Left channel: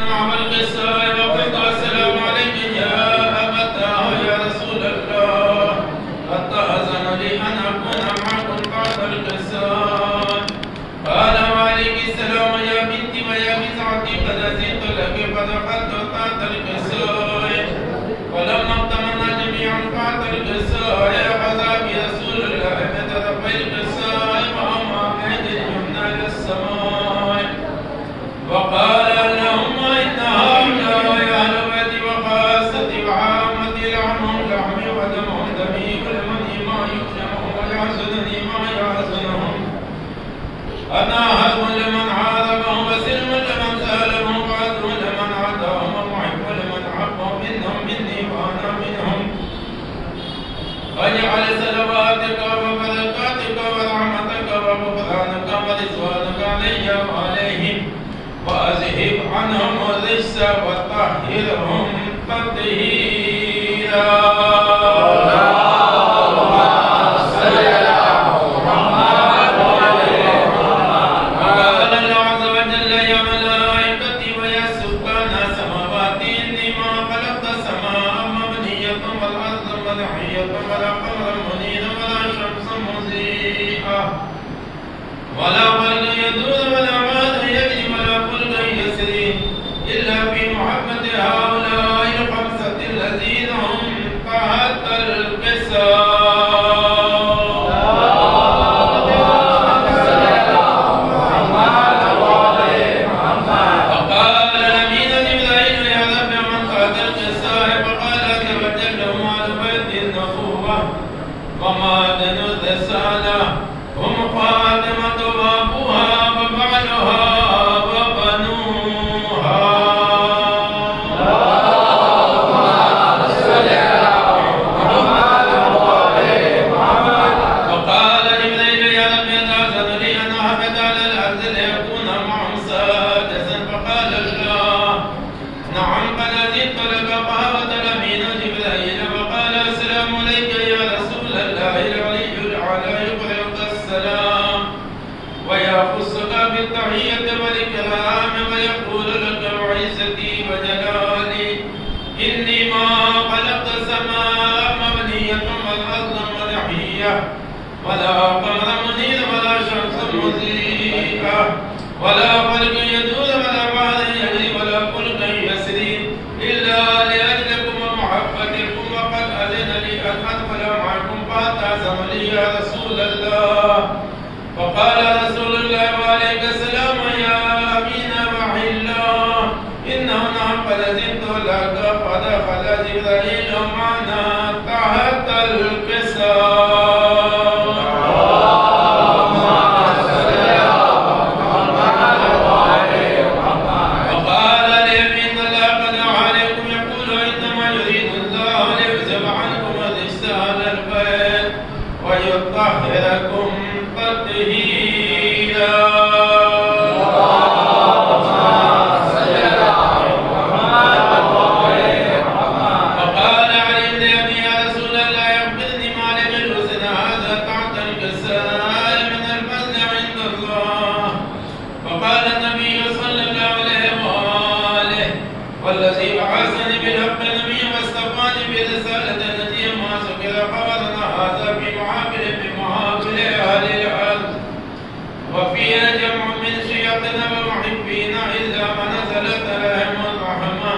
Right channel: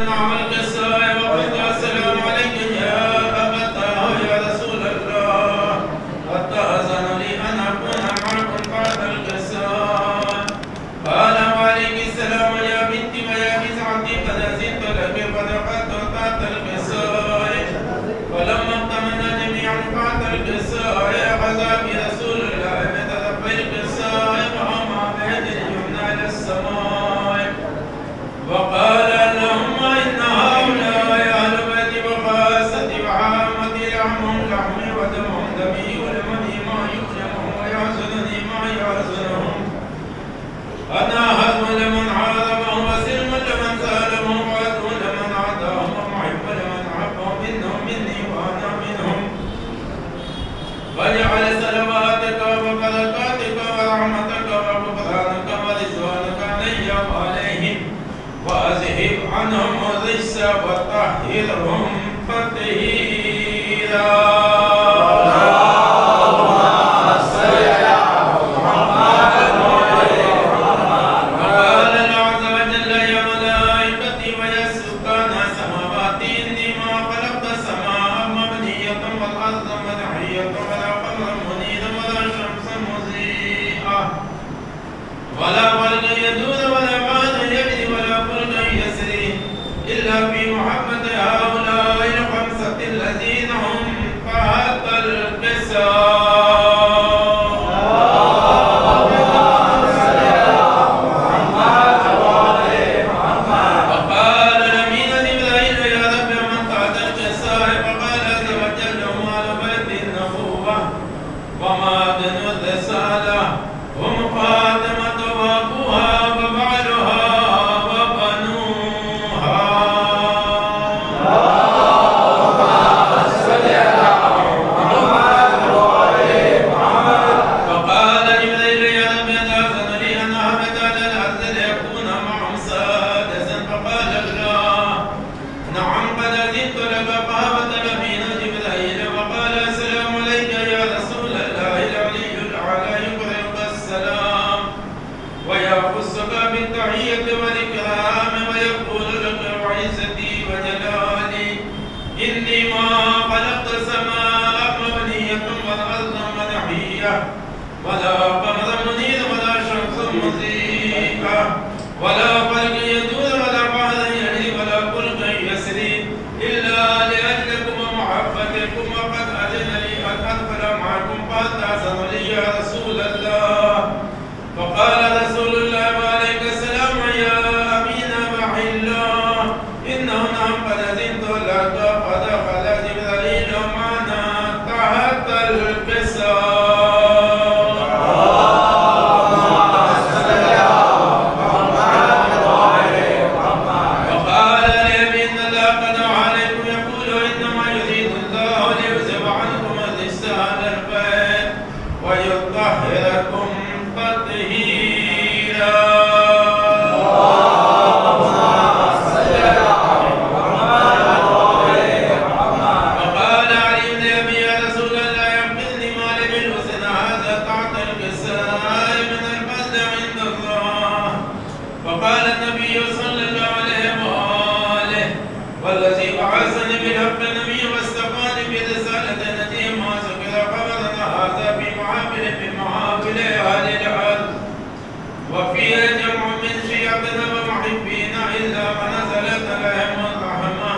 نعم القصة وقلت السلام عليك يا أبتاه يا رسول الله قد تأذن لي أن أكون معكم بعد القصة. قال وعليك السلام يا بنتي ويا بسعتي قد أذنت لك فدخلت تحت القصة. فلما اطمأن جميعا بعد القصة أخذ برسول الله بطرفي القصة وأمام بيد اليمنى إلى السماء وقال اللهم إن هؤلاء أهل بيتي وخاصتي وعامتي لحمهم لحمي ودمهم دمي ولمني ما يؤلمهم ويحزنني ما يحزنهم. أنا هدم لمن عارضهم وسلم لمن سالمهم وعدو لمن عاداهم ومحب لمن أحبهم إنهم مني وأنا منهم. واجعل صلواتك وبركاتك ورحمتك وغفرانك ورضوانك علي وعليهم وأذهب عنهم الرجس وطهرهم تطهيرا. ولا فرق يدور ولا عاد يجري ولا فرق يسري إلا في محبة هؤلاء الخمسة الذين هم تحت القصة. وقال الأمين جبرائيل يا رب من تحت القصة فقال عز وجل هم أهل بيت النبوة ومعدن الرسالة هم خاتمة وأبوها وبعلها وبنوها. وقال جبريل يا رب تأذن لي أن أهبط على الأرض ليكون معهم سادسا فقال الله نعم قد أذنت لك. فهبط الأمين جبريل وقال السلام عليك يا رسول الله العلي الأعلى يقرئك السلام ويخصك بالتحية والإكرام ويقول لك وعزتي وجلالي إني ما خلقت السماء مبنية والأرض منحية ولا قمر منير ولا شمس مضيئة ولا فرق يدور ولا بحر يجري ولا فلك يسري إلا لأجلكم ومحبتكم. وقد أذن لي أن أدخل معكم فأتأذن لي يا رسول الله. فقال رسول الله وعليك السلام يا أمين وحي الله إنه نعم قد أذنت لك. فدخل جبرائيل معنا تحت القصة. وقال اليمين لا قد عليكم يقول إنما يريد الله ليذهب عنكم الرجس أهل البيت ويطهركم تطهيرا. وقال علي بن أبي يا رسول الله أخبرني ما لي بالحسن هذا تحت الكساء من الفضل عند الله. فقال النبي صلى الله عليه وآله والذي بعثني بالحق النبي واصطفاني برسالة نجي ما ذكر خبرنا هذا في محافل أهل الأرض وفيها جمع من شيعتنا ومحبينا إلا ما نزلت عليهم الرحمة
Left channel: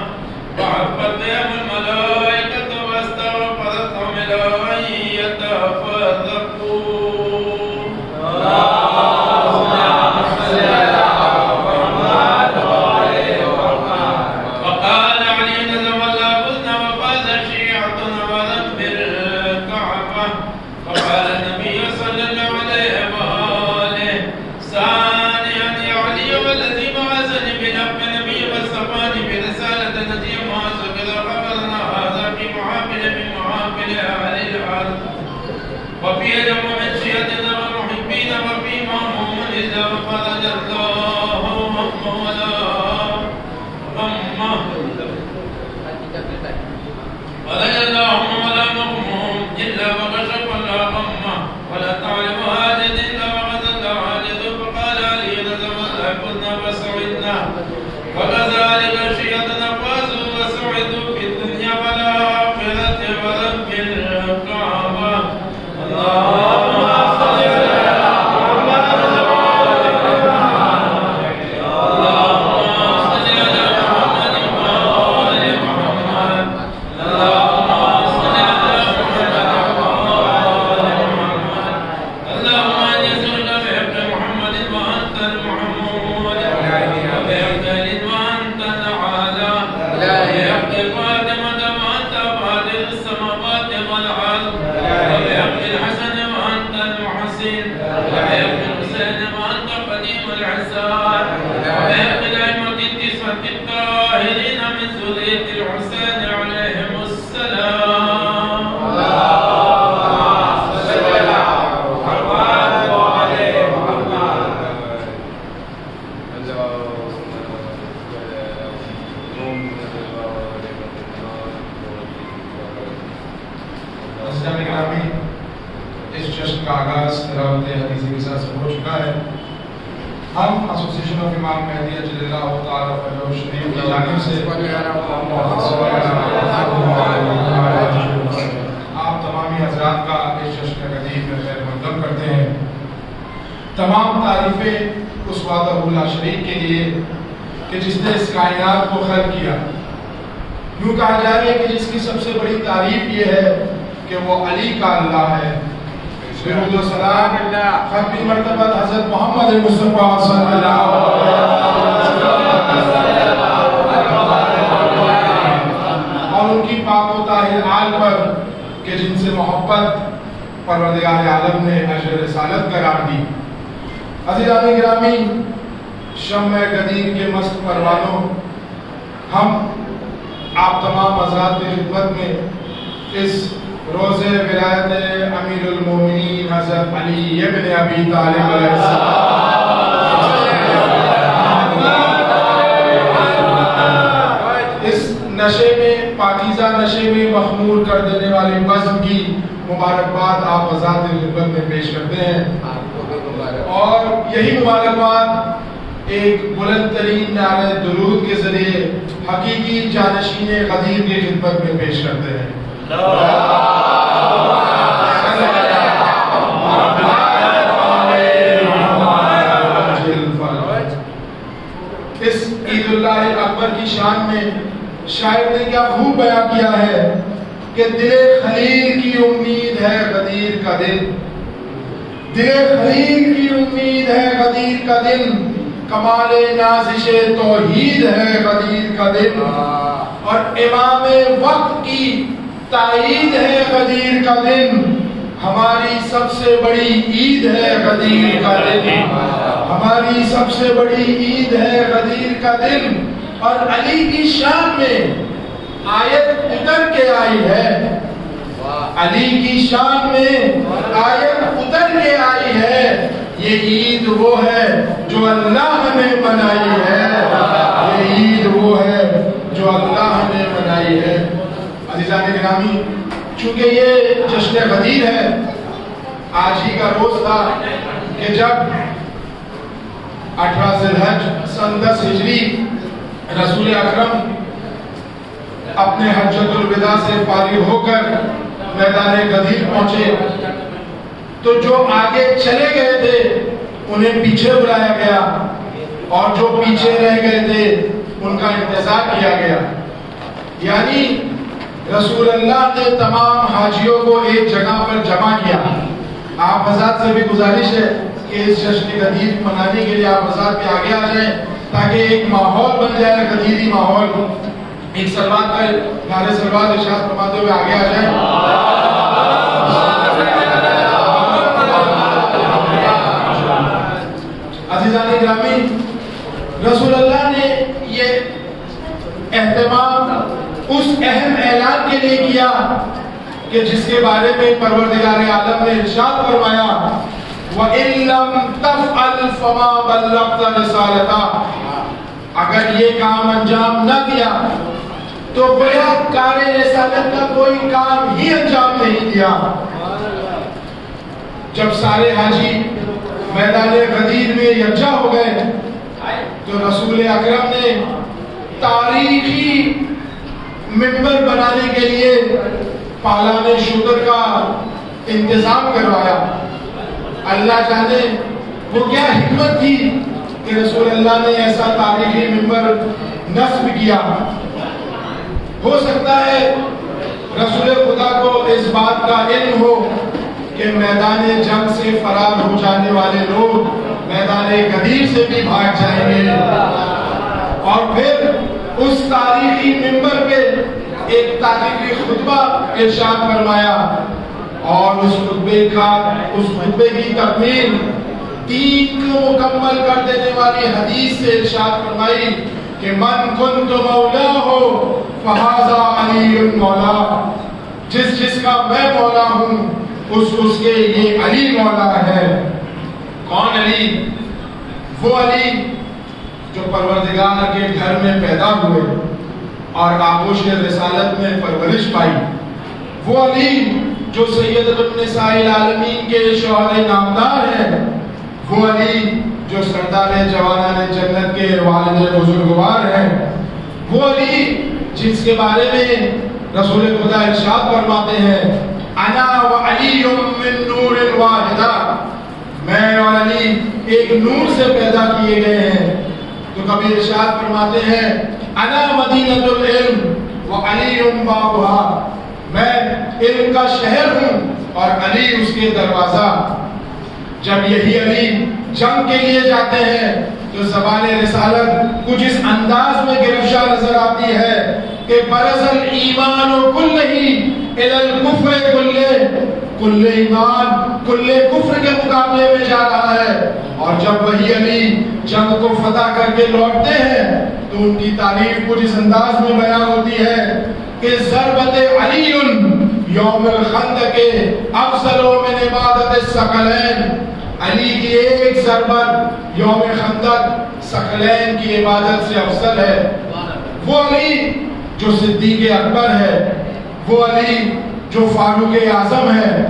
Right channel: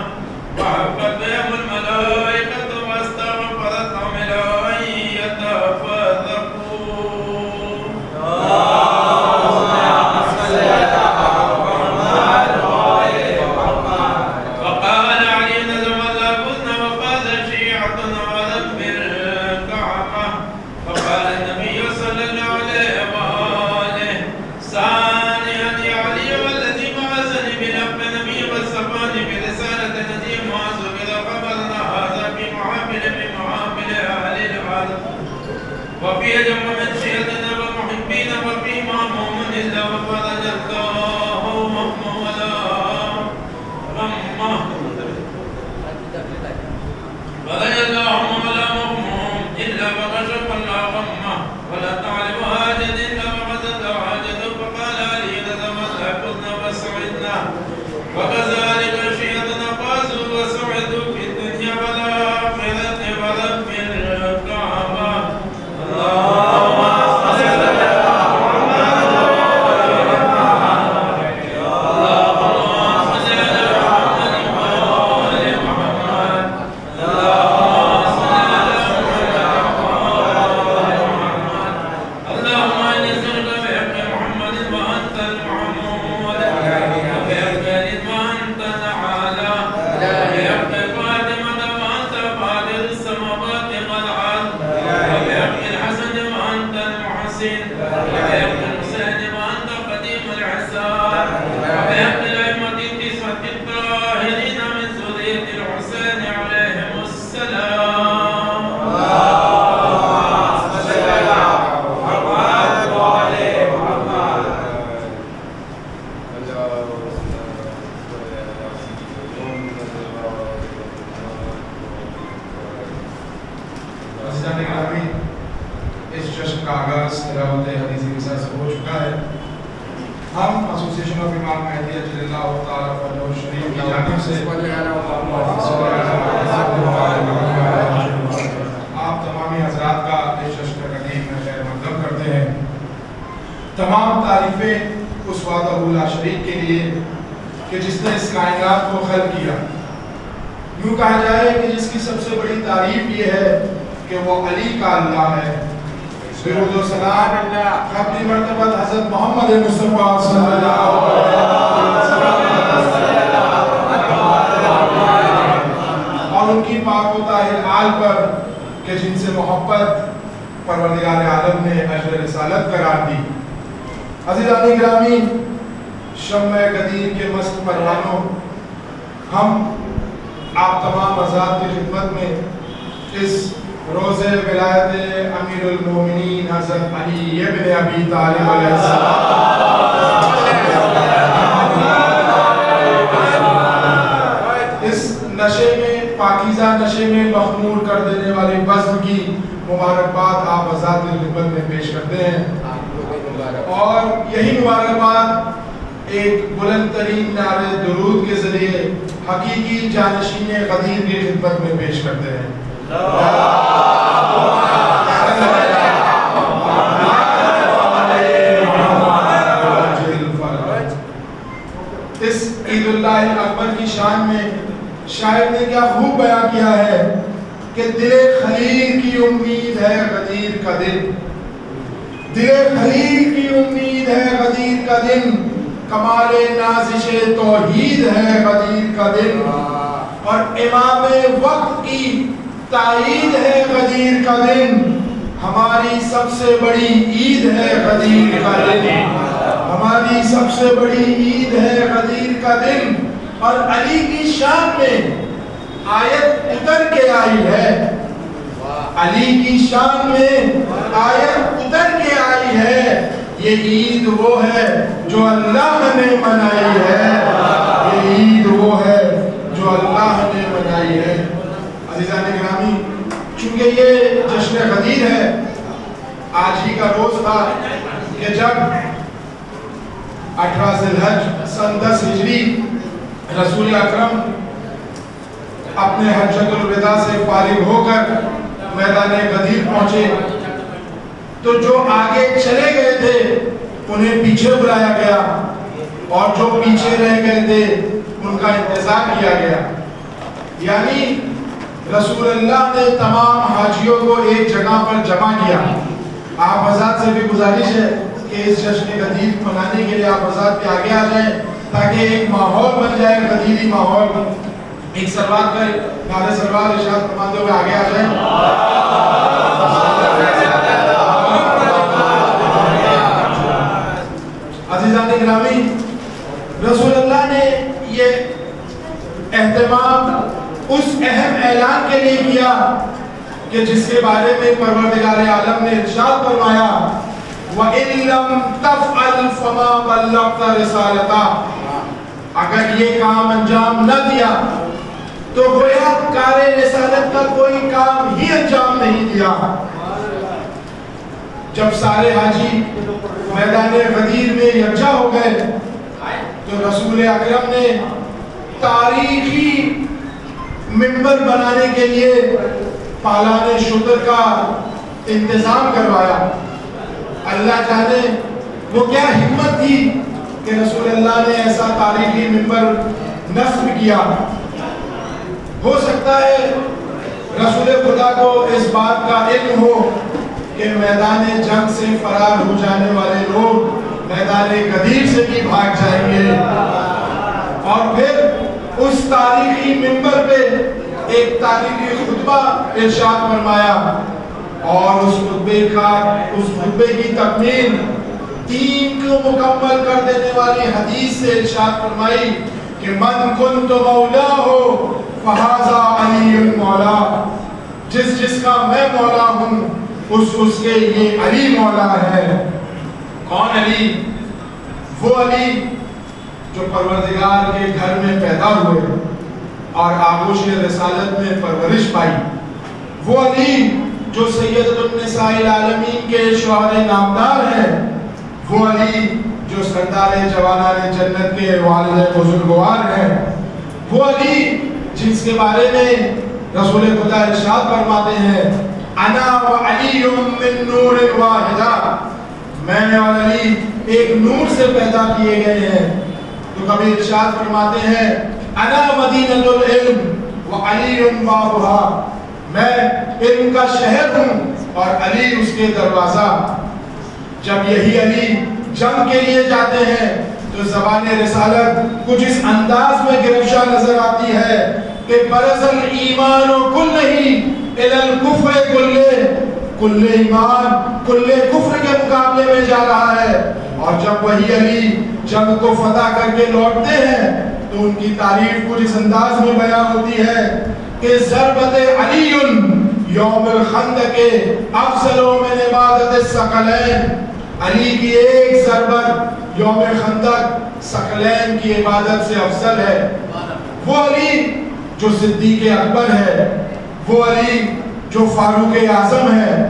وحفت بهم الملائكة واستغفرتهم إلى أن يتفرقوا. وقال علي نزم الله فزنا وفاز شيعتنا ولم بالكعبة. فقال النبي صلى الله عليه وآله ثانيا يا علي والذي بعثني بالحق النبي والصفاني برسالة نجي ما ذكر خبرنا هذا في محافل أهل الأرض وفي جمع من شيعتنا ومحبين وفي مأموم إلا وفرج الله همه ولا غمه فرج الله همه ولا مغموم إلا وكشف الله غمه ولا تعلم هاجد إلا وغزل الله هاجد. فقال علي نزم الله كنا وسعدنا وكذلك خشيتنا فازوا وسعدوا في الدنيا والآخرة ورب الكعبة اللهم صل على محمد اللهم صل على محمد وآل محمد اللهم صل على محمد وآل محمد اللهم إني أسألك بحق محمد وأنت المحمود وبحق وأنت الأعلى وبحق فاطمة وأنت فاطر السماوات والأرض وبحق الحسن وأنت المحسن وبحق الحسين وأنت قديم العسار وبحق الأئمة التسعة الطاهرين من ذرية الحسين عليهم السلام اسلامی گرامی، اس جشن کا آغاز تلاوت حدیث کے ساتھ ہو چکا ہے۔ ہم ایسوسی ایشن آف امام مہدی اجل اللہ تعالیٰ فضلہ الشریف کی جانب سے آپ تمامی حضرات کا اس جشن قدیم میں خیر مقدم کرتے ہیں۔ تمام تعریفیں اس وحدہ لا شریک کے لیے کہ جس نے اس کائنات کو خلق کیا۔ یوں کہا جائے کہ جس کی سب سے بڑی تعریف یہ ہے کہ وہ علی کا اللہ ہے۔ درود و سلام ختم مرتبہ حضرت محمد مصطفیٰ صلی اللہ علیہ وسلم اور ان کی پاک و طاہر آل پر کہ جن سے محبت پروردگار عالم نے اجر رسالت قرار دی۔ عزیزان گرامی، شمع قدیر کے مست پروانوں، ہم آپ تمام حضرات کی خدمت میں اس روز ولایت امیر المومنین حضرت علی ابن ابی طالب علیہ السلام اس نشے میں، پاکیزہ نشے میں مخمور کر دینے والی بزم کی مبارکباد آپ حضرات کی خدمت میں پیش کرتے ہیں، اور یہی مبارکباد ایک بلند ترین نعرہ درود کے ذریعے حقیقی جانشین غدیر کی خدمت میں پیش کرتے ہیں۔ اس عید اللہ اکبر کی شان میں شاعر نے کیا خوب بیان کیا ہے کہ دل خلیل کی امید ہے غدیر کا دن، دل خلیل کی امید ہے غدیر کا دن، کمال نازش توحید ہے غدیر کا دن، اور امام وقت کی تائید ہے غدیر کا دن، ہماری سب سے بڑی عید ہے غدیر کا دن، ہماری سب سے بڑی عید ہے غدیر کا دن۔ اور علی کی شان میں آیت اتر کے آئی ہے، علی کی شان میں آیت اتر کے آئی ہے، یہ عید وہ ہے جو اللہ نے منائی ہے، یہ عید وہ ہے جو اللہ نے منائی ہے۔ عزیزان گرامی، چونکہ یہ جشن غدیر ہے، آج ہی کا روز تھا کہ جب 18 ذی الحج سن 10 ہجری رسول اکرم اپنے حجۃ الوداع سے فارغ ہو کر میدان غدیر پہنچے، تو جو آگے چلے گئے تھے انہیں پیچھے بلایا گیا، اور جو پیچھے رہ گئے تھے ان کا انتظار کیا گیا۔ یعنی رسول اللہ نے تمام حاجیوں کو ایک جگہ پر جمع کیا۔ آپ حضرات سے بھی گزارش ہے کہ اس جشن غدیر منانے کے لیے آپ حضرات بھی آگے آ جائیں، تاکہ ایک ماحول بن جائے، غدیری ماحول۔ ایک سلوات پر نعرہ سلوات ارشاد فرماتے ہوئے آگے آ جائیں۔ عزیزان گرامی، رسول اللہ نے یہ اہتمام اس اہم اعلان کے لیے کیا کہ جس کے بارے میں پروردگار عالم نے ارشاد فرمایا وَإِن لَّمْ تَفْعَلْ فَمَا بَلَّغْتَ رِسَالَتَهُ، اگر یہ کام انجام نہ دیا تو گویا کار رسالت کا کوئی کام ہی انجام نہیں دیا۔ جب سارے حاجی میدان غدیر میں یکجا ہو گئے تو رسول اکرم نے تاریخی منبر بنانے کے لیے پالان شکر کا انتظام کروایا. اللہ جانے وہ کیا حکمت تھی کہ رسول اللہ نے ایسا تاریخی منبر نصب کیا. ہو سکتا ہے رسول خدا کو اس بات کا علم ہو کہ میدان جنگ سے فرار ہو جانے والے لوگ میدان غدیر سے بھی بھاگ جائیں گے، اور پھر اس تاریخی منبر پہ ایک تاریخی خطبہ ارشاد فرمایا، اور اس خطبے کی تکمیل دین کو مکمل کر دینے والی حدیث سے ارشاد فرمائی کہ من کنت مولاہ فہذا علی مولا، جس کا میں مولا ہوں اس کے یہ علی مولا ہے. کون علی؟ وہ علی جو پروردگار کے گھر میں پیدا ہوئے اور آغوش رسالت میں پرورش پائی. وہ علی جو سیدۃ النساء العالمین کے شوہر نامدار ہیں. وہ علی جو سردار جوانان جنت کے والد بزرگوار ہیں. وہ علی جس کے بارے میں رسول خدا ارشاد فرماتے ہیں انا و علی من نور واحدہ، میں اور علی ایک نور سے پیدا کیے گئے ہیں. تو کبھی ارشاد فرماتے ہیں انا مدینۃ العلم و علی بابھا، میں علم کا شہر ہوں اور علی اس کے دروازہ. جب یہی علی جنگ کے لیے جاتے ہیں تو زبان رسالت کچھ اس انداز میں گرفشا نظر آتی ہے کہ برز الایمان کلہ الی الکفر کل ایمان کل کفر کے مقابلے میں جا رہا ہے. اور جب وہی علی جنگ کو فتح کر کے لوٹتے ہیں تو ان کی تعریف کچھ اس انداز میں بیان ہوتی ہے کہ ضربت علی یوم الخندق افضل من عبادت الثقلین، علی کی ایک ضربت یوم خندق ثقلین کی عبادت سے افضل ہے. وہ علی جو صدیق اکبر ہے، وہ علی جو فاروق اعظم ہے،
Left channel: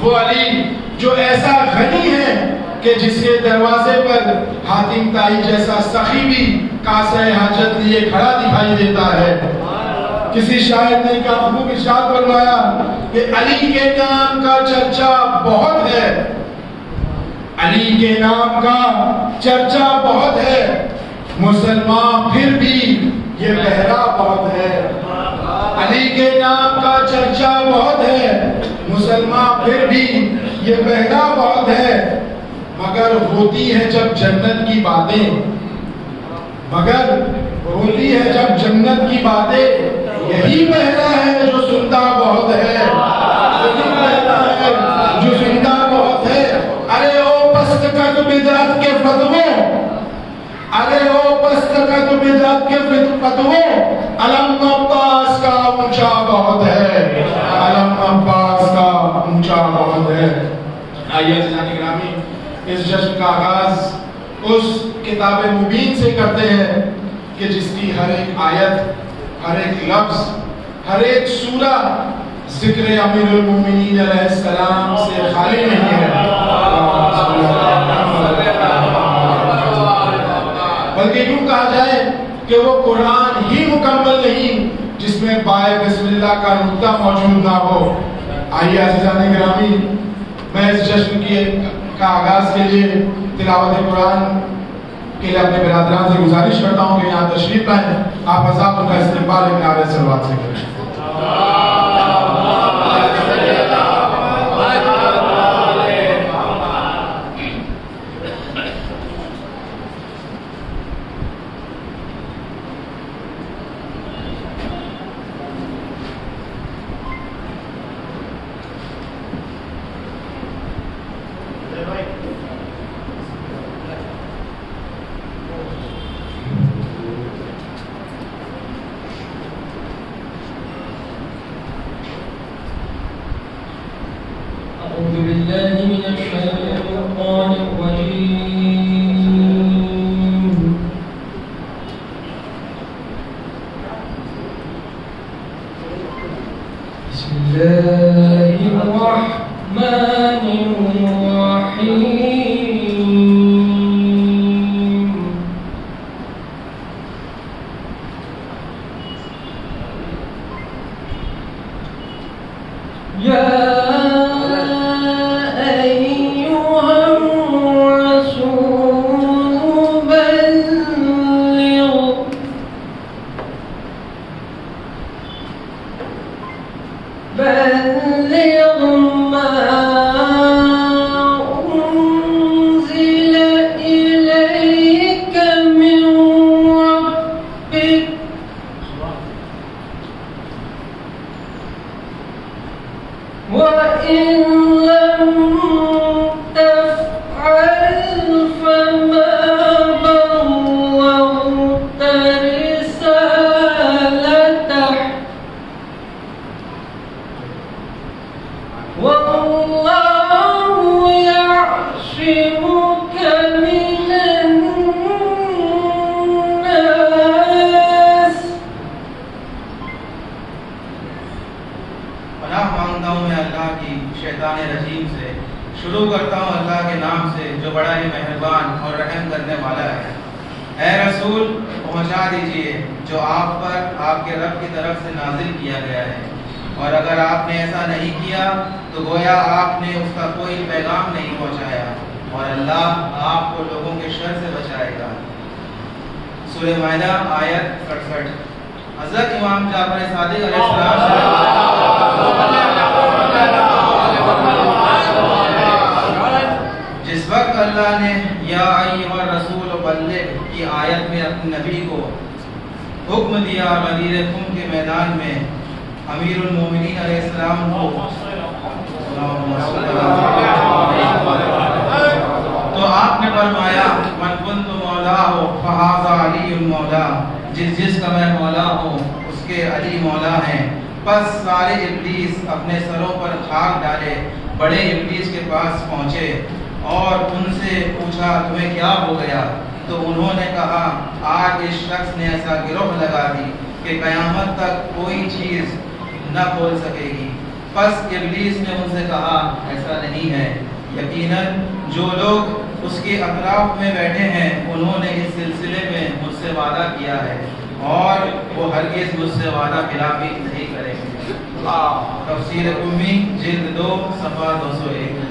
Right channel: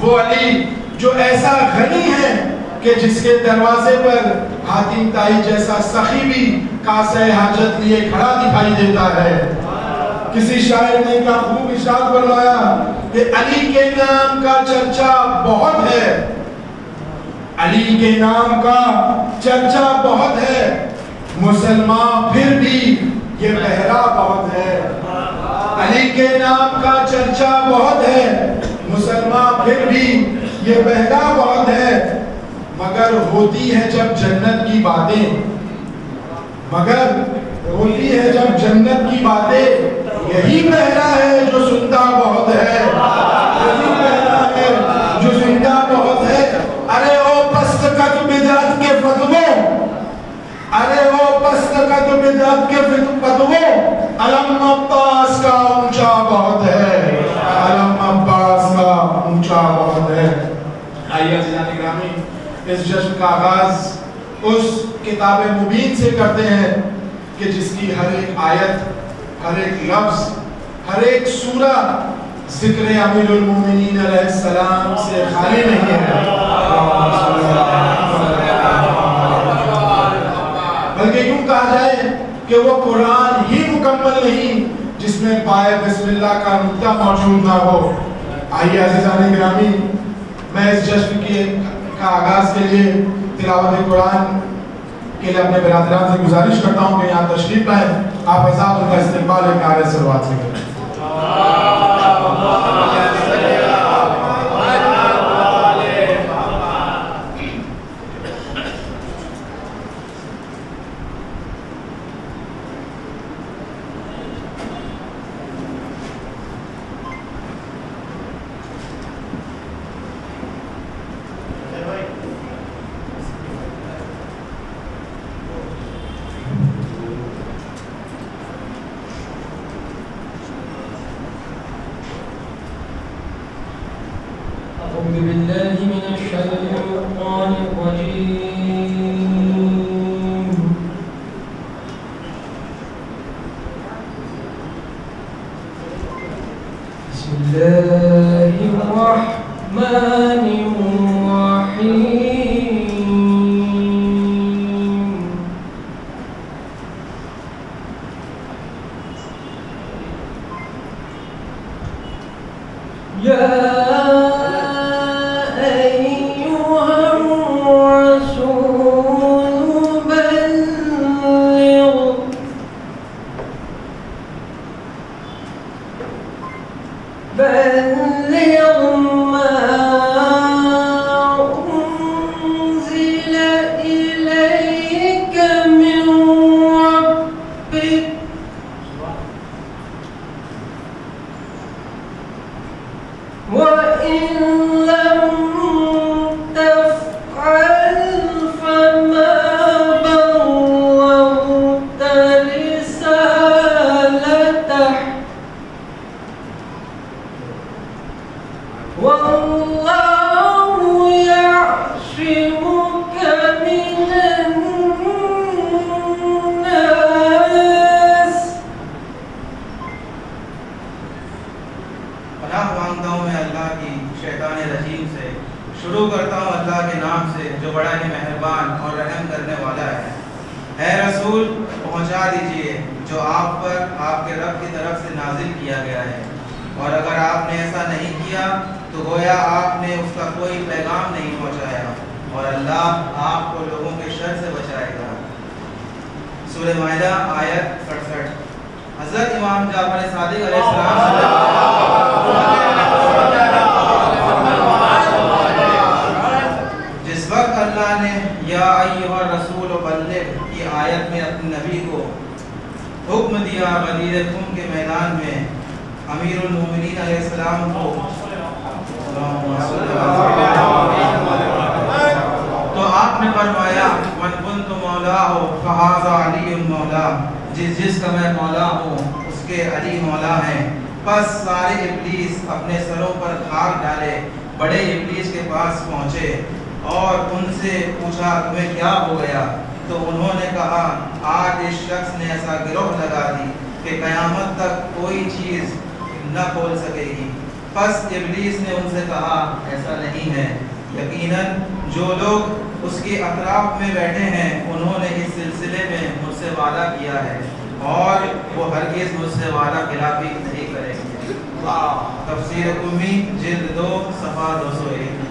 وہ علی جو ایسا غنی ہے کہ جس کے دروازے پر حاتم طائی جیسا سخی بھی کاسہ حاجت لیے کھڑا دکھائی دیتا ہے. کسی شاعر نے کا خوب ارشاد فرمایا کہ علی کے نام کا چرچا بہت ہے، علی کے نام کا چرچا بہت ہے، مسلمان پھر بھی یہ بہرا بہت ہے. علی کے نام کا چرچا بہت ہے، مسلمان پھر بھی یہ بہرا بہت ہے. مگر ہوتی ہے جب جنت کی باتیں، مگر ہوتی ہے جب جنت کی باتیں، یہی بہرا ہے جو سنتا بہت ہے، یہی بہرا ہے جو سنتا بہت ہے. ارے او پستکت بدعت کے فتووں، ارے او پستکت بدعت کے فتووں، علم عباس کا اونچا بہت ہے، علم عباس کا اونچا بہت ہے. آئیے عزیزان گرامی، اس جشن کا آغاز اس کتاب مبین سے کرتے ہیں کہ جس کی ہر ایک آیت، ہر ایک لفظ، ہر ایک سورہ ذکر امیر المومنین علیہ السلام سے خالی نہیں ہے، بلکہ یوں کہا جائے کہ وہ قرآن ہی مکمل نہیں جس میں پائے بسم اللہ کا نقطہ موجود نہ ہو. آئیے عزیزان گرامی، میں اس جشن کا آغاز کے لیے تلاوت قرآن کے لیے اپنے برادران سے گزارش کرتا ہوں کہ یہاں تشریف لائیں. آپ حضرات کا استقبال ایک نعرے صلوات سے کریں. جس کا میں مولا ہوں اس کے علی مولا ہیں. پس سارے ابلیس اپنے سروں پر خاک ڈالے بڑے ابلیس کے پاس پہنچے اور ان سے پوچھا تمہیں کیا ہو گیا؟ تو انہوں نے کہا آج اس شخص نے ایسا گروہ لگا دی کہ قیامت تک کوئی چیز نہ کھول سکے گی. پس ابلیس نے ان سے کہا ایسا نہیں ہے، یقیناً جو لوگ اس کے اطراف میں بیٹھے ہیں انہوں نے اس سلسلے میں مجھ سے وعدہ کیا ہے اور وہ ہرگز مجھ سے وعدہ خلافی نہیں کرے. تفسیر امی جلد 2 صفحہ 201.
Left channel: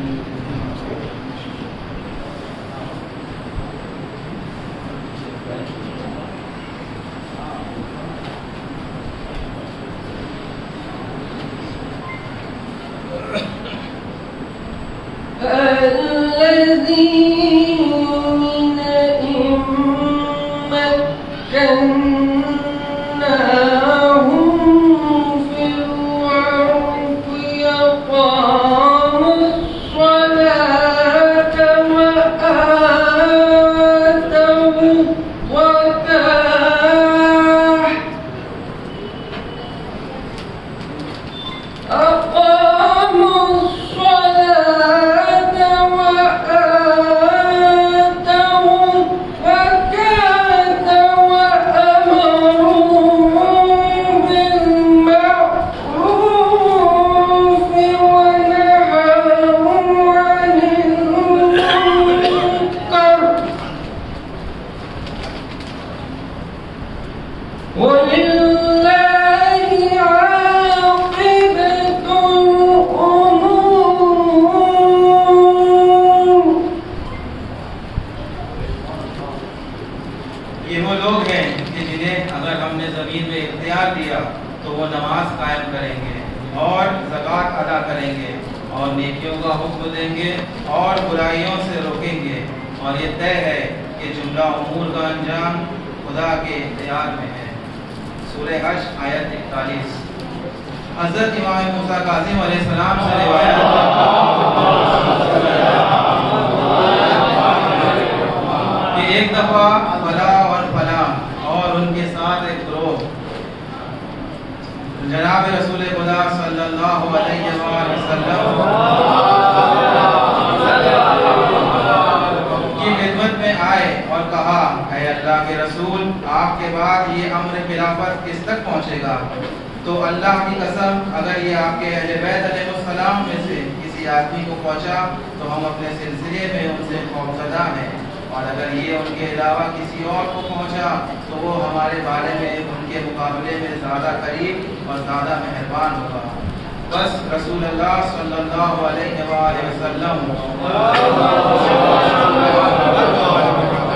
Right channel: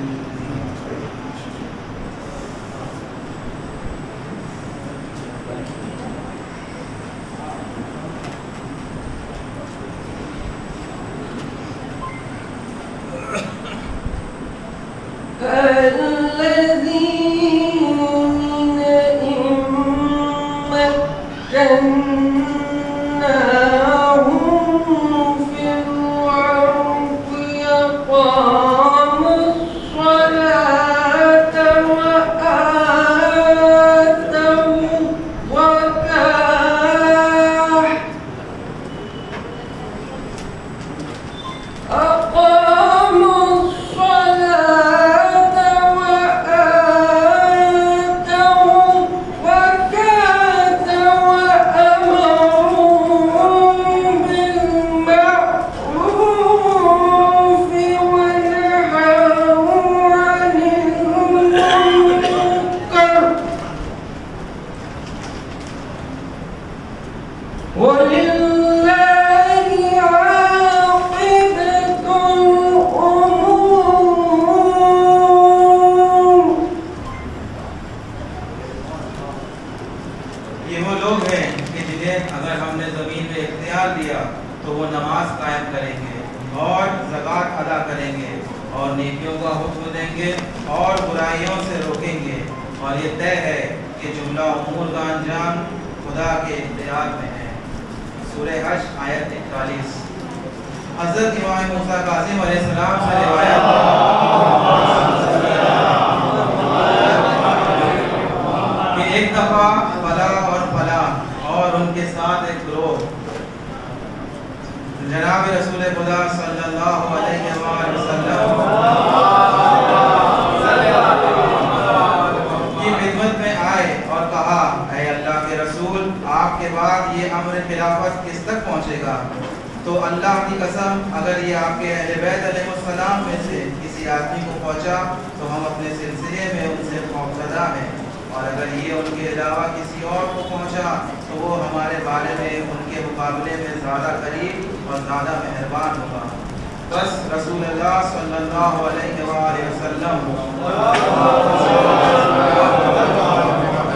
بس رسول اللہ صلی اللہ علیہ وآلہ وسلم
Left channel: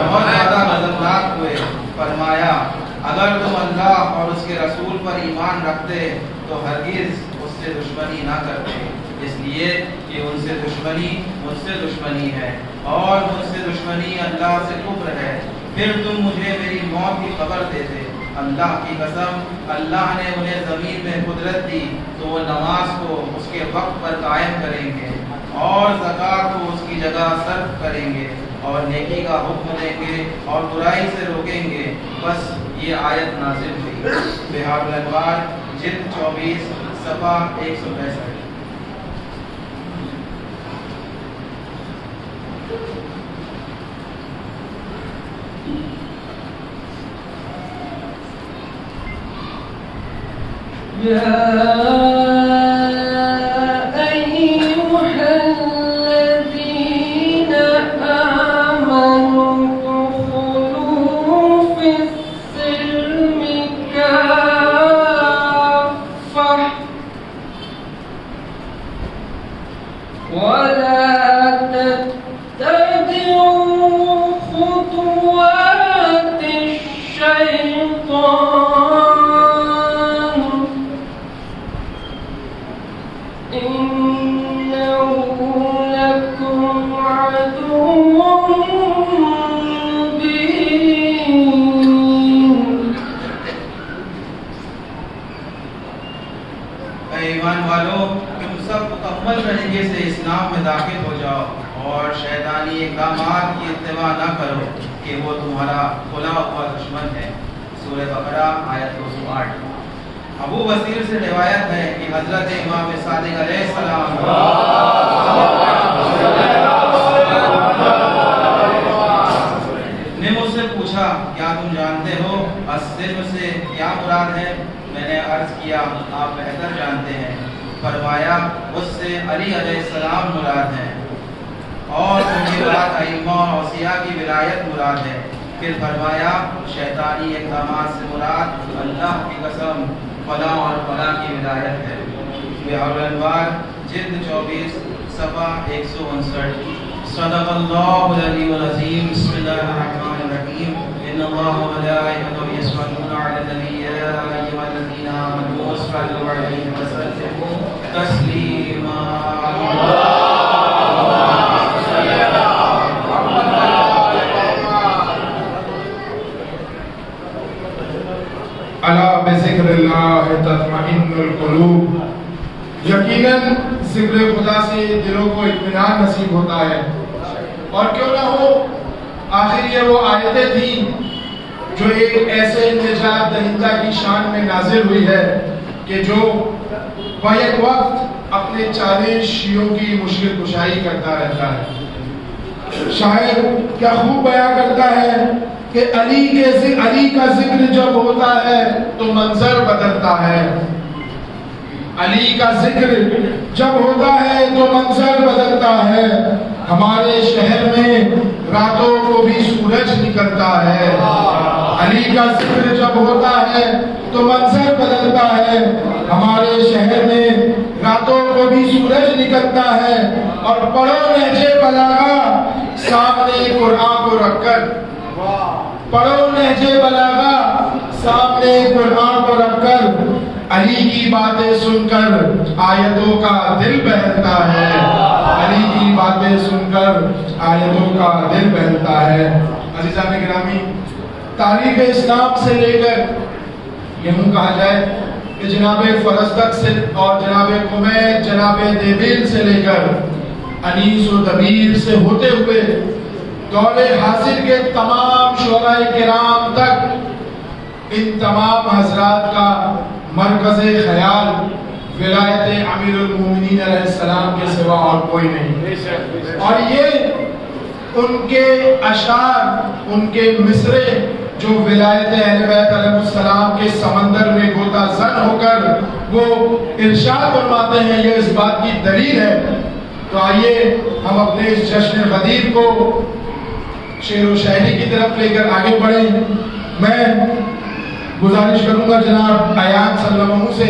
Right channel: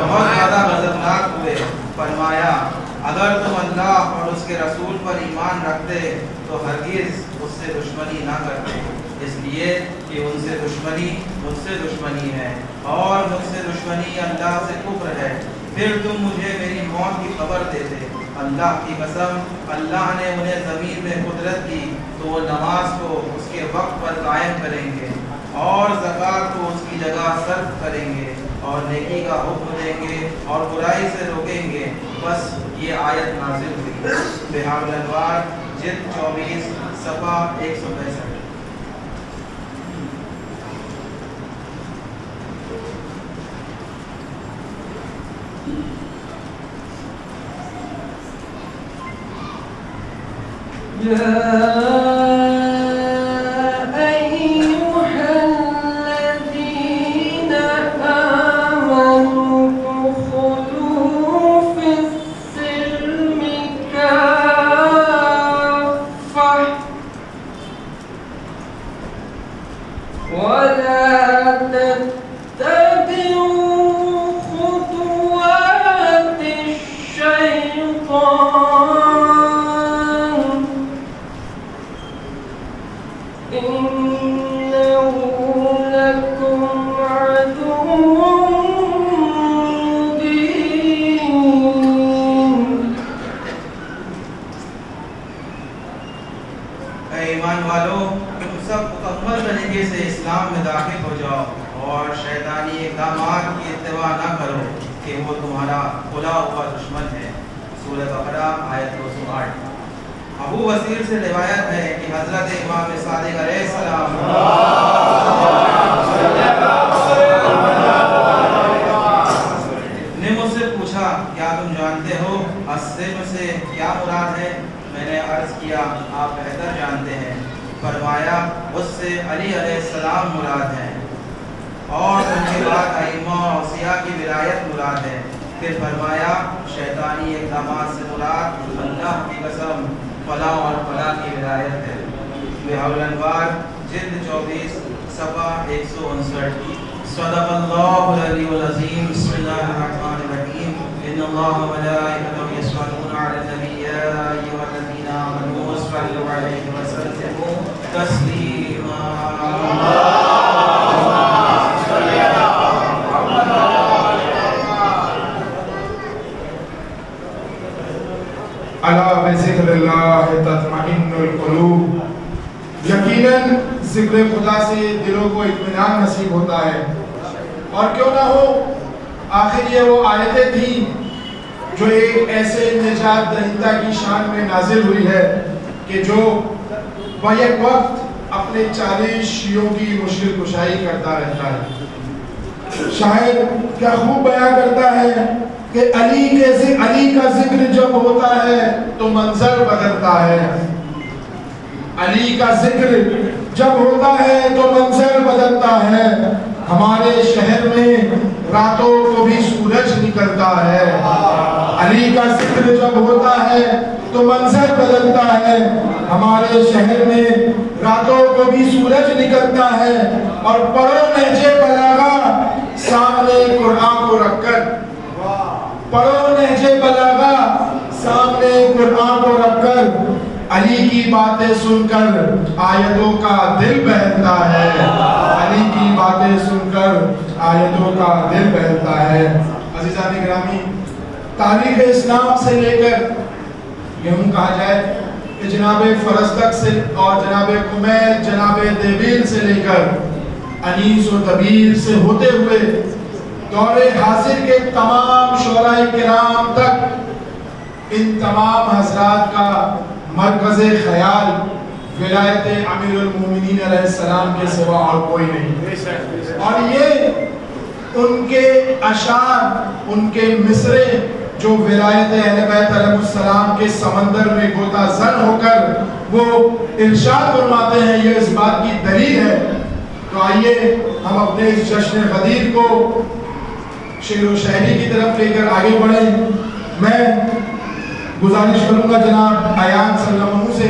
بہت زیادہ غضبناک ہوئے. فرمایا اگر تم اللہ اور اس کے رسول پر ایمان رکھتے تو ہرگز اس سے دشمنی نہ کرتے، اس لیے کہ ان سے دشمنی مجھ سے دشمنی ہے اور مجھ سے دشمنی اللہ سے کفر ہے. پھر تم مجھے میری موت کی خبر دیتے. اللہ کی قسم اللہ نے انہیں زمین میں قدرت دی تو وہ نماز کو اس کے وقت پر قائم کریں گے اور زکوٰۃ کو اس کی جگہ صرف کریں گے اور نیکی کا حکم دیں گے اور برائی سے روکیں گے. بس یہ آیت نازل ہوئی. بہار الانوار جلد 24 صفحہ 165. ایمان والو تم سب مکمل طریقے سے اسلام میں داخل ہو جاؤ اور شیطانی اقدامات کی اتباع نہ کرو کہ وہ تمہارا کھلا ہوا دشمن ہے. سورہ بقرہ آیت 208. ابو بصیر سے روایت ہے کہ حضرت امام صادق علیہ السلام نے مجھ سے پوچھا کیا تم جانتے ہو السلم سے کیا مراد ہے؟ میں نے عرض کیا آپ بہتر جانتے ہیں. فرمایا اس سے علی علیہ السلام مراد ہیں اور ان کے بعد ائمہ اور اوصیاء کی ولایت مراد ہے. پھر فرمایا شیطانی اقدامات سے مراد اللہ کی قسم فلاح اور فلاح کی ولایت ہے. بہار الانوار جلد 24 صفحہ 159. صدق اللہ العلی العظیم. بسم اللہ الرحمن الرحیم. ان اللہ وملائکته یصلون علی النبی یا ایھا الذین آمنوا صلوا علیہ وسلموا تسلیما. الا بذکر اللہ تطمئن القلوب. یقیناً ذکر خدا سے دلوں کو اطمینان نصیب ہوتا ہے. اور کیوں نہ ہو آخر یہ وہ آیتیں تھیں جو ایک ایسے نجات دہندہ کی شان میں نازل ہوئی ہے کہ جو بیک وقت اپنے چالشیوں کی مشرک کشائی کرتا رہتا ہے. شاعر کیا خوب بیان کرتا ہے کہ علی کا ذکر جب ہوتا ہے تو منظر بدلتا ہے. علی کا ذکر جب ہوتا ہے تو منظر بدلتا ہے. ہمارے شہر میں راتوں کو بھی سورج نکلتا ہے. علی کا ذکر جب ہوتا ہے تو منظر بدلتا ہے. ہمارے شہر میں راتوں کو بھی سورج نکلتا ہے. اور پڑھو نہج بلاغہ سامنے قرآن کو رکھ کر، پڑھو نہج بلاغہ سامنے قرآن کو رکھ کر علی کی باتیں سن کر آیتوں کا دل بہلتا ہے. علی کی باتیں سن کر آیتوں کا دل بہلتا ہے. عزیزان گرامی، تاریخ اسلام سے لے کر یوں کہا جائے کہ جناب فرزدق سے اور جناب قمید، جناب دیبیل سے لے کر انیس و دبیر سے ہوتے ہوئے دور حاضر کے تمام شعراء کرام تک ان تمام حضرات کا مرکز خیال ولایت امیر المومنین علیہ السلام کے سوا اور کوئی نہیں. اور یہ ان کے اشعار، ان کے مصرے جو ولایت اہل بیت علیہ السلام کے سمندر میں غوطہ زن ہو کر وہ ارشاد فرماتے ہیں، یہ اس بات کی دلیل ہے. تو آئیے ہم اپنے اس جشن غدیر کو شعر و شاعری کی طرف لے کر آگے بڑھیں. میں گزارش کروں گا جناب ایان صلی اللہ علیہ وسلم سے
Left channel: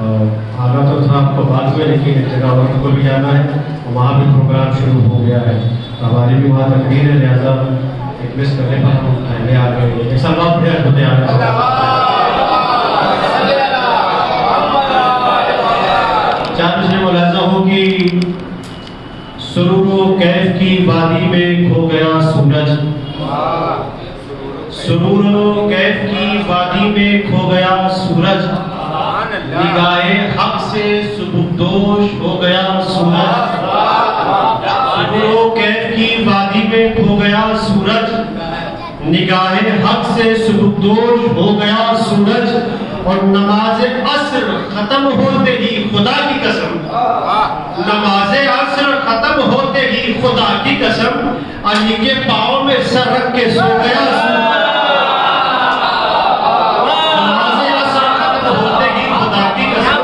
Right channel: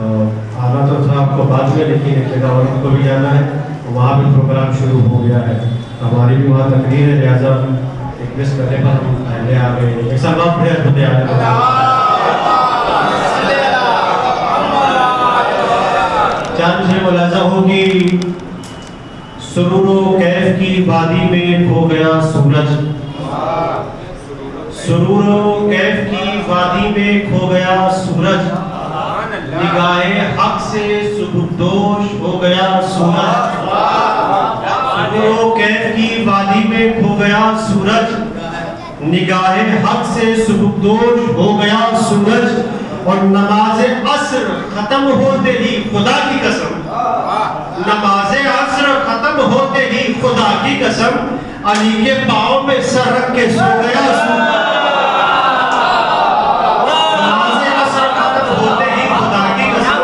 آنا تو تھا آپ کو بعد میں، لیکن ایک جگہ اور کو بھی جانا ہے، وہاں بھی پروگرام شروع ہو گیا ہے، ہماری بھی وہاں تقریر ہے، لہٰذا ایک مس کرنے پر ہم پہلے آ گئے۔ ایک سال بعد پھر ہوتے آ گئے۔ چار مجھے ملاحظہ ہو کہ سرور و کیف کی وادی میں کھو گیا سورج، سرور و کیف کی وادی میں کھو گیا سورج، نگاہ حق سے سبکدوش ہو گیا سورج، سرور و کیف کی وادی میں کھو گیا سورج، نگاہ حق سے سبکدوش ہو گیا سورج، اور نماز عصر ختم ہوتے ہی خدا کی قسم، نماز عصر ختم ہوتے ہی خدا کی قسم، علی کے پاؤں میں سر رکھ کے سو گیا سورج، نماز عصر ختم ہوتے ہی خدا کی قسم،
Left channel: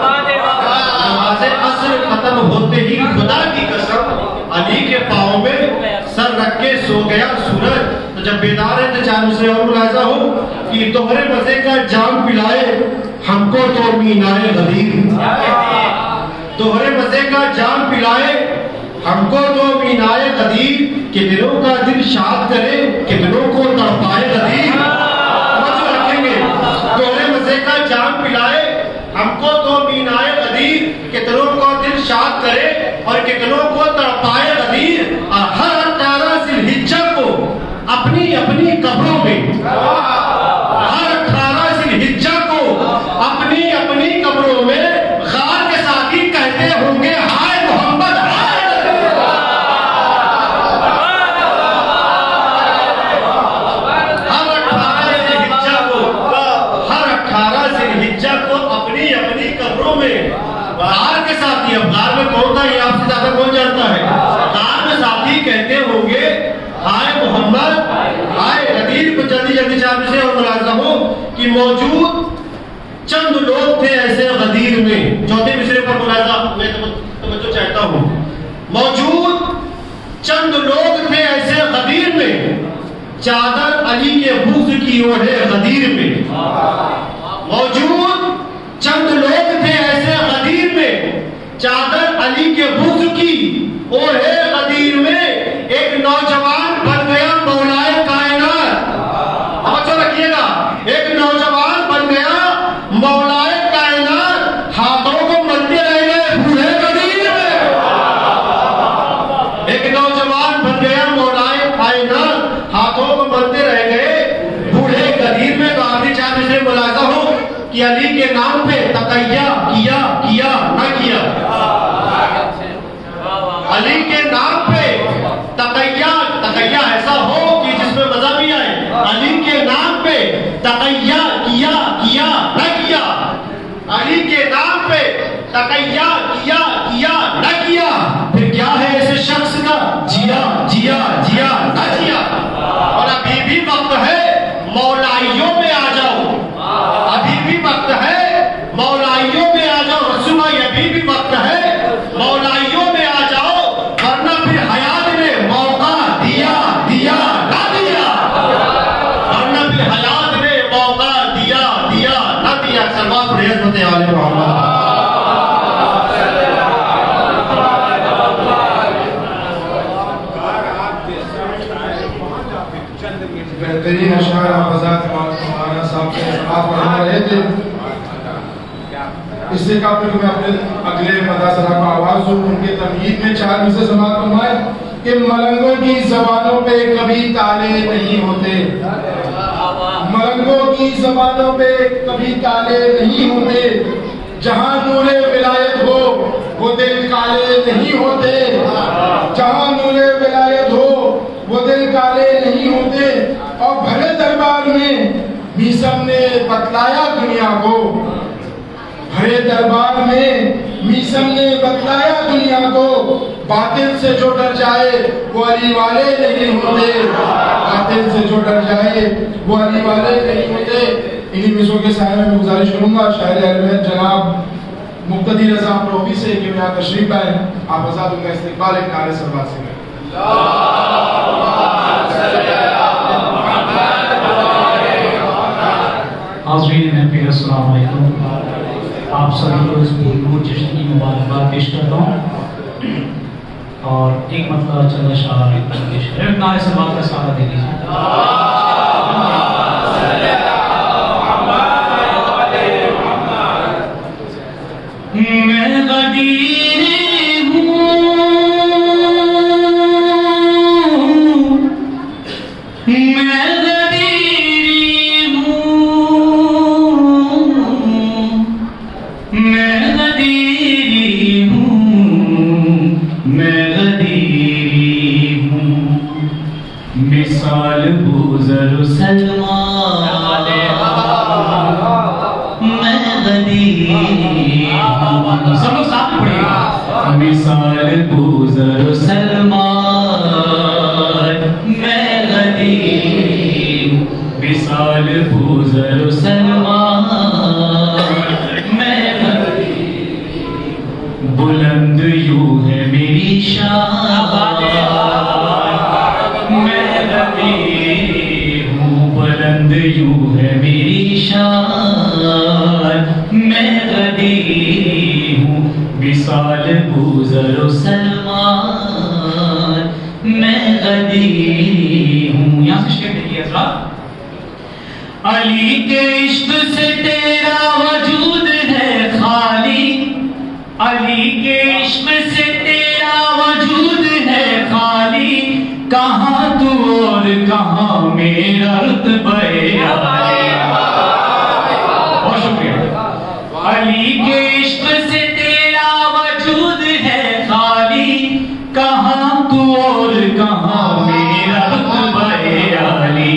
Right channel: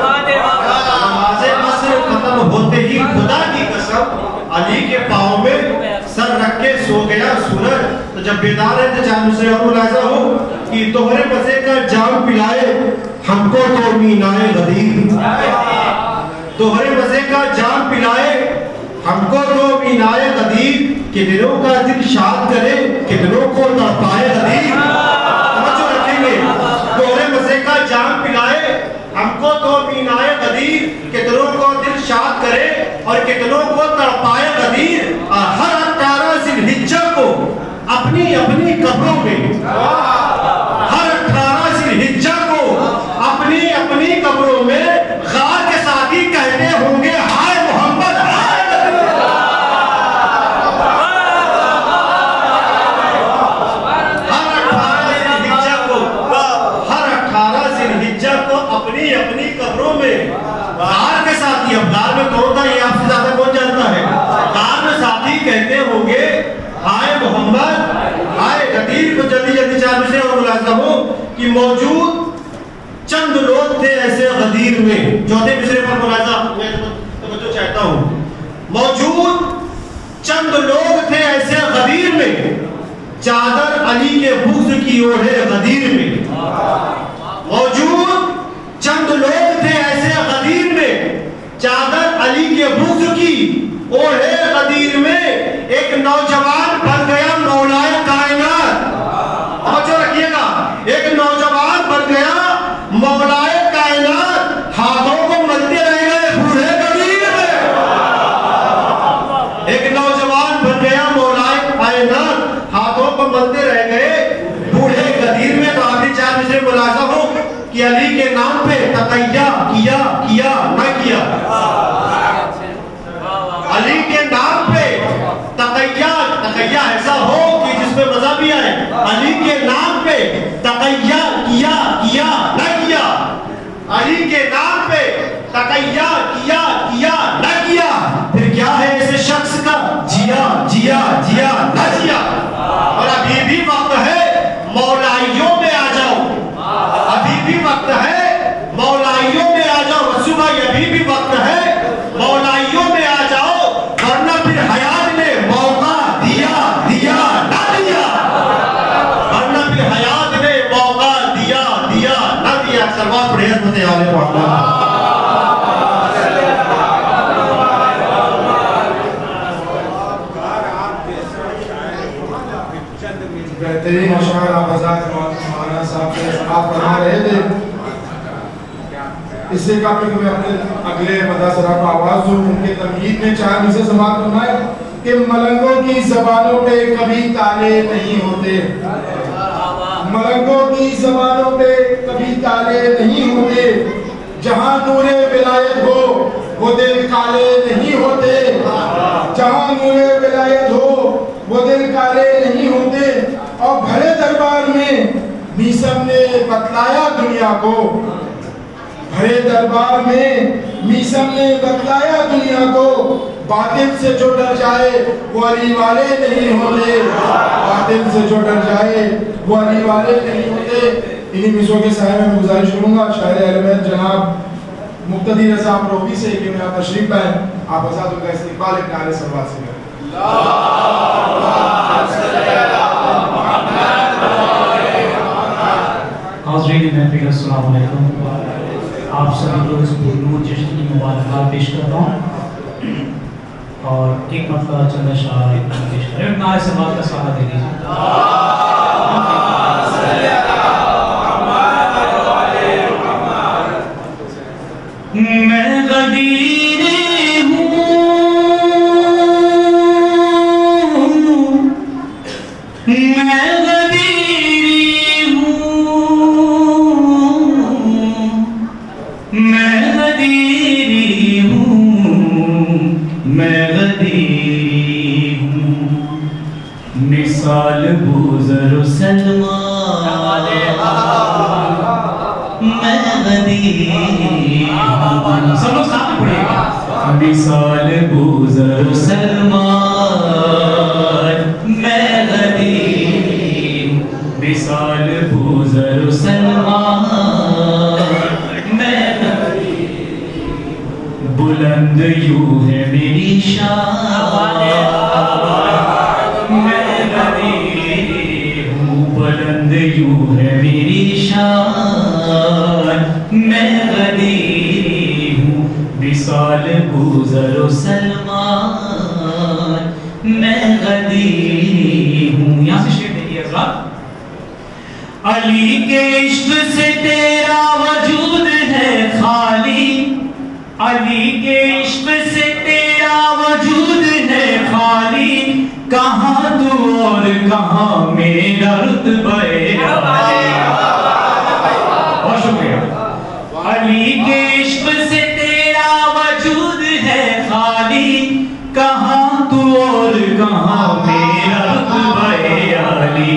نماز عصر ختم ہوتے ہی خدا کی قسم، علی کے پاؤں میں سر رکھ کے سو گیا سورج۔ تو جب بیدار ہے تو چاند سے اور ملاحظہ ہو کہ تمہارے مزے کا جام پلائے ہم کو تو مینائے غدیر، تمہارے مزے کا جام پلائے ہم کو تو مینائے غدیر، کہ دلوں کا دل شاد کرے کہ دلوں کو تڑپائے غدیر، توجہ رکھیں گے، تمہارے مزے کا جام پلائے ہم کو تو مینائے غدیر، کہ دلوں کو دل شاد کرے اور کہ دلوں کو تڑپائے غدیر، اور ہر 18 ذی الحجہ کو اپنی اپنی قبروں میں، ہر 18 ذی الحجہ کو اپنی اپنی قبروں میں غار کے ساتھی کہتے ہوں گے ہائے محمد ہائے نبی، ہر 18 ذی الحجہ کو اپنی اپنی قبروں میں غار کے ساتھی، اب غار میں کون تھا یہ آپ سے زیادہ کون جانتا ہے، غار میں ساتھی کہتے ہوں گے ہائے محمد ہائے غدیر۔ کو جلدی جلدی چار سے اور ملاحظہ ہو کہ موجود چند لوگ تھے ایسے غدیر میں، چوتھے مصرے پر ملاحظہ میں توجہ چاہتا ہوں، موجود چند لوگ تھے ایسے غدیر میں، چادر علی کے بغض کی اوڑھے غدیر میں، موجود چند لوگ تھے ایسے غدیر میں، چادر علی کے بغض کی اوڑھے غدیر میں، ایک نوجوان بن گیا مولائے کائنات، توجہ رکھیے گا، ایک نوجوان بن گیا مولائے کائنات، ہاتھوں کو ملتے رہ گئے بوڑھے غدیر میں، ایک نوجوان بن گیا مولائے کائنات، ہاتھوں کو ملتے رہ گئے بوڑھے غدیر میں۔ تو آخری چار مصرے ملاحظہ ہو کہ علی کے نام پہ تقیہ کیا نہ کیا، علی کے نام پہ تقیہ ایسا ہو کہ جس میں مزہ بھی آئے، علی کے نام پہ تقیہ کیا نہ کیا، علی کے نام پہ تقیہ کیا نہ کیا، پھر کیا ہے ایسے شخص کا جیا نہ جیا۔ اور ابھی بھی وقت ہے مولائیوں میں آ جاؤ، ابھی بھی وقت ہے مولائیوں میں آ جاؤ، رسول بھائی ابھی بھی وقت ہے مولائیوں میں آ جاؤ، ورنہ پھر حیات نے موقع دیا نہ دیا، ورنہ پھر حیات نے موقع دیا نہ دیا۔ سلوات پڑھیں حضرت آل محمد۔ بہترین اشعار آپ حضرات مولانا صاحب سے سماعت فرما رہے تھے، اس سے قبل کہ میں اپنے اگلے مداثرہ کا آواز دوں، ان کے تمہید میں چار مصرے سماعت فرمائے کہ ملنگوں کی زبانوں پہ کبھی تالے نہیں ہوتے، ملنگوں کی زبانوں پہ کبھی تالے نہیں ہوتے، جہاں نور ولایت ہو وہ دل کالے نہیں ہوتے، جہاں نور ولایت ہو وہ دل کالے نہیں ہوتے۔ اور بھرے دربار میں میسم نے بتلایا دنیا کو، بھرے دربار میں میسم نے بتلایا دنیا کو، باطل سے جو ڈر جائے وہ علی والے نہیں ہوتے، باطل سے جو ڈر جائے وہ علی والے نہیں ہوتے۔ انہی مصروں کے سائے میں گزارش کروں گا شاعر اہل بیت جناب مقتدی رضا پروپی سے کہ میں آپ تشریف لائیں، آپ آزاد ان کا استقبال ایک نعرے سلوات سے کریں۔ حاضرین محفل السلام علیکم۔ آپ سبھی کو اس پرنور جشن کی مبارکباد پیش کرتا ہوں اور ایک مطلب چند اشعار پیش کریں. ایک نعرے سے بات کا سہارا دے دیجیے. میں غدیر مثال بوزر و سلمان میں غدیر ہوں. سب لوگ ساتھ پڑھیں گا. مثال بوزر و سلمان میں غدیر ہوں. مثال بوزر و سلمان میں غدیر ہوں. بلند یوں ہے میری شان بلند یوں ہے میری شان میں غدیر ہوں. مثال بوزر و سلمان میں غدیر ہوں. یہاں سے شعر دیکھیے حضرات. علی کے عشق سے تیرا وجود ہے خالی. علی کے عشق سے تیرا وجود ہے خالی. کہاں تو اور کہاں میرا رتبہ. بہت شکریہ. علی کے عشق سے تیرا وجود ہے خالی. کہاں تو اور کہاں میرا رتبہ علی.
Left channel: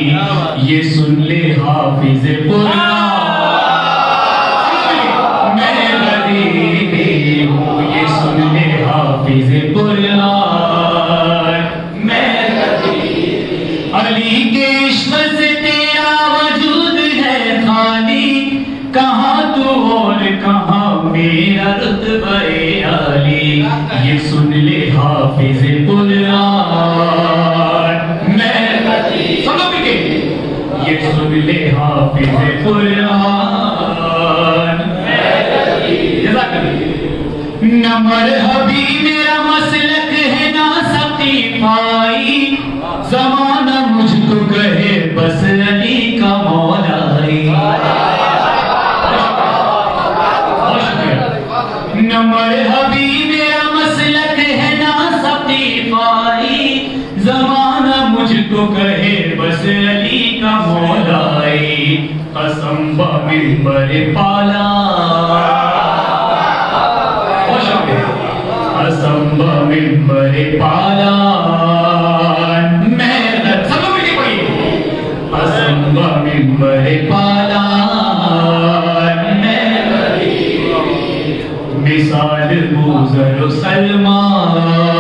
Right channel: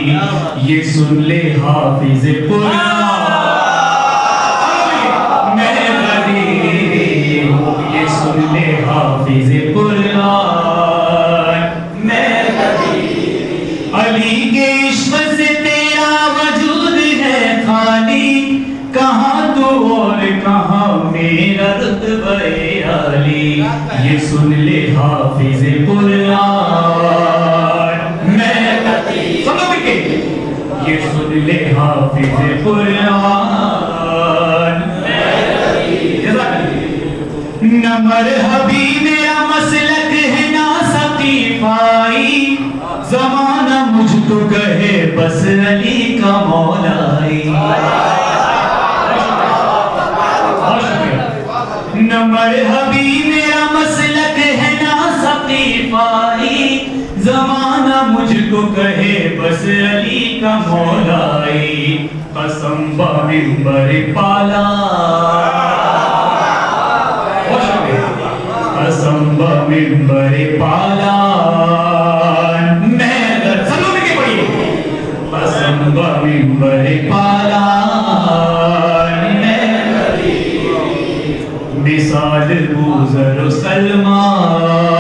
یہ سن لے حافظ قرآن میں غدیر ہوں. یہ سن لے حافظ قرآن. علی کے عشق سے تیرا وجود ہے خالی. کہاں تو اور کہاں میرا رتبہ علی. یہ سن لے حافظ قرآن میں غدیر. سب لوگ کے یہ سن لے حافظ قرآن میں غدیر. نہ مرحبی میرا مسلک ہے نہ ثقیفائی. زمانہ مجھ کو کہے بس علی کا مولائی. نہ مرحبی میرا مسلک ہے نہ ثقیفائی. زمانہ مجھ کو کہے بس علی کا مولائی. قسم بمنبر پالا. قسم بمنبر پالا. قسم بمنبر پالا میں غدیر. مثال بوزر و سلمان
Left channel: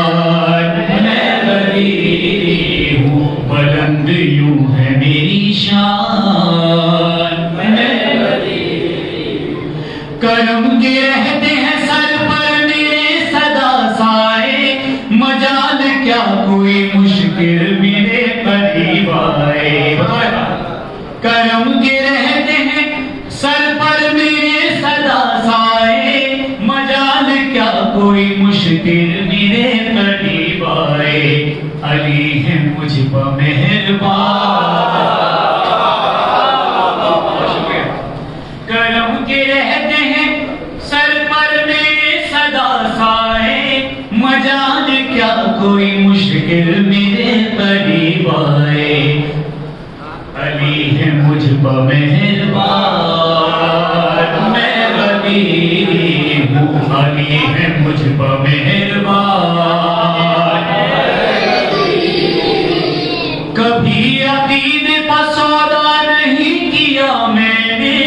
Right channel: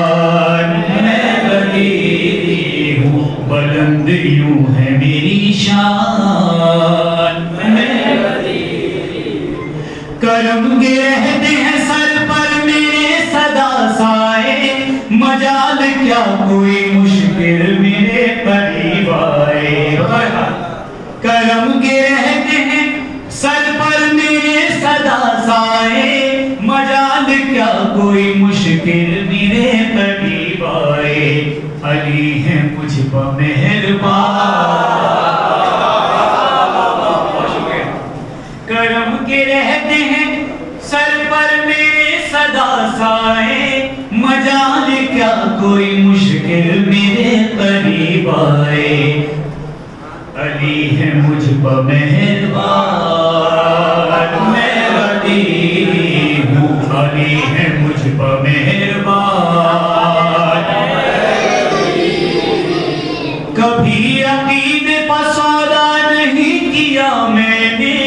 میں غدیر ہوں. بلند یوں ہے میری شان میں غدیر. کرم کے رہتے ہیں سر پر میرے صدا سائے. مجال کیا کوئی مشکل میرے قریب آئے. کرم کے رہتے ہیں سر پر میرے صدا سائے. مجال کیا کوئی مشکل میرے قریب آئے. علی ہے مجھ پر مہربان. کرم کے رہتے ہیں سر پر میرے صدا سائے. مجال کیا کوئی مشکل میرے قریب آئے. علی ہے مجھ پر مہربان میں غدیر ہوں. علی ہے مجھ پر مہربان. کبھی عقیدے پر سودا نہیں کیا میں نے.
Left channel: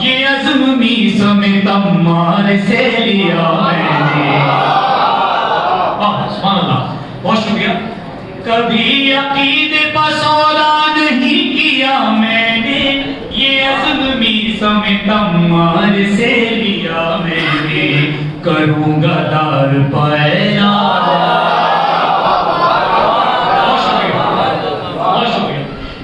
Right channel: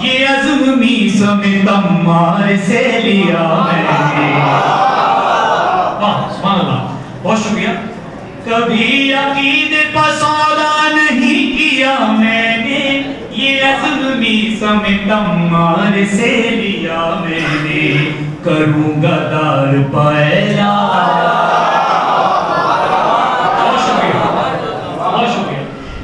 یہ عزم میسم تمار سے لیا میں نے. سبحان اللہ. بہت شکریہ. کبھی عقیدے پر سودا نہیں کیا میں نے. یہ عزم میسم تمار سے لیا میں نے. کروں گا دار پائلا.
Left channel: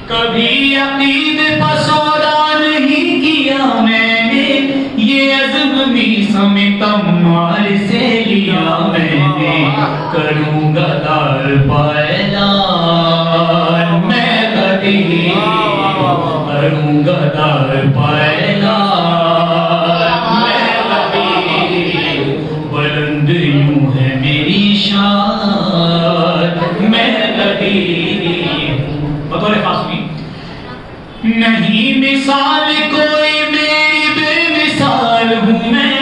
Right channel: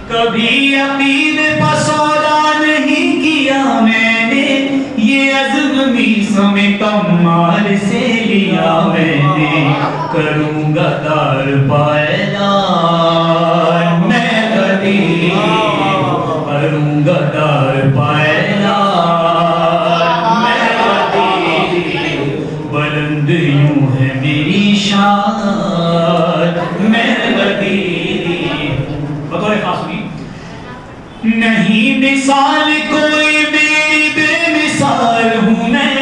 کبھی عقیدے پر سودا نہیں کیا میں نے. یہ عزم تلمیس میں تمار سے لیا میں نے کروں گا دار پائلان میں غدیر کروں گا دار پائلان میں غدیر بلند یوں ہے میری شان میں غدیر بطور خاص ہوئی نہیں مثال کوئی میری بے مثال ہوں میں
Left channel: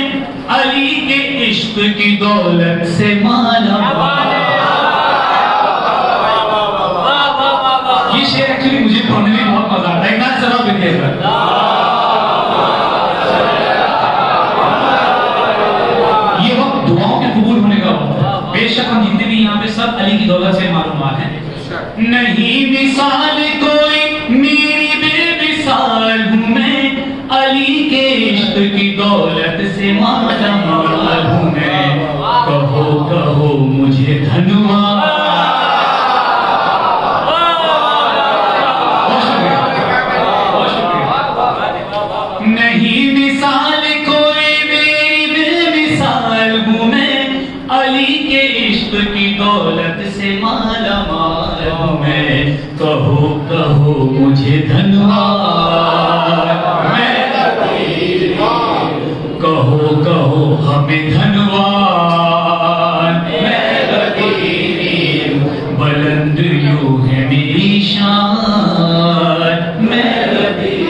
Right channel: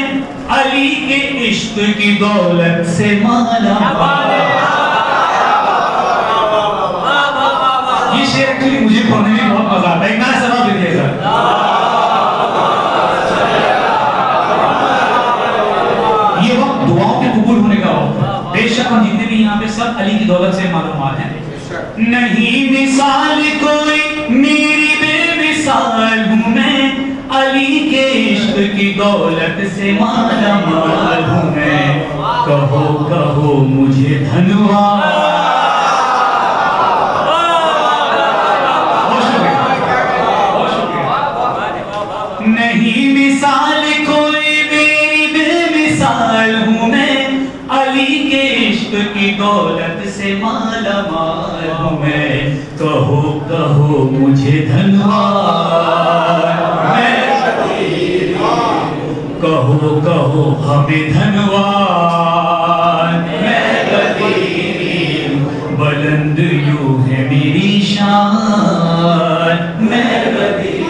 علی کے عشق کی دولت سے مالا مال یہ شعر ایکچولی مجھے پڑھنے میں بہت مزہ آتا ہے ایک نیا سبب دیکھیے گا یہ وقت دعاؤں کے قبول ہونے کا وقت ہے بے شک ہم جتنے بھی یہاں پہ سب علی کی دولت سے معلومات ہیں نہیں مثال کوئی میری بے مثال ہوں میں علی کے عشق کی دولت سے مالا مال ہوں میں کہو کہو مجھے دھنواد نہیں مثال کوئی میری بے مثال ہوں میں علی کے عشق کی دولت سے مالا مال ہوں میں کہو کہو مجھے دھنواد کہو کہو ہمیں دھنواد میں غدیر بلند یوں ہے میری شان میں غدیر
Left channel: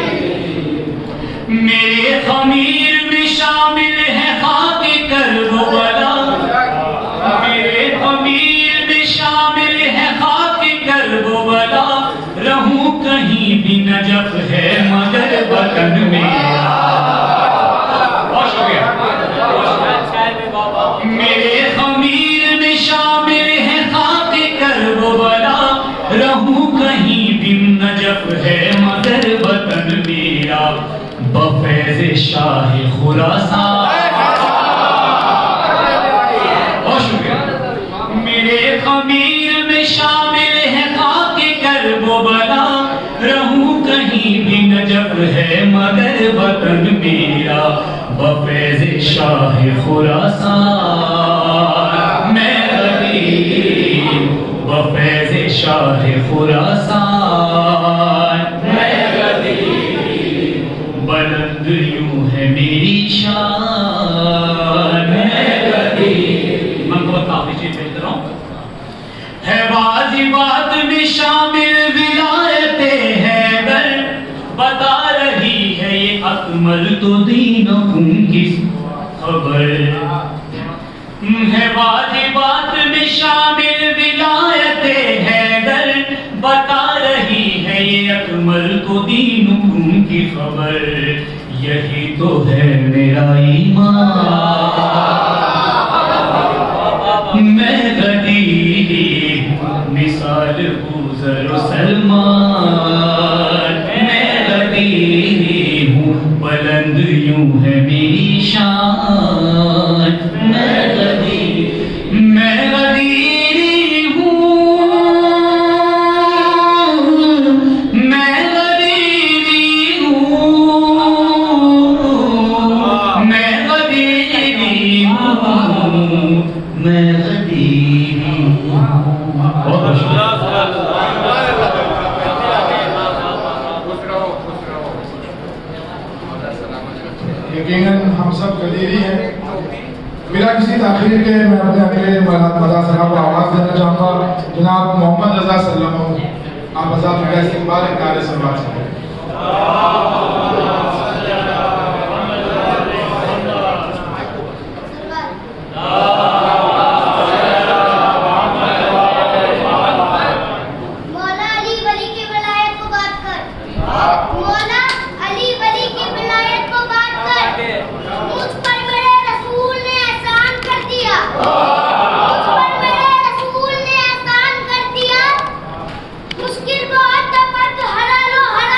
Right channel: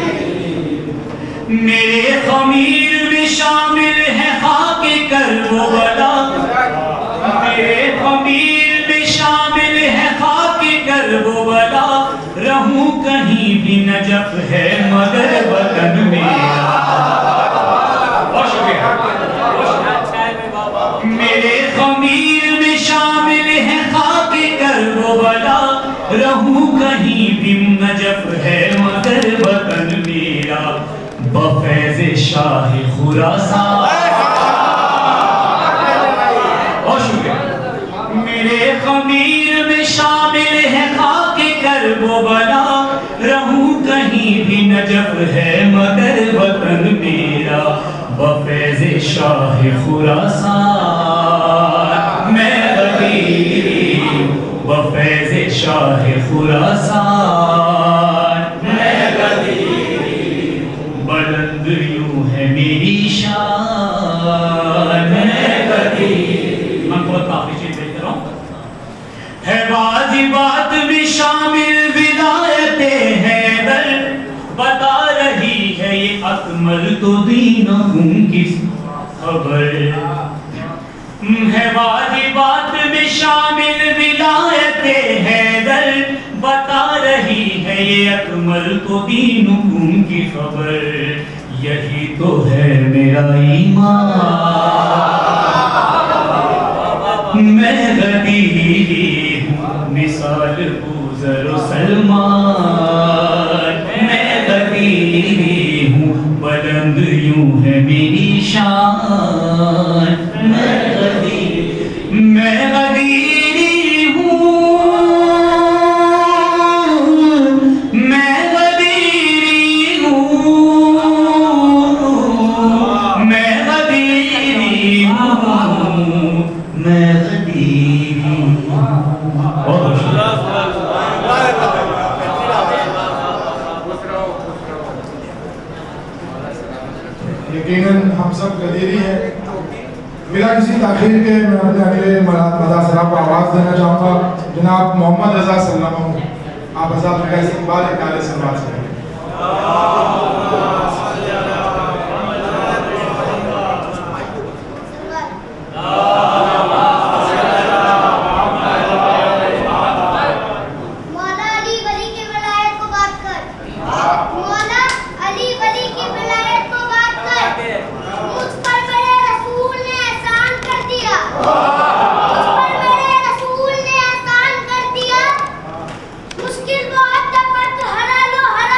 میرے خمیر میں شامل ہے خاک کربلا میرے خمیر میں شامل ہے خاک کربلا رہوں کہیں بھی نجف ہے مگر وطن میرا میرے خمیر میں شامل ہے خاک کربلا رہوں کہیں بھی نجف ہے مگر وطن میرا بفیض شاہ خراسان بہت شکریہ میرے خمیر میں شامل ہے خاک کربلا رہوں کہیں بھی نجف ہے مگر وطن میرا بفیض شاہ خراسان میں غدیر بفیض شاہ خراسان میں غدیر بلند یوں ہے میری شان میں غدیر من کو کافی چیز دیکھ رہا ہوں ہے واجبات میں شامل ولایت حیدر بتا رہی ہے یہ اکمل تو دینہم کی خبر ہے واجبات میں شامل ولایت حیدر بتا رہی ہے یہ اکمل تو دینہم کی خبر یہی تو ہے میرا ایمان میں غدیر ہوں مثال بوذر و سلمان میں غدیر ہوں بلند یوں ہے میری شان میں غدیر یقیناً ہم سب قدیری ہیں بلا کسی تاخیر کے میں اپنے اگلے مداح صاحب کو آواز دینا چاہوں گا جناب محمد رضا صلی اللہ علیہ وسلم آپ حضرات کا استقبال ایک نعرے سے بات کریں مشکل بہت پر تو حلال و حرام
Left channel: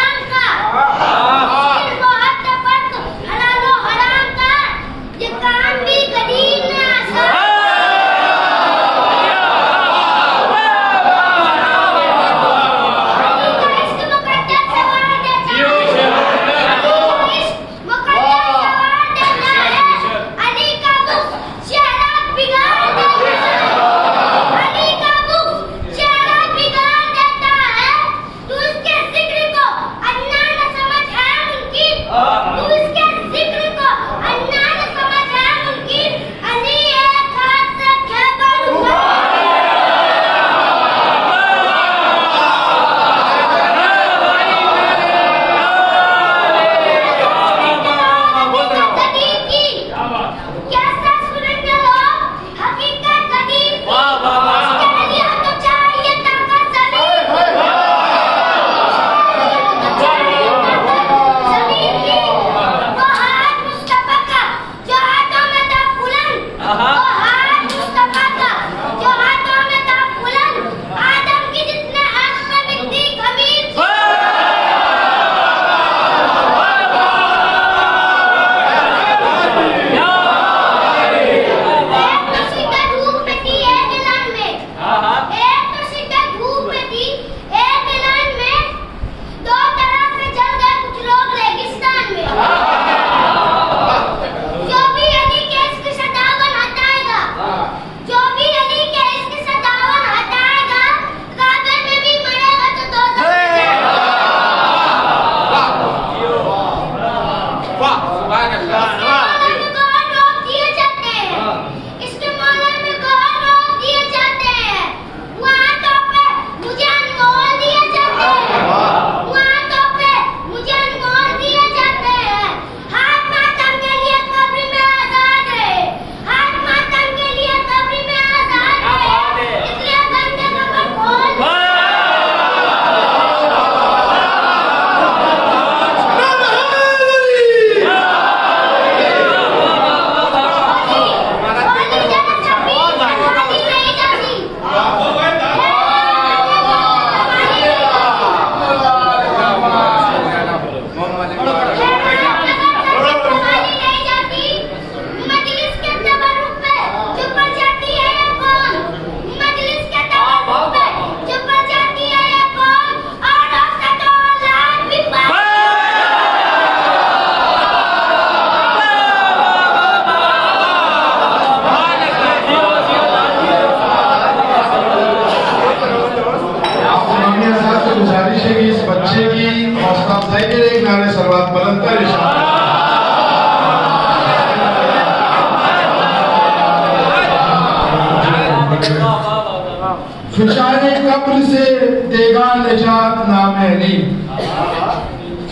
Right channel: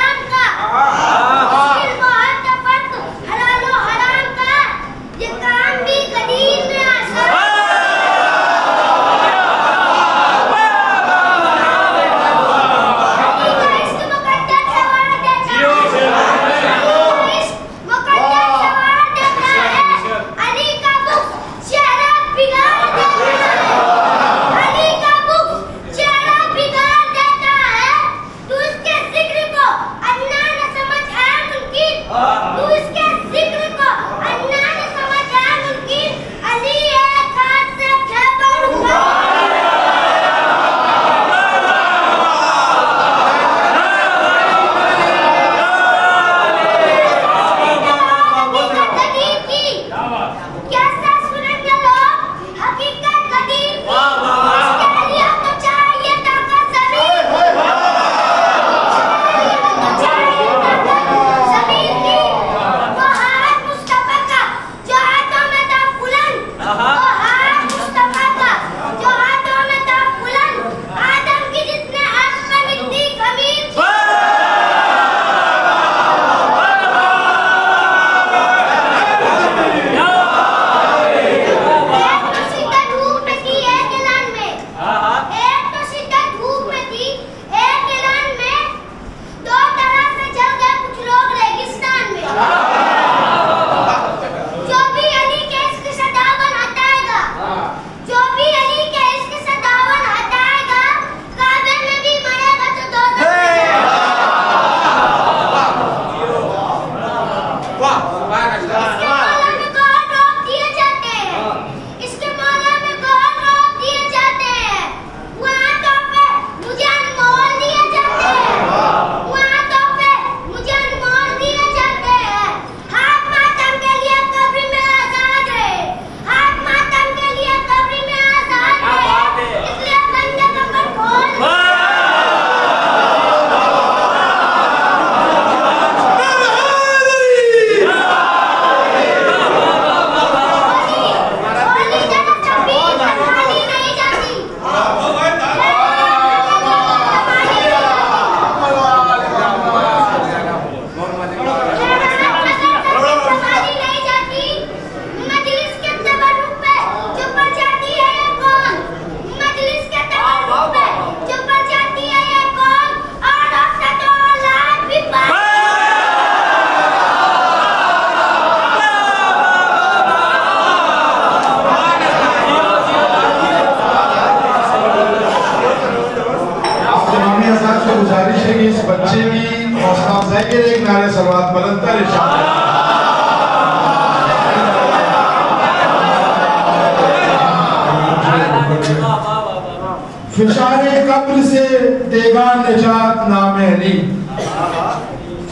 فشارِ قبر سے دیگا نجات نام علی،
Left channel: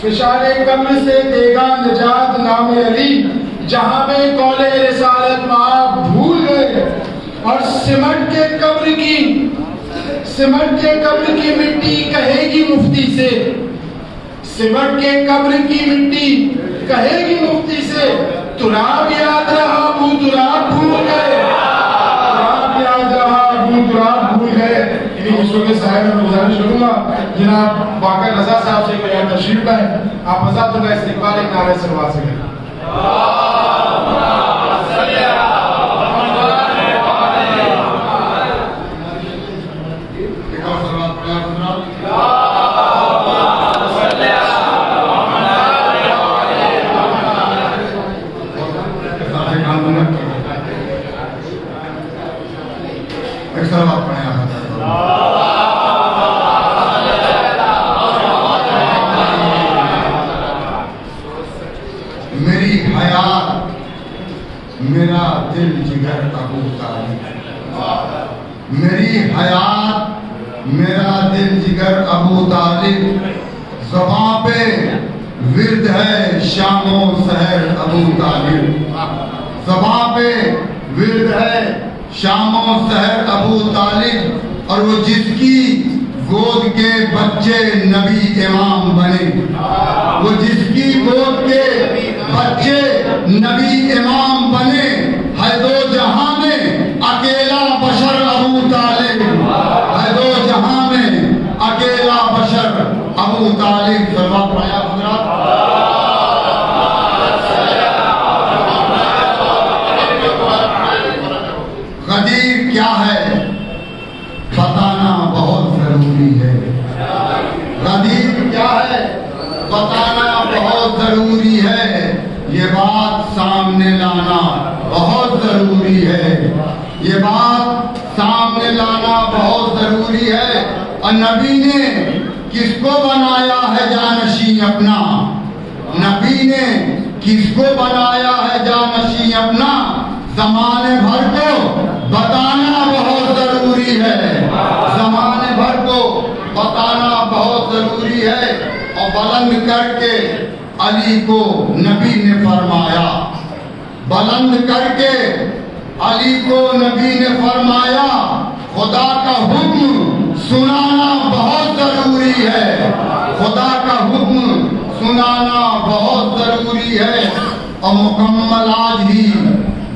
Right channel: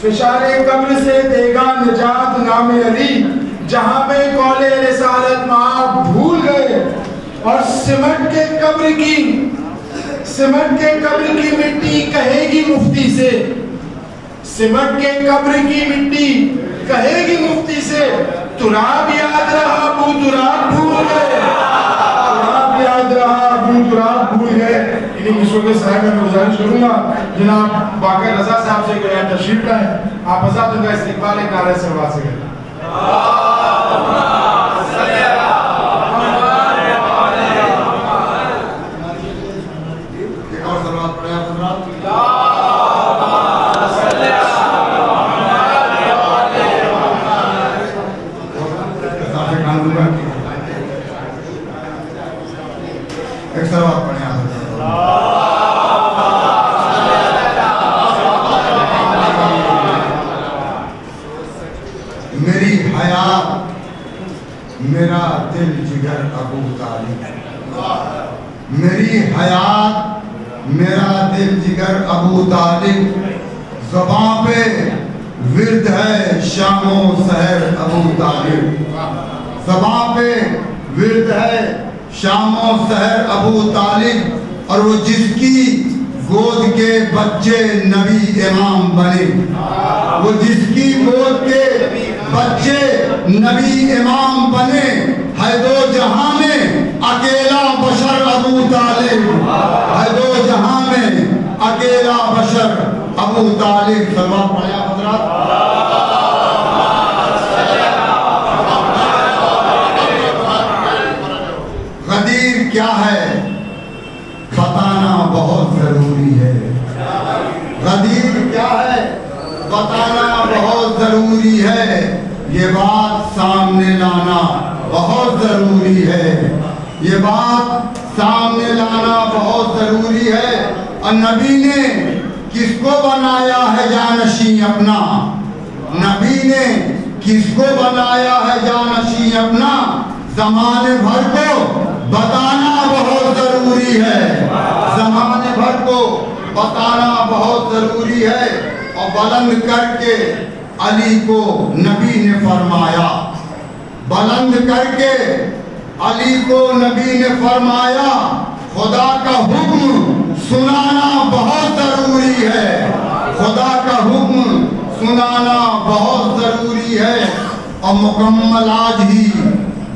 فشارِ قبر سے دیگا نجات نام علی، جہاں پہ قول رسالت آپ بھول گئے اور سمٹ کے قبر کی مٹی کہے گی مفتی سے، سمٹ کے قبر کی مٹی کہے گی مفتی سے، تراب یاد رہا ابو تراب بھول گئے، تراب یاد رہا ابو تراب بھول گئے۔ انہی قصوں کے سائے میں گزارش کروں گا جناب باقر رضا صاحب سے کوئی تشریف لائیں، آپ حضرات کا استقبال ایک نعرہ صلوات سے کریں۔ میری حیات میرا دل جگر ابو طالب، میری حیات میرا دل جگر ابو طالب، زباں پہ ورد ہے شام و سحر ابو طالب، زباں پہ ورد ہے شام و سحر ابو طالب، اور وہ جس کی گود کے بچے نبی امام بنے، وہ جس کی گود کے بچے نبی امام بنے، ہے دو جہاں میں اکیلا بشر ابو طالب، ہے دو جہاں میں اکیلا بشر ابو طالب۔ سلوات پڑھیں حضرات۔ غدیر کیا ہے بتانا بہت ضروری ہے، غدیر کیا ہے بتانا بہت ضروری ہے، یہ بات سامنے لانا بہت ضروری ہے، یہ بات سامنے لانا بہت ضروری ہے۔ اور نبی نے کس کو بنایا ہے جانشین اپنا، نبی نے کس کو بنایا ہے جانشین اپنا، زمانے بھر کو بتانا بہت ضروری ہے، زمانے بھر کو بتانا بہت ضروری ہے۔ اور بلند کر کے علی کو نبی نے فرمایا، بلند کر کے علی کو نبی نے فرمایا، خدا کا حکم سنانا بہت ضروری ہے، خدا کا حکم سنانا بہت ضروری ہے۔ اور مکمل آج ہی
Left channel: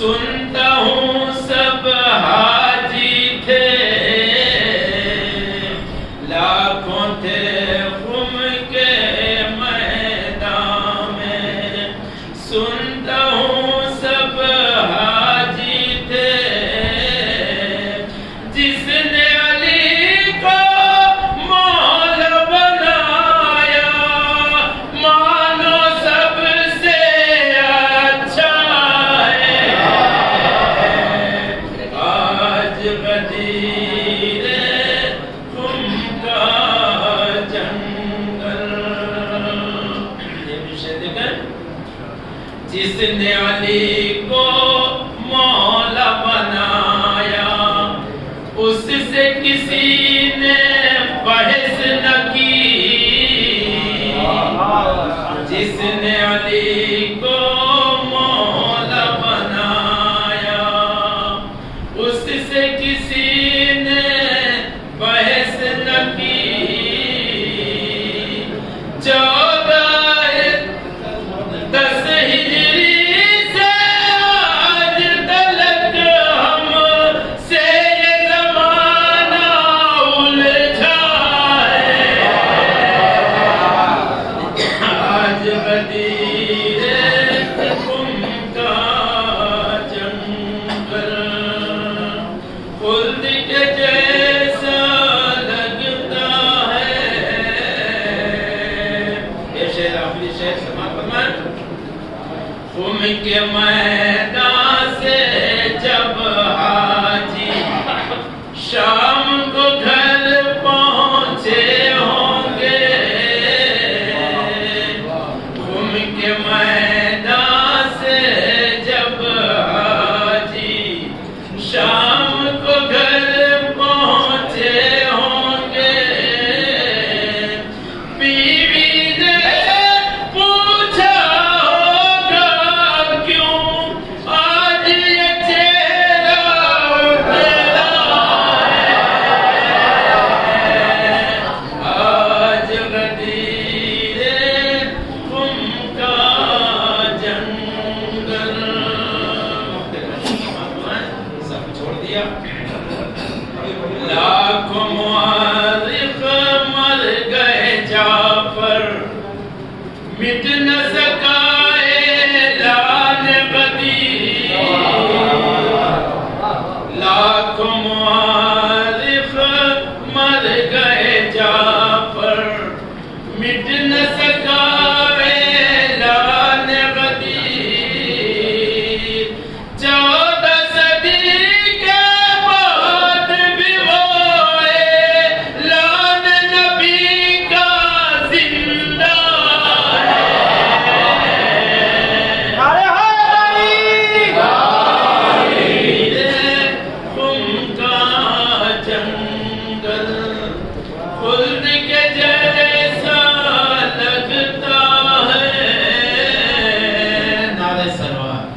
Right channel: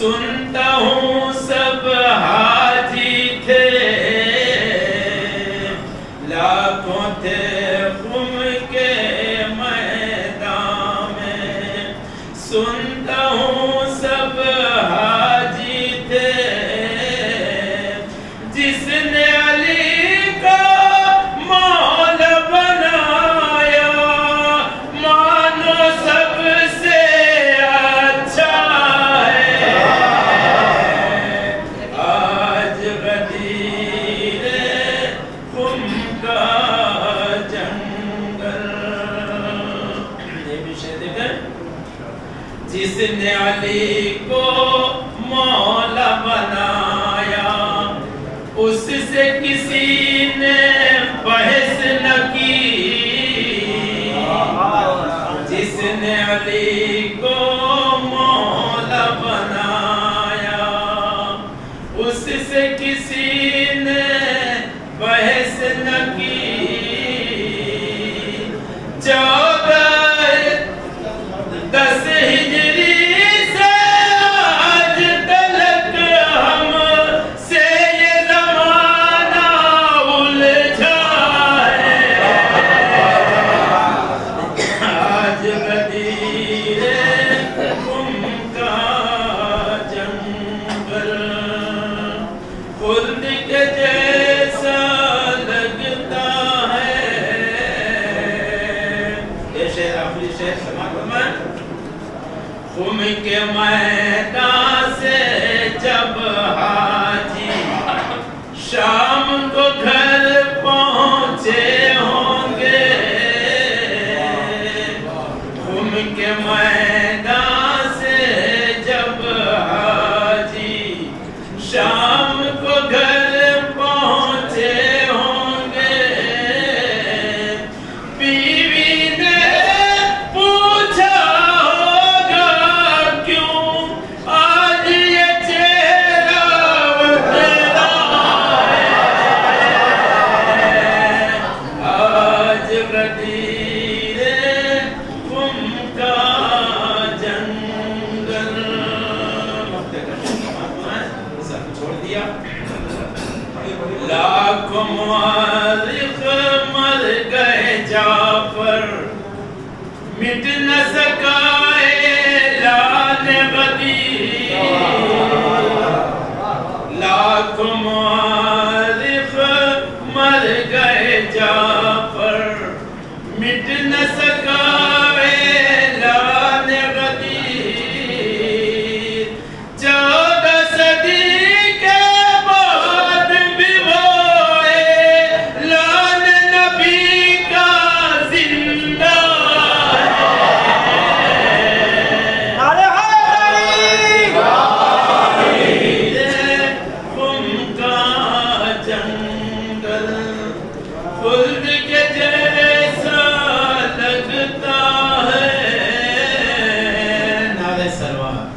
سنتا ہوں سب حاجی تھے لاکھوں تھے خم کے میدان میں سنتا ہوں سب حاجی تھے جس نے علی کو مولا بنایا مانو سب سے اچھا ہے آج غدیر خم کا جنگل یہ بھی شعر دیکھیں جس نے علی کو مولا بنایا اس سے کسی نے بحث نہ کی جس نے علی کو مولا بنایا اس سے کسی نے بحث نہ کی 10 ہجری سے آج تلک ہم سے یہ زمانہ الجھا ہے آج غدیر خم کا جنگل خلد کے جیسا لگتا ہے یہ شعر آخری شعر سماعت فرمائیں خم کے میدان سے جب حاجی شام کو گھر پہنچے ہوں گے خم کے میدان سے جب حاجی شام کو گھر پہنچے ہوں گے بیوی نے پوچھا ہوگا کیوں آج یہ چہرہ اترا ہے آج غدیر خم کا جنگل سب چھوڑ دیا لاکھوں مورخ مر گئے جعفر مٹ نہ سکا اعلان غدیر لاکھوں مورخ مر گئے جعفر مٹ نہ سکا اعلان غدیر 14 صدی کے بعد بھی وہ اعلان نبی کا زندہ خم کا جنگل خلد کے جیسا لگتا ہے نعرہ سلوات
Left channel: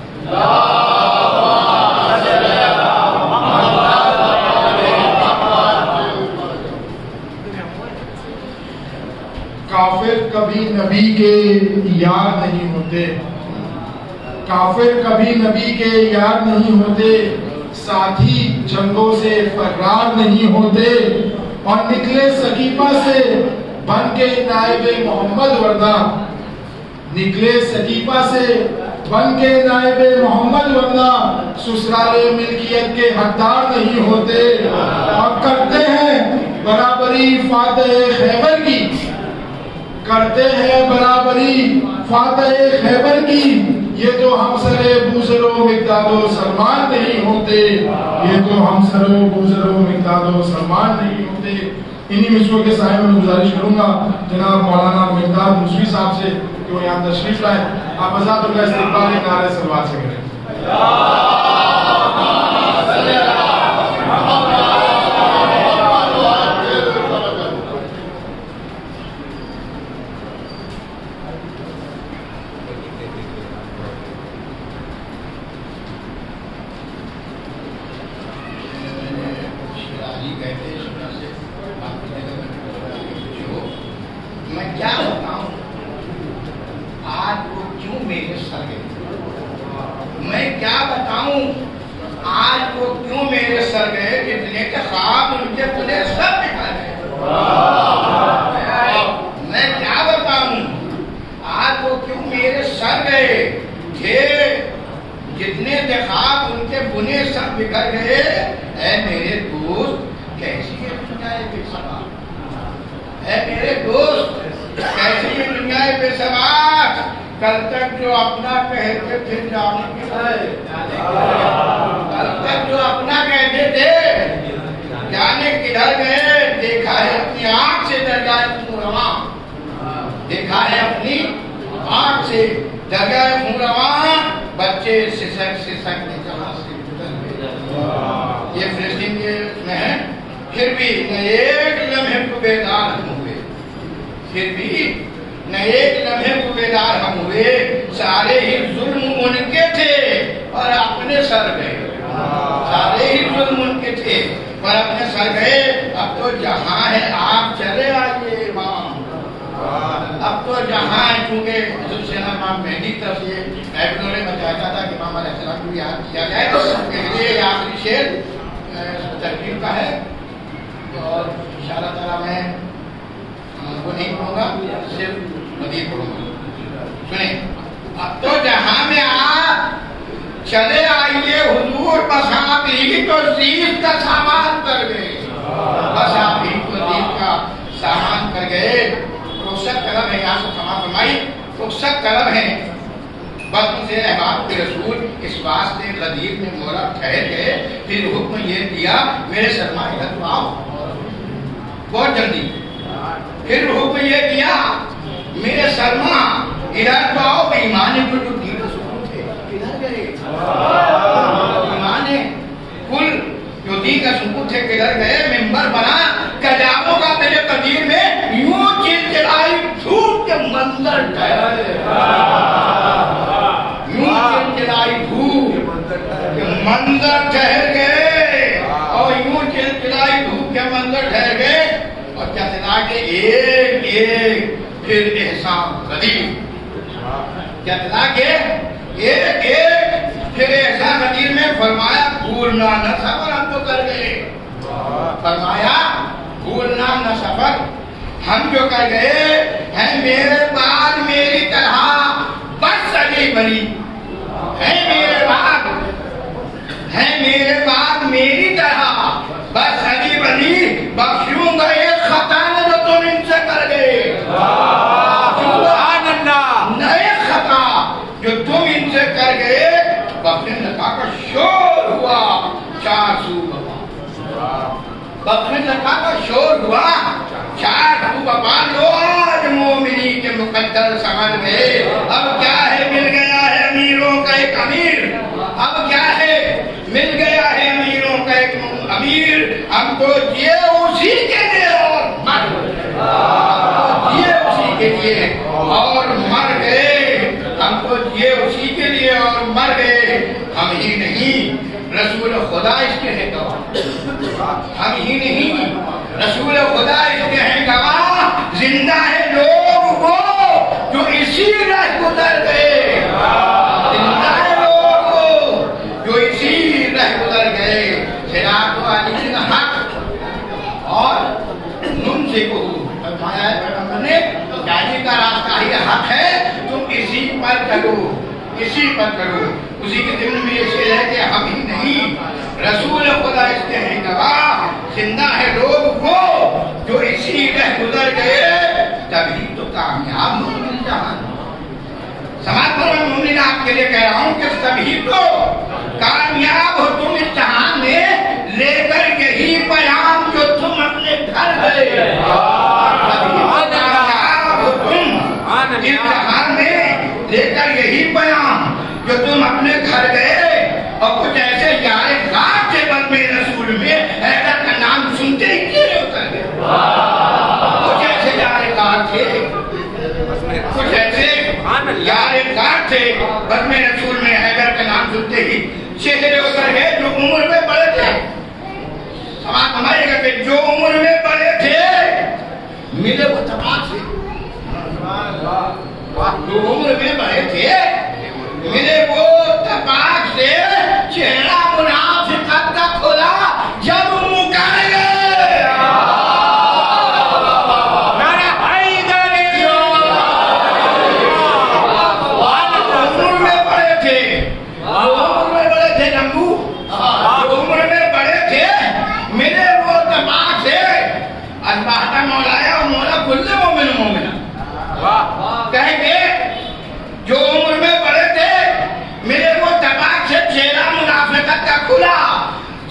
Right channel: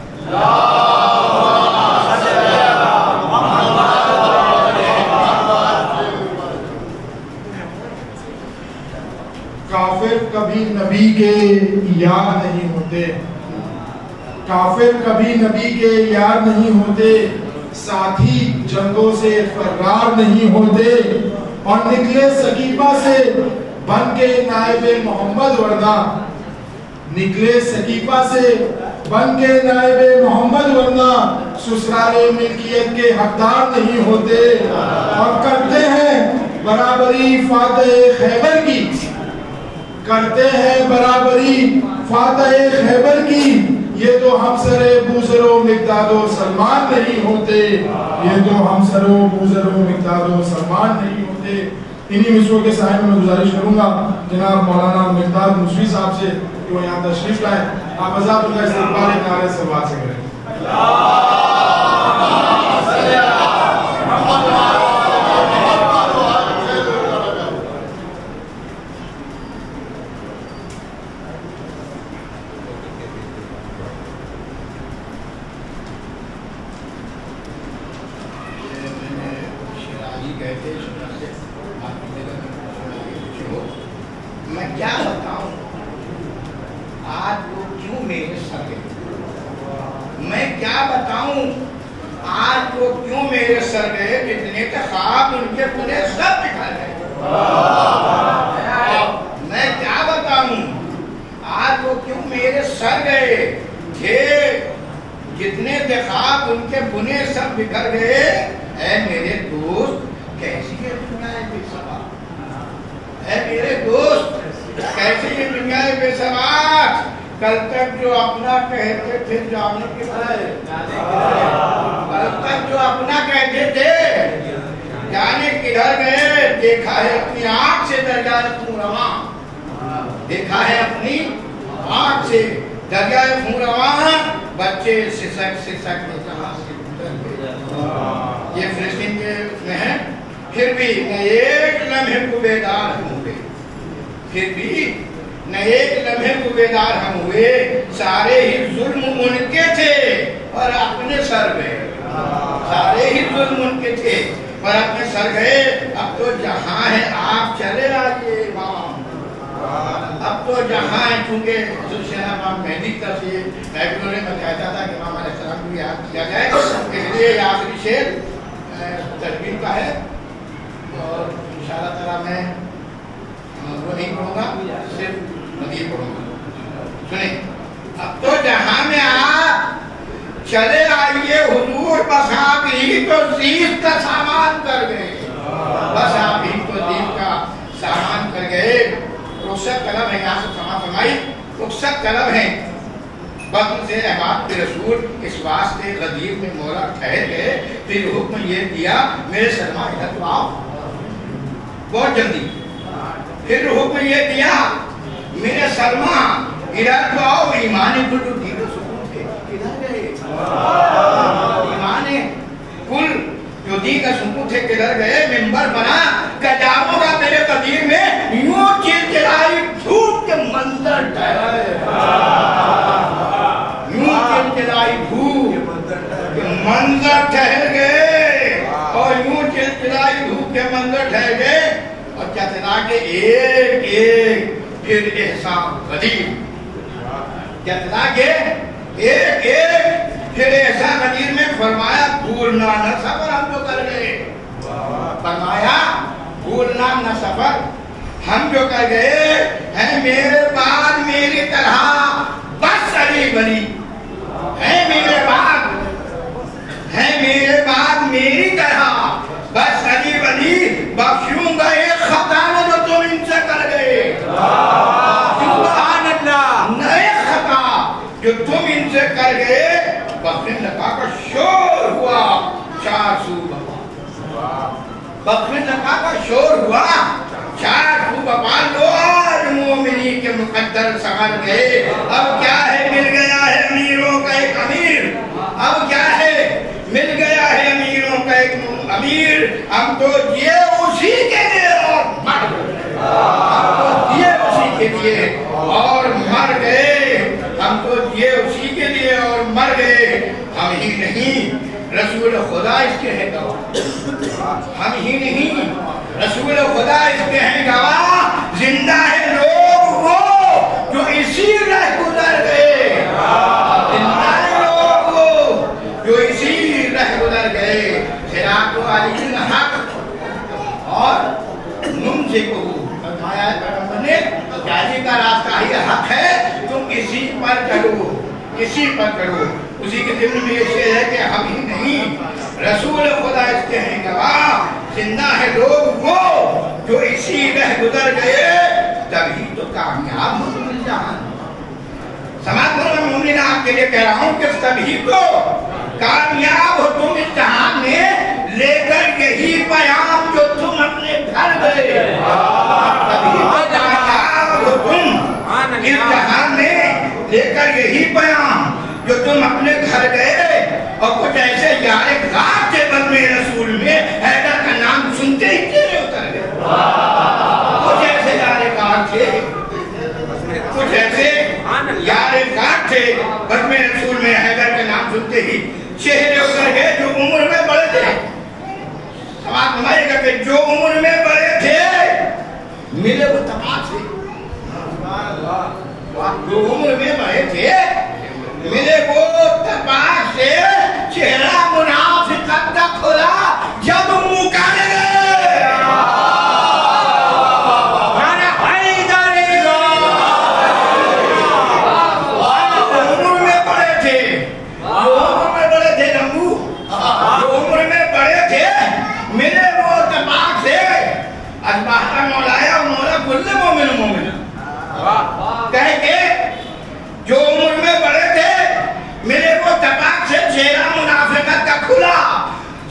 کافر کبھی نبی کے یار نہیں ہوتے کافر کبھی نبی کے یار نہیں ہوتے ساتھی جنگوں سے فرار نہیں ہوتے اور نکلے سقیفہ سے بن کے نائب محمد ورنہ نکلے سقیفہ سے بن کے نائب محمد ورنہ سسرال ملکیت کے حقدار نہیں ہوتے اور کرتے ہیں برابری فاتح خیبر کی کرتے ہیں برابری فاتح خیبر کی یہ تو ہمسر بوزر و مقداد و سلمان نہیں ہوتے یہ تو ہمسر بوزر و مقداد و سلمان نہیں ہوتے انہی مصروں کے صاحب میں گزارش کروں گا جناب مولانا مقداد مصری صاحب سے کہ وہ یہاں تشریف لائے آپ آزاد کا استقبال ایک نعرہ سلوات سے کریں میں کیا بتاؤں آج وہ کیوں میرے سر گئے میں کیا بتاؤں میرے سر گئے جتنے کے خواب ان کے بنے سب بکھر گئے. میں کیا بتاؤں آج وہ کیوں میرے سر گئے کہ جتنے کے خواب ان کے بنے سب بکھر گئے. اے میرے دوست کیسی یہ دنیا بے ثبات، اے میرے دوست کیسی یہ دنیا بے ثبات. کل تک جو اپنا کہتے تھے جانے کی کل تک جو اپنا کہتے تھے جانے کدھر گئے. دیکھا ہے اپنی آنکھ سے دریائے خون رواں، دیکھا ہے اپنی آنکھ سے دریائے خون رواں. بچے سسک سسک کے جہاں سے گزر گئے. یہ فلسطین کے میں ہے. پھر بھی نہ ایک لمحے کو بیدار ہم ہوئے، پھر بھی نہ ایک لمحے کو بیدار ہم ہوئے. سارے ہی ظلم ان کے تھے اور اپنے سر گئے. سارے ہی ظلم ان کے تھے اور اپنے سر گئے. اب تو جہاں ہے آپ چلے آئیے امام. اب تو جہاں ہے چونکہ حضرت سیدنا امام مہدی طرف سے میں بھی میں چاہتا تھا کہ امام علیہ السلام کو یاد کیا جائے. اس لیے آخری شعر ترغیب کا ہے اور انشاءاللہ تعالیٰ میں وہ نہیں پڑھوں گا، صرف مزید پڑھوں گا. سنیں. اب تو جہاں میں آپ چلے آئیے حضور، بس آپ ہی تو زیست کا سامان کر گئے. بس آپ ہی تو زیست کا سامان کر گئے. رخصت طلب ہے، یہاں سے سما فرمائی رخصت طلب ہے. بطن سے احباب کے رسول اس واسطے غدیر میں مولا ٹھہر گئے. پھر حکم یہ دیا میرے سرما ادھر تو آؤ بہت جلدی. پھر حکم یہ دیا میرے سرما ادھر تو آؤ. ایمان کل جو دین سکون تھے کدھر گئے؟ ایمان کل جو دین کا سکون تھے کدھر گئے؟ ممبر بنا کجاووں کا میرے قدیر میں یوں چلچلائی دھوپ کے منظر ٹھہرے. یوں چلچلائی دھوپ کے منظر ٹھہر گئے اور یوں چلچلائی دھوپ کے منظر ٹھہر گئے. اور چتلا کے ایک ایک پھر احسان قدیر، چتلا کے ایک ایک پھر احسان قدیر میں فرمایا بھولنا نہ سفر ہم جو کر گئے. فرمایا بھولنا نہ سفر ہم جو کر گئے ہیں. میرے بعد میری طرح بس علی بنی ہے، میرے بعد ہے، میرے بعد میری طرح بس علی بنی. بخشوں گا ایک خطا جو تم ان سے کر گئے. سبحان اللہ. نئے خطا جو تم ان سے کر گئے. بخشن لگا کا شور ہوا چار سو بپا. بخشن لگا کا شور ہوا چار سو بپا. لوگ مومنی کے مقدر سمجھ گئے. اب کیا ہے مل گیا ہے امیروں کا ایک امیر. اب کیا ہے مل گیا ہے امیروں کا ایک امیر. ہم تو جیے اسی کے لیے اور مر گئے. ہم تو جیے اسی کے لیے اور مر گئے. ہم تو جیے اسی کے لیے اور مر گئے. ہم ہی نہیں رسول خدا اس کے ہیں گواہ. ہم ہی نہیں رسول خدا اس کے ہیں گواہ. زندہ ہے لوگ وہ جو اسی راہ گزر گئے. زندہ ہے لوگ وہ جو اسی راہ گزر گئے. صراط علی الحق اور نم سے کو فرمایا ہے پیغمبر نے جاری کا راستہ ہی حق ہے. تم اسی پر چلو، اسی پر چلو. اسی کے ضمن میں یہ شعر ہے کہ ہم ہی نہیں رسول خدا اس کے ہیں گواہ. زندہ ہے لوگ وہ جو اسی راہ گزر گئے. تبھی تو کامیاب ہو تم اس جہان. سماعت فرمائیں مومنین آپ کے لیے کہہ رہا ہوں کہ تبھی تو کامیاب ہو تم اس جہان میں لے کر یہی پیام جو تم اپنے گھر گئے. تبھی تو کامیاب ہو تم اس جہان میں لے کر یہی پیام جو تم اپنے گھر گئے. اور کچھ ایسے یار غار تھے بزم رسول میں حیدر کا نام سنتے ہی کیڑے اتر گئے. کچھ ایسے یار غار تھے، کچھ ایسے یار غار تھے بزم رسول میں حیدر کا نام سنتے ہی چہرے اتر گئے. جو عمر میں بڑے تھے، سماعت فرمائیے گا کہ جو عمر میں بڑے تھے ملے وہ تباہ سے. جو عمر میں بڑے تھے ملے وہ تباہ سے. چہرہ منافقت کا کھلا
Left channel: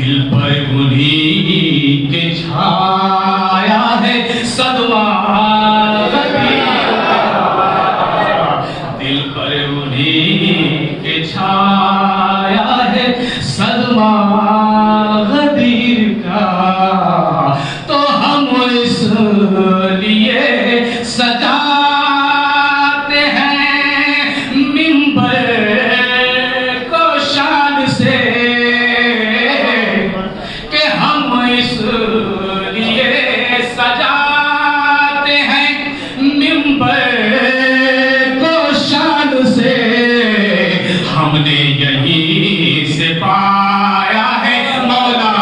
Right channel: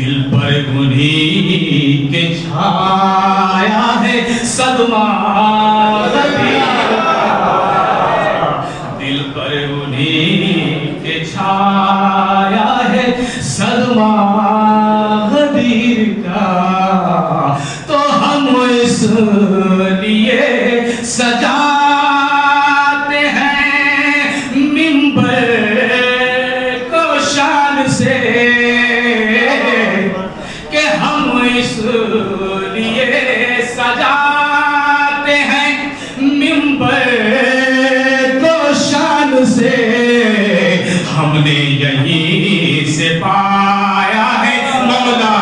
دل پر انہیں کے چھایا ہے صدمہ غدیر کا، دل پر انہیں کے چھایا ہے صدمہ غدیر کا، تو ہم اس لیے سجاتے ہیں منبر کو شان سے، کہ ہم اس لیے سجاتے ہیں منبر کو شان سے، ہم نے یہیں سے پایا ہے مولا،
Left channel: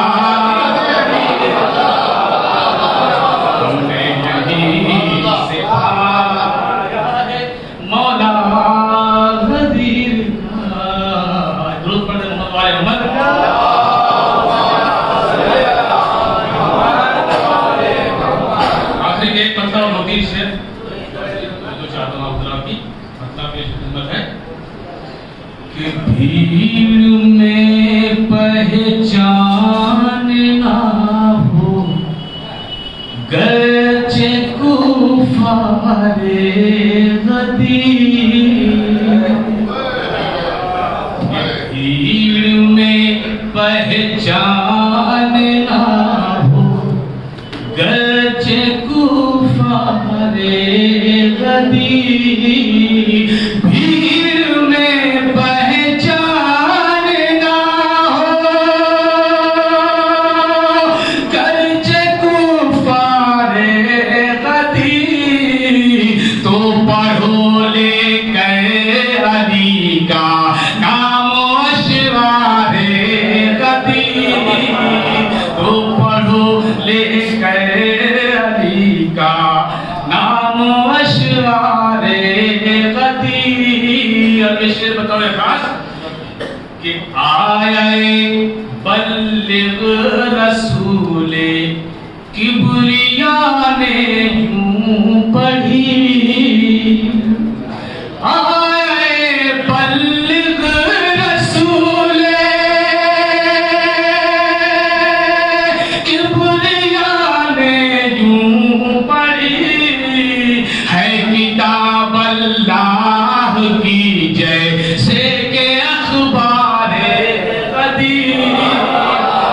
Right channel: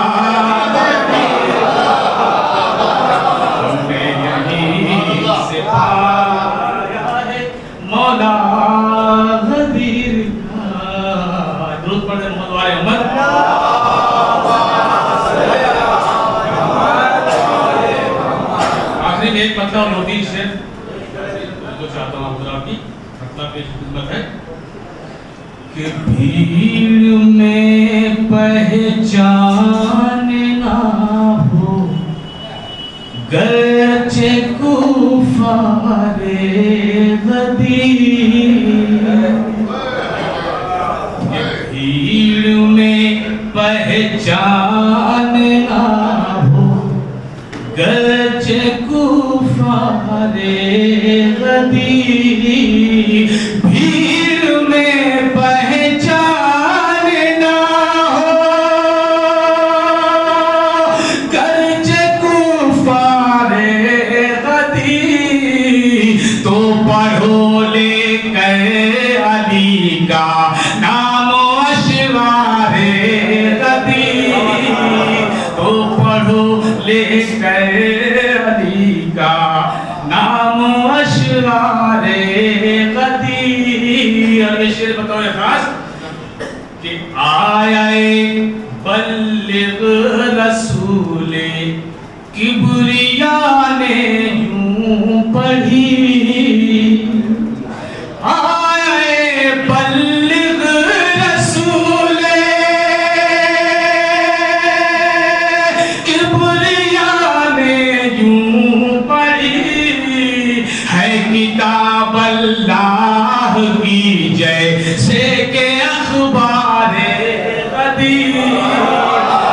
ہم نے یہیں سے پایا ہے مولا غدیر کا۔ درود پڑھیں محمد والے محمد۔ آخری میں ایک مطلب اور 2-3 شعر جو چاہتا ہوں آپ حضرات کی مطلب پیش خدمت ہے کہ بھیڑ میں پہچان نہ ہو گرچہ کفار غدیر، بھیڑ میں پہچان نہ ہو گرچہ کفار غدیر، بھیڑ میں پہچان نہ ہو گرچہ کفار غدیر، تو پڑھو لے کر علی کا نام و اشرار غدیر، تو پڑھو لے کر علی کا نام و اشرار غدیر۔ اور میں شعر بتاؤں خاص کہ آئے بلغ رسول کبریا نے یوں پڑھی، آئے بلغ رسول کبریا نے یوں پڑھی، ہے کتاب اللہ کی جیسے کہ اخبار غدیر،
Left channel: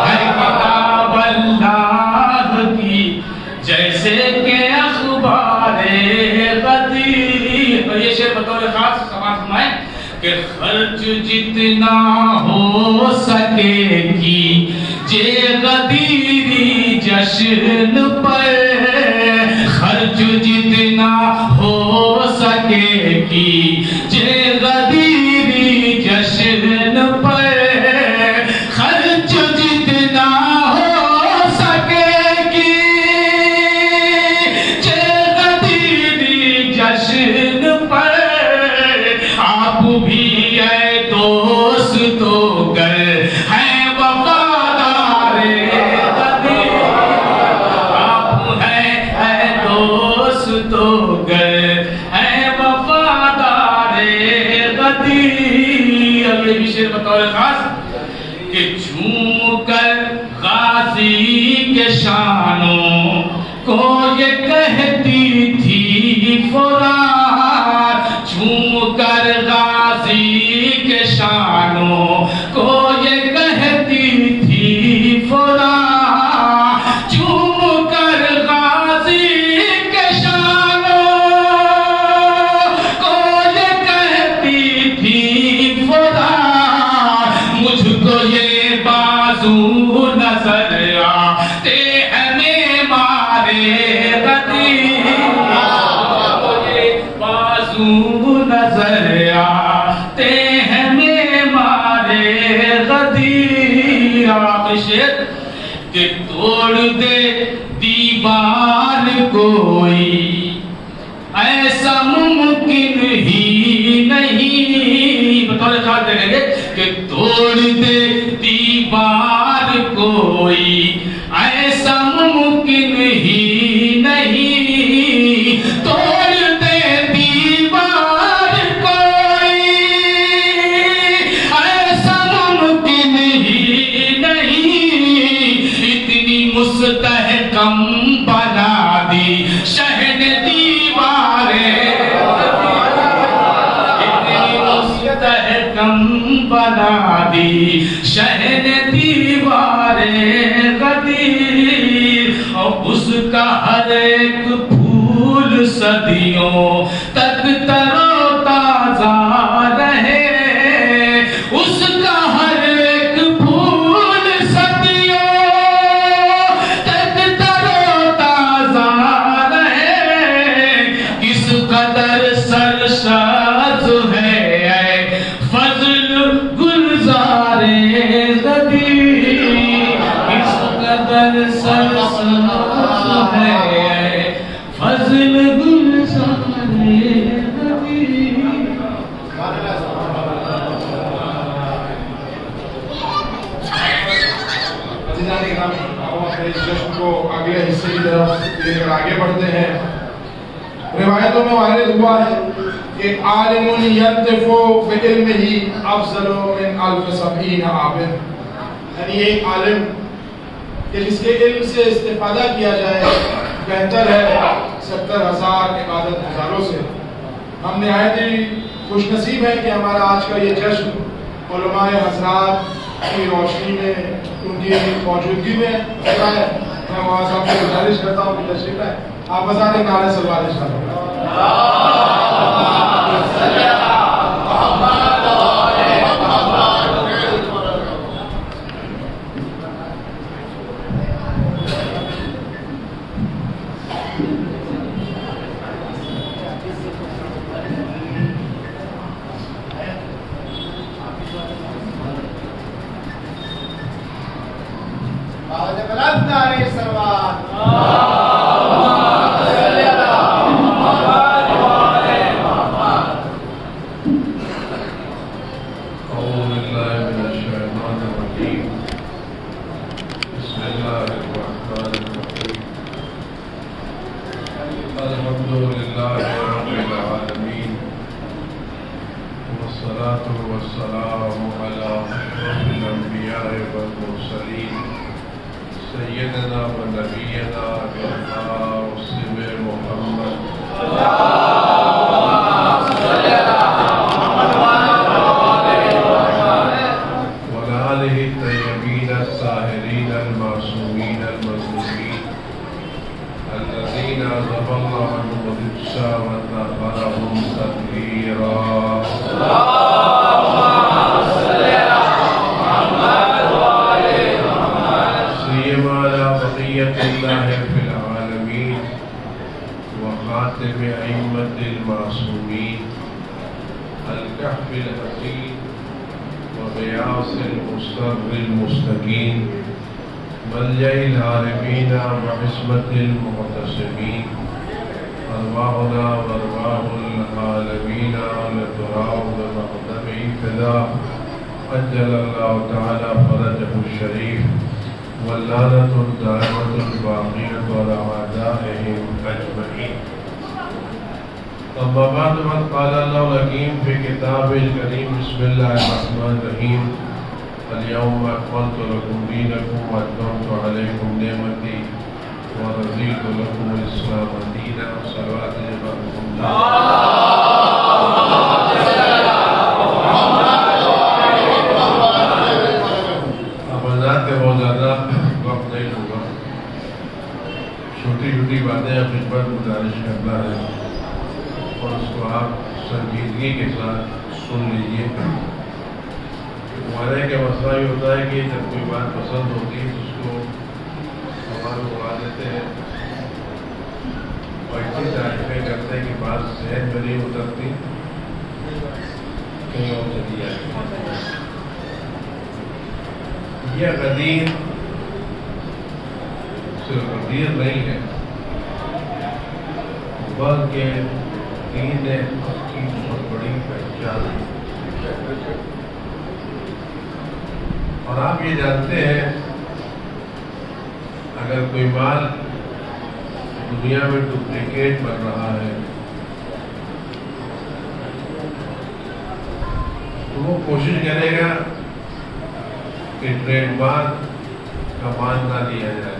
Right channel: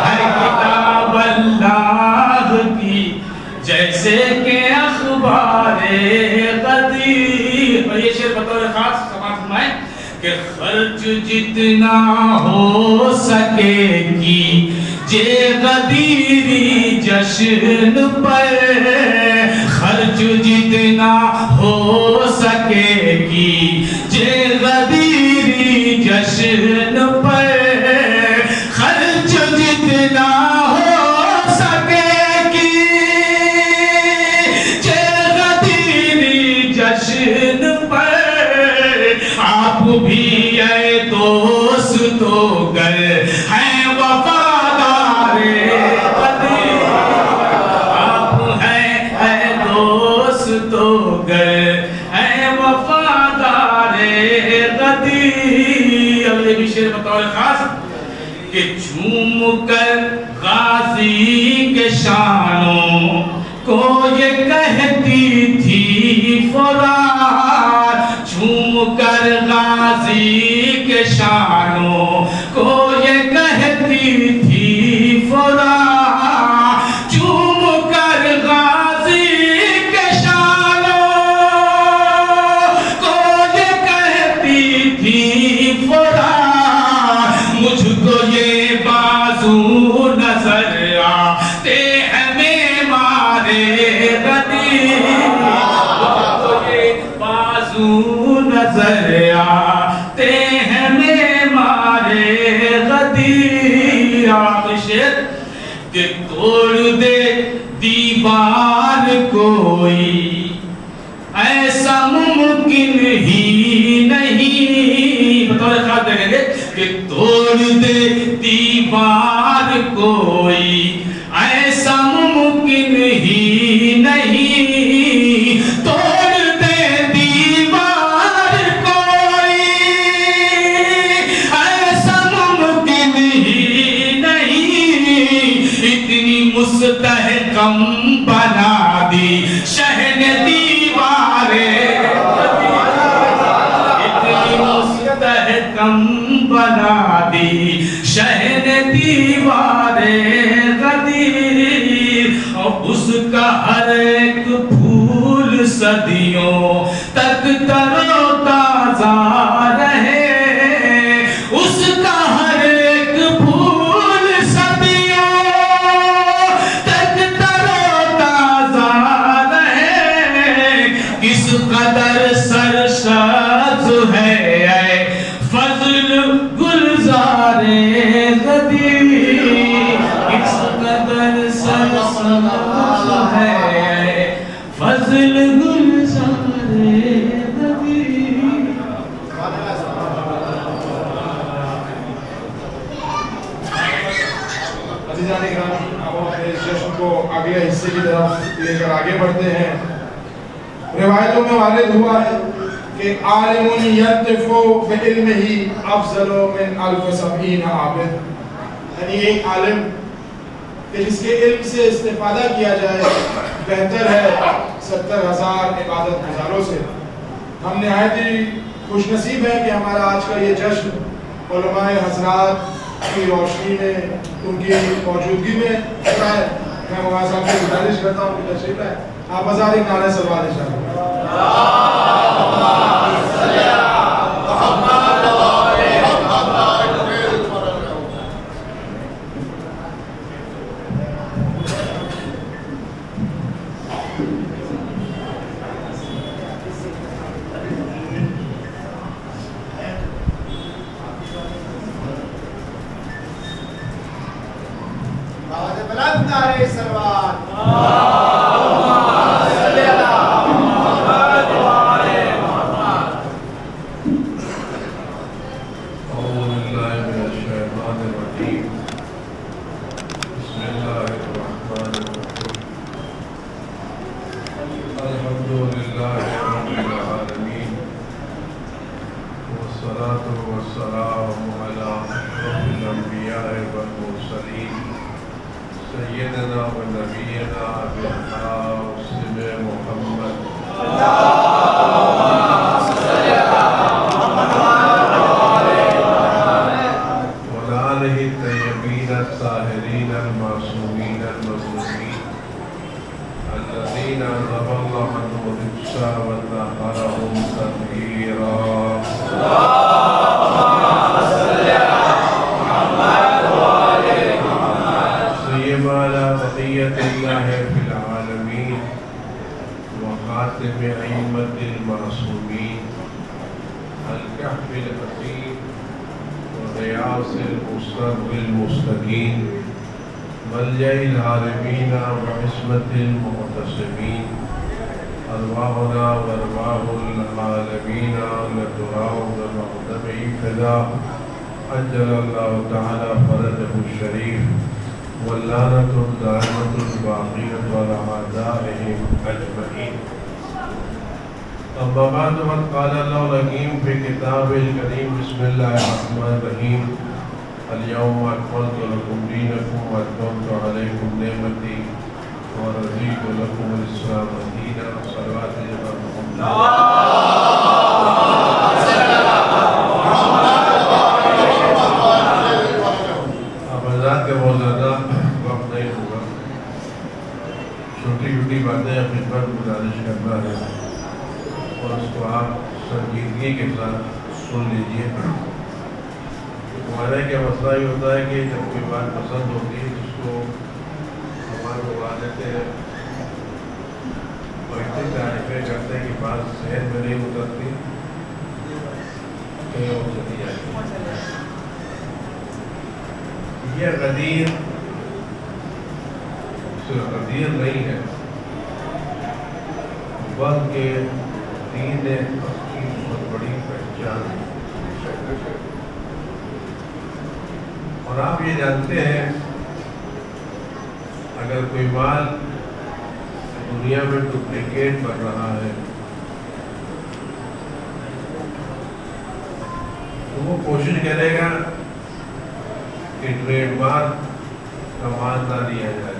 ہے کتاب اللہ کی جیسے کہ اخبار غدیر۔ اور یہ شعر بطور خاص سماعت فرمائیں کہ خرچ جتنا ہو سکے کیجئے غدیری جشن پر، خرچ جتنا ہو سکے کیجئے غدیری جشن پر، خرچ جتنا ہو سکے کیجئے غدیری جشن پر، آپ بھی اے دوستو گر ہیں وفادار غدیر، آپ ہیں اے دوستو گر ہیں وفادار غدیر۔ اب یہ بھی شعر بطور خاص کہ جھوم کر غازی کے شانوں کو یہ کہتی تھی فرات، جھوم کر غازی کے شانوں کو یہ کہتی تھی فرات، جھوم کر غازی کے شانوں کو یہ کہتی تھی فرات، مجھ کو یہ بازو نظر آتے ہیں معمار غدیر، مجھ کو یہ بازو نظر آتے ہیں معمار غدیر۔ آخری شعر کہ توڑ دے دیوار کوئی ایسا ممکن ہی نہیں، بطور خاص دیکھیں گے کہ توڑ دے دیوار کوئی ایسا ممکن ہی نہیں، توڑ دے دیوار کوئی ایسا ممکن ہی نہیں، مستحکم بنا دی شہن دیواریں، اتنی مستحکم بنا دی شہن دیواریں غدیر، اور اس کا ہر ایک پھول صدیوں تک تر و تازہ رہے، اس کا ہر ایک پھول صدیوں تک تر و تازہ رہے، کس قدر سرشاد ہے اے فضل گلزار غدیر، کس قدر سرشاد ہے اے فضل گلزار غدیر۔ عزیزان گرامی، اب ہم اپنے اس جشن کو اگلے حصے کی طرف لے کر آگے بڑھتے ہیں۔ روایتوں میں وارد ہوا ہے کہ عالم یرتف بعلمہ افضل من الف سبعین عابد، یعنی ایک عالم کہ جس کے علم سے استفادہ کیا جائے بہتر ہے 70,000 عبادت گزاروں سے۔ ہم نہایت ہی خوش نصیب ہیں کہ ہمارا آج کا یہ جشن علماء حضرات کی روشنی میں، ان کی موجودگی میں ہوتا ہے۔ میں وہاں صاحب سے گزارش کرتا ہوں کہ تشریف لائیں، آپ بازار نعرہ صلوات ارشاد فرمائیں۔ یہ غدیر صرف غدیر نہیں ہے بلکہ دین نے اس کی بہت بڑی پہچان ہے۔ اور آپ یہ جانتے ہیں اگر کوئی مال دنیا میں ڈپلیکیٹ بن رہا ہے تو وہ کوشش کرے گا کہ ٹریڈ مارک کا مال نہ لیا جائے،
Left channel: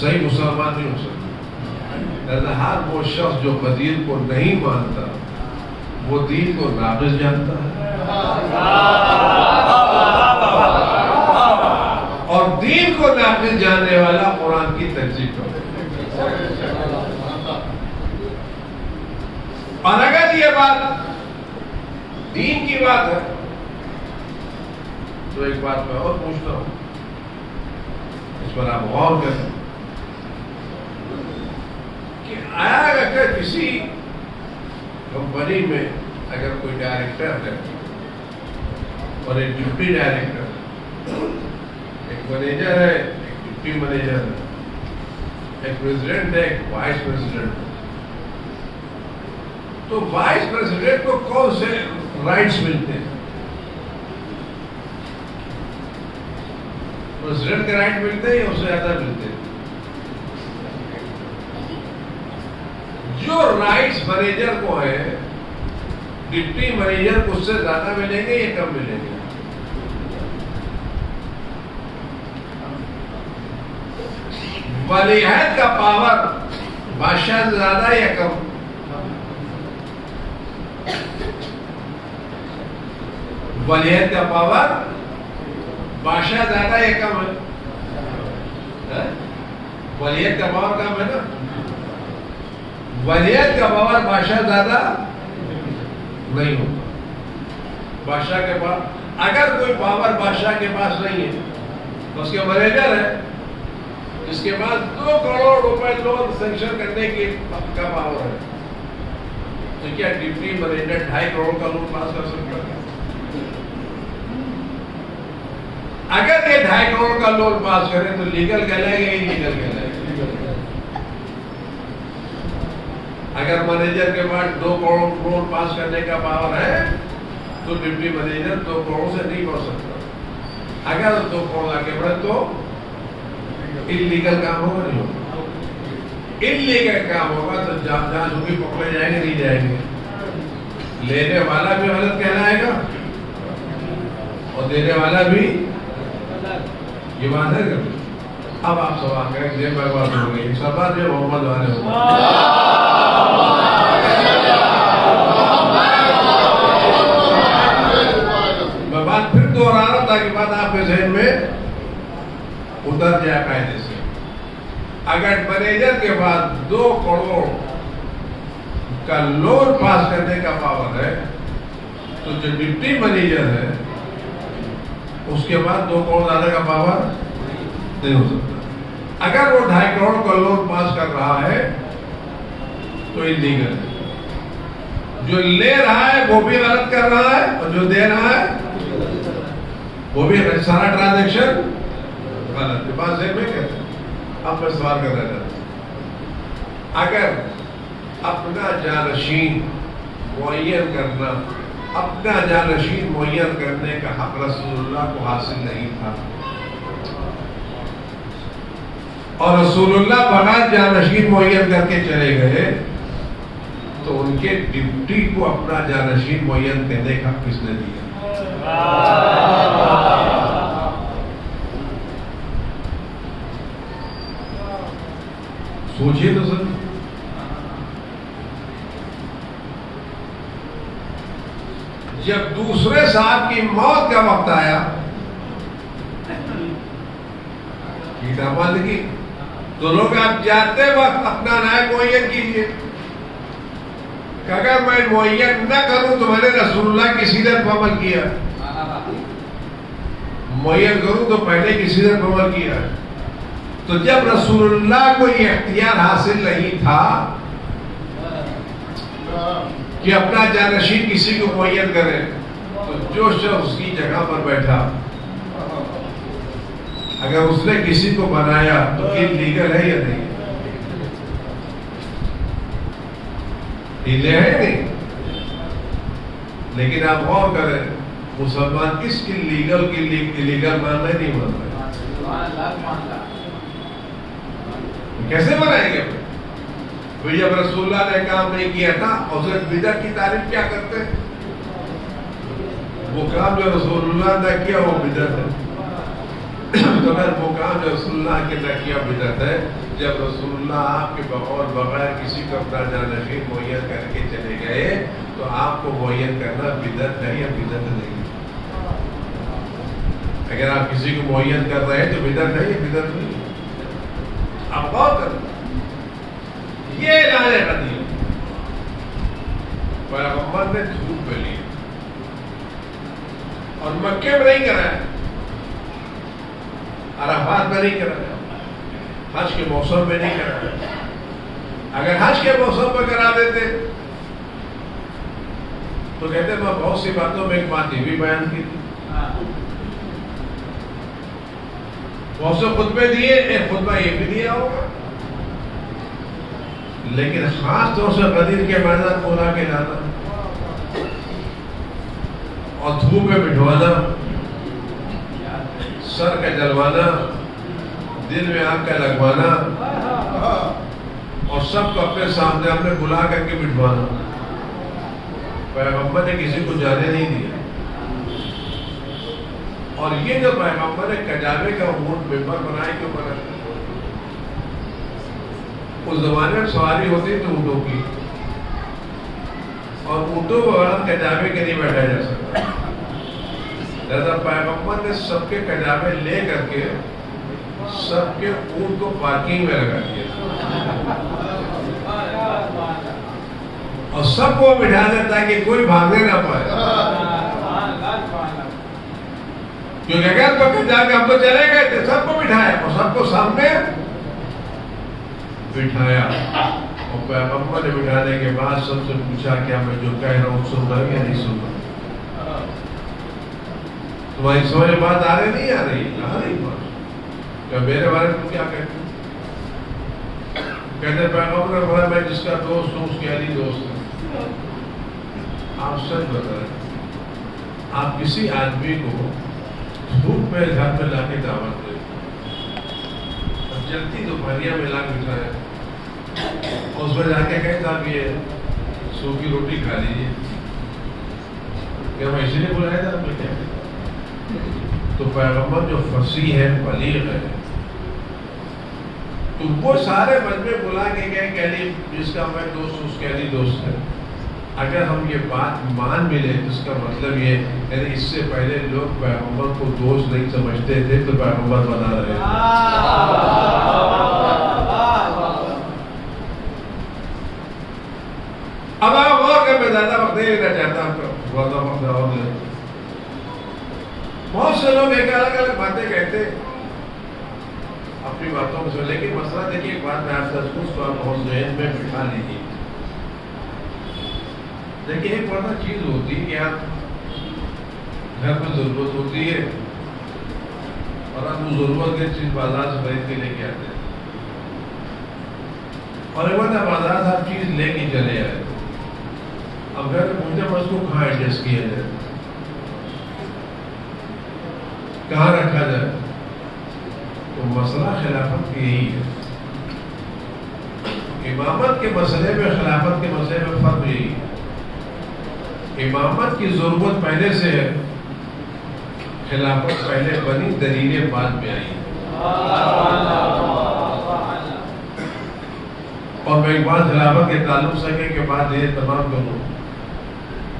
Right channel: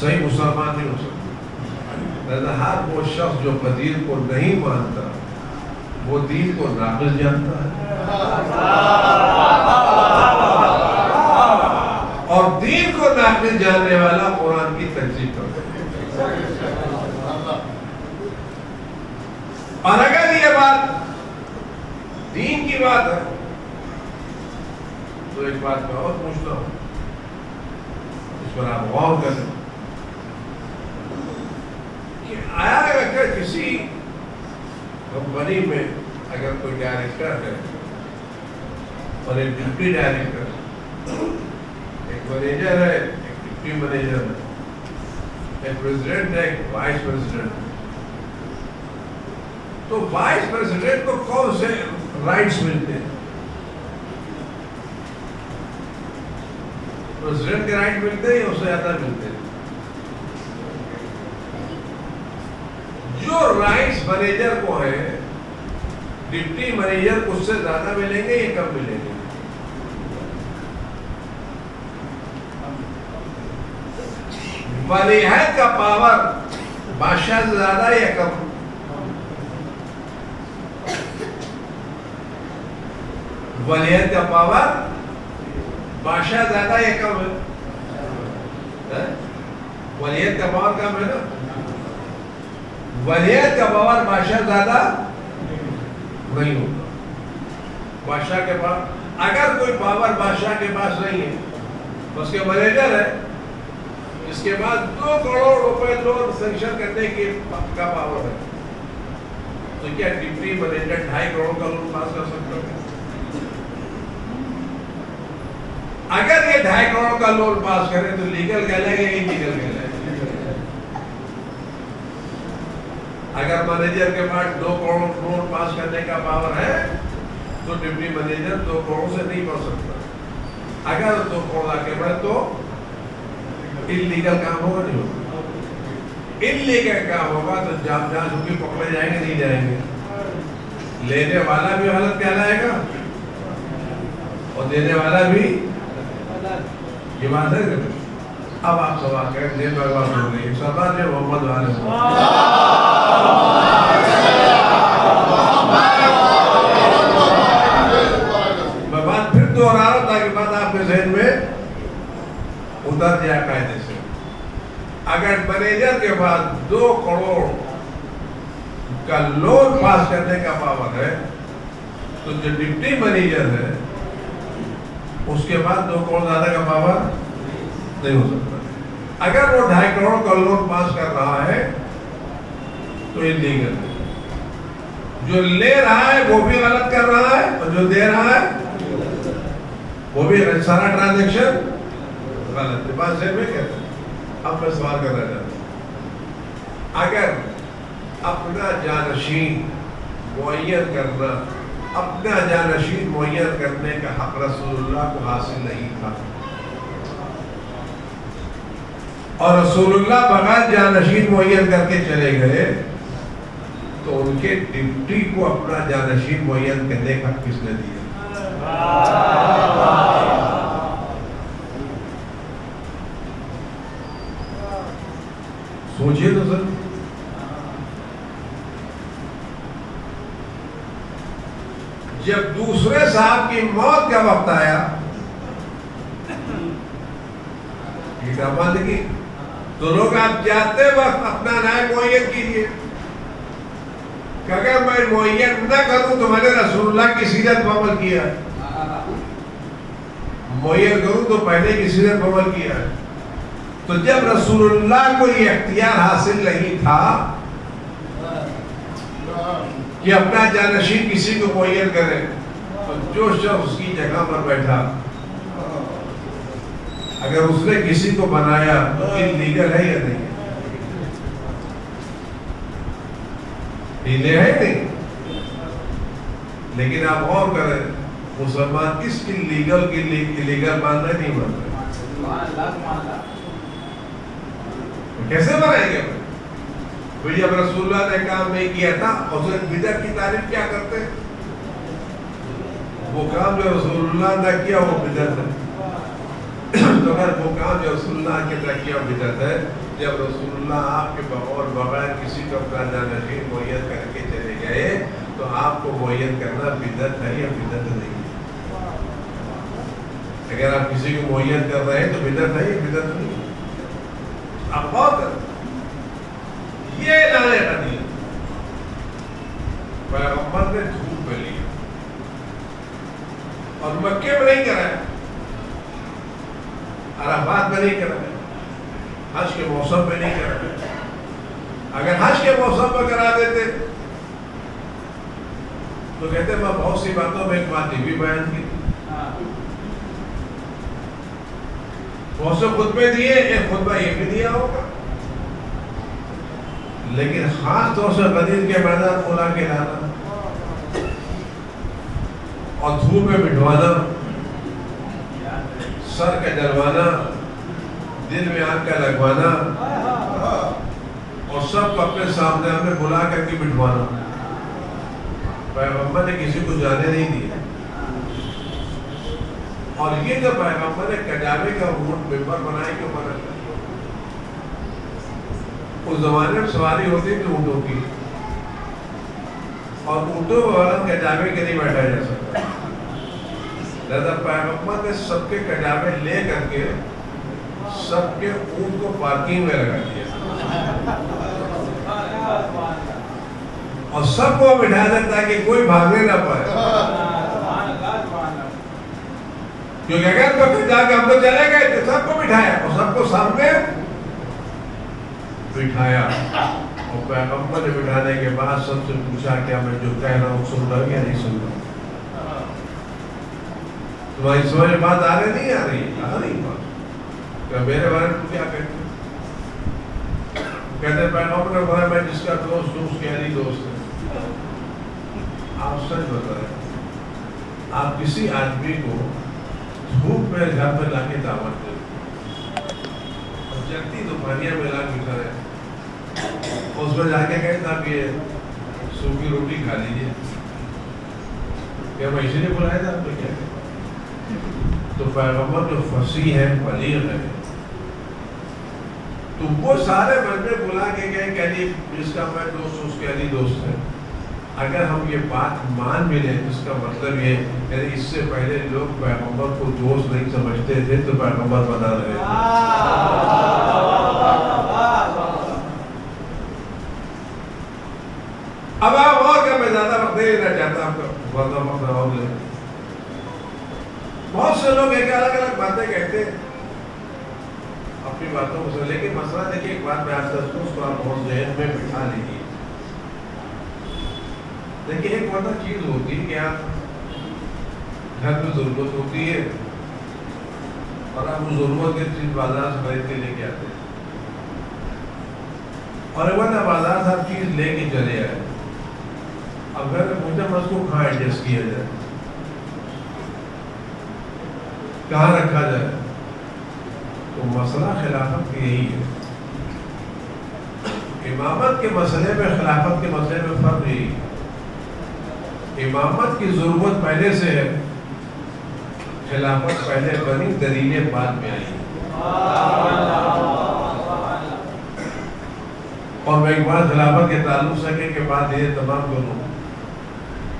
صحیح مسلمان نہیں ہو سکتا. لہذا ہر وہ شخص جو غدیر کو نہیں مانتا وہ دین کو ناقص جانتا ہے، اور دین کو ناقص جاننے والا قرآن کی تکذیب کرتا ہے. اور اگر یہ بات دین کی بات ہے تو ایک بات میں اور پوچھتا ہوں، اس پر آپ غور کریں کہ آیا اگر کسی کمپنی میں اگر کوئی ڈائریکٹر ہے اور ایک ڈپٹی ڈائریکٹر، ایک مینیجر ہے، ایک ڈپٹی مینیجر ہے، ایک پریزیڈنٹ ہے، ایک وائس پریزیڈنٹ ہے، تو وائس پریزیڈنٹ کو کون سے رائٹس ملتے ہیں؟ پریزیڈنٹ کے رائٹ ملتے ہیں یا اس سے زیادہ ملتے ہیں؟ جو رائٹس مینیجر کو ہے ڈپٹی مینیجر کو اس سے زیادہ ملیں گے یا کم ملیں گے؟ ولی عہد کا پاور بادشاہ سے زیادہ یا کم؟ ولی عہد کا پاور بادشاہ زیادہ یا کم ہے؟ ولی عہد کا پاور کم ہے نا؟ ولی عہد کا پاور بادشاہ زیادہ نہیں ہوتا. بادشاہ کے پاس اگر کوئی پاور بادشاہ کے پاس نہیں ہے تو اس کے مینیجر ہے جس کے پاس 2 کروڑ روپے لون سینکشن کرنے کا پاور ہے، تو کیا ڈپٹی مینیجر 2.5 کروڑ کا لون پاس کر سکتا ہے؟ اگر یہ 2.5 کروڑ کا لون پاس کرے تو لیگل کہلائے گا یا انلیگل کہلائے گا؟ اگر مینیجر کے پاس 2 کروڑ لون پاس کرنے کا پاور ہے تو ڈپٹی مینیجر 2 کروڑ سے نہیں بڑھ سکتا. اگر 2 کروڑ آگے بڑھے تو انلیگل کام ہوگا نہیں ہوگا؟ انلیگل کام ہوگا تو جہاں جھوکی پکڑے جائیں گے نہیں جائیں گے. لینے والا بھی غلط کہلائے گا اور دینے والا بھی. یہ بات ہے کہ اب آپ سوال کریں کہ میں بات ہو گئی سردار جو محمد والے ہوں میں بات پھر دوہرا رہا ہوں تاکہ بات آپ کے ذہن میں اتر جائے قاعدے سے. اگر مینیجر کے بعد 2 کروڑ کا لون پاس کرنے کا پاور ہے تو جو ڈپٹی مینیجر ہے اس کے بعد 2 کروڑ زیادہ کا پاور نہیں ہو سکتا. اگر وہ 2.5 کروڑ کا لون پاس کر رہا ہے تو انلیگل ہے. جو لے رہا ہے وہ بھی غلط کر رہا ہے اور جو دے رہا ہے وہ بھی سارا ٹرانزیکشن غلط ہے. بات ذہن میں کہتے ہیں. اب میں سوال کرنا چاہتا ہوں، اگر اپنا جانشین معین کرنا اپنا جانشین معین کرنے کا حق رسول اللہ کو حاصل نہیں تھا اور رسول اللہ بغیر جانشین معین کر کے چلے گئے تو ان کے ڈپٹی کو اپنا جانشین معین کرنے کا حق کس نے دیا؟ سوچئے تو سر. جب دوسرے صاحب کی موت کا وقت آیا تو لوگ آپ جاتے وقت اپنا نائب معین کیجئے کہ اگر میں معین نہ کروں تو میں نے رسول اللہ کی سیرت پر عمل کیا، معین کروں تو پہلے کی سیرت پر عمل کیا. تو جب رسول اللہ کو یہ اختیار حاصل نہیں تھا کہ اپنا جانشین کسی کو معین کرے تو جو شخص اس کی جگہ پر بیٹھا اگر اس نے کسی کو بنایا تو انلیگل ہے یا نہیں؟ انلیگل ہے نہیں. لیکن آپ غور کریں مسلمان کس کی لیگل ماننا نہیں مانتا ہے؟ کیسے بنائیں گے؟ جب رسول اللہ نے کام نہیں کیا تھا اور بدعت کی تعریف کیا کرتے؟ وہ کام جو رسول اللہ نے کیا وہ بدعت ہے. تو اگر وہ کام جو رسول اللہ کے نے کیا بدعت ہے جب رسول اللہ آپ کے بغیر کسی کو اپنا جانشین معین کر کے چلے گئے تو آپ کو معین کرنا بدعت ہے یا بدعت نہیں؟ اگر آپ کسی کو معین کر رہے ہیں تو بدعت ہے یا بدعت نہیں؟ آپ غور کریں، یہ اعلان قدیم پیغمبر نے دھوپ میں لیا اور مکے میں نہیں کرایا، عرفات میں نہیں کرایا، حج کے موسم میں نہیں کرایا۔ اگر حج کے موسم میں کرا دیتے تو کہتے میں بہت سی باتوں میں ایک بات یہ بھی بیان کی تھی، بہت سے خطبے دیے، ایک خطبہ یہ بھی دیا ہوگا، لیکن خاص طور سے غدیر کے میدان کو لا کے لانا اور دھوپ میں بٹھوانا، سر کا جلوانا، دل میں آگ کا لگوانا اور سب کو اپنے سامنے ہم نے بلا کر کے بٹھوانا، پیغمبر نے کسی کو جانے نہیں دیا۔ اور یہ جو پیغمبر نے کجاوے کا اونٹ ممبر بنائے کے اوپر رکھا، اس زمانے میں سواری ہوتی تھی اونٹوں کی، اور اونٹوں پر کجاوے کے نہیں بیٹھا جا سکتا، لہذا پیغمبر نے سب کے کجاوے لے کر کے سب کے اونٹ کو پارکنگ میں لگا دیا اور سب کو بٹھا دیا تاکہ کوئی بھاگنے نہ پائے، کیونکہ اگر تو پھر جا کے ہم تو چلے گئے تھے، سب کو بٹھایا اور سب کو سامنے بٹھایا، اور پیغمبر نے بٹھانے کے بعد سب سے پوچھا کیا میں جو کہہ رہا ہوں سن رہا ہوں یا نہیں سن رہا؟ تمہاری سمجھ بات آ رہی نہیں آ رہی؟ آ رہی بات، کہ میرے بارے میں کیا کہتے ہیں؟ کہتے پیغمبر نے بولا میں جس کا دوست ہوں اس کی علی دوست ہے۔ آپ سچ بتا رہے ہیں، آپ کسی آدمی کو دھوپ میں گھر میں لا کے دعوت دیں اور جلدی دوپہریہ میں لا بٹھایا، اس میں جا کے کہے تھا کہ سوکھی روٹی کھا لیجیے، کیا میں اسی لیے بلایا تھا آپ نے کیا؟ تو پیغمبر جو فصیح ہے، بلیغ ہے، تو وہ سارے مجمع بلا کے گئے کہ علی جس کا میں دوست ہوں اس کے علی دوست ہے۔ اگر ہم یہ بات مان بھی لیں تو اس کا مطلب یہ یعنی اس سے پہلے لوگ پیغمبر کو دوست نہیں سمجھتے تھے تو پیغمبر بنا رہے تھے۔ اب آپ اور کہ میں زیادہ وقت نہیں لینا چاہتا، آپ کو وقت اور لیں۔ بہت سے لوگ ایک الگ الگ باتیں کہتے اپنی باتوں کو سمجھ، لیکن مسئلہ دیکھیے ایک بات میں آپ سے اس کو آپ بہت ذہن میں بٹھا لیجیے۔ لیکن ایک بڑا چیز ہوتی ہے کہ آپ گھر میں ضرورت ہوتی ہے اور آپ وہ ضرورت کی چیز بازار سے خرید کے لے کے آتے ہیں، اور ایک بات آپ بازار سے ہر چیز لے کے چلے آئے، اب گھر میں پوچھتے ہیں اس کو کہاں ایڈجسٹ کیا جائے، کہاں رکھا جائے؟ تو مسئلہ خلافت کی یہی ہے، امامت کے مسئلے میں خلافت کے مسئلے میں فرق یہی ہے، امامت کی ضرورت پہلے سے ہے، خلافت پہلے بنی، دلیلیں بعد میں آئی۔ اور میں ایک بات خلافت کے تعلق سے کے بعد یہ تمام کروں،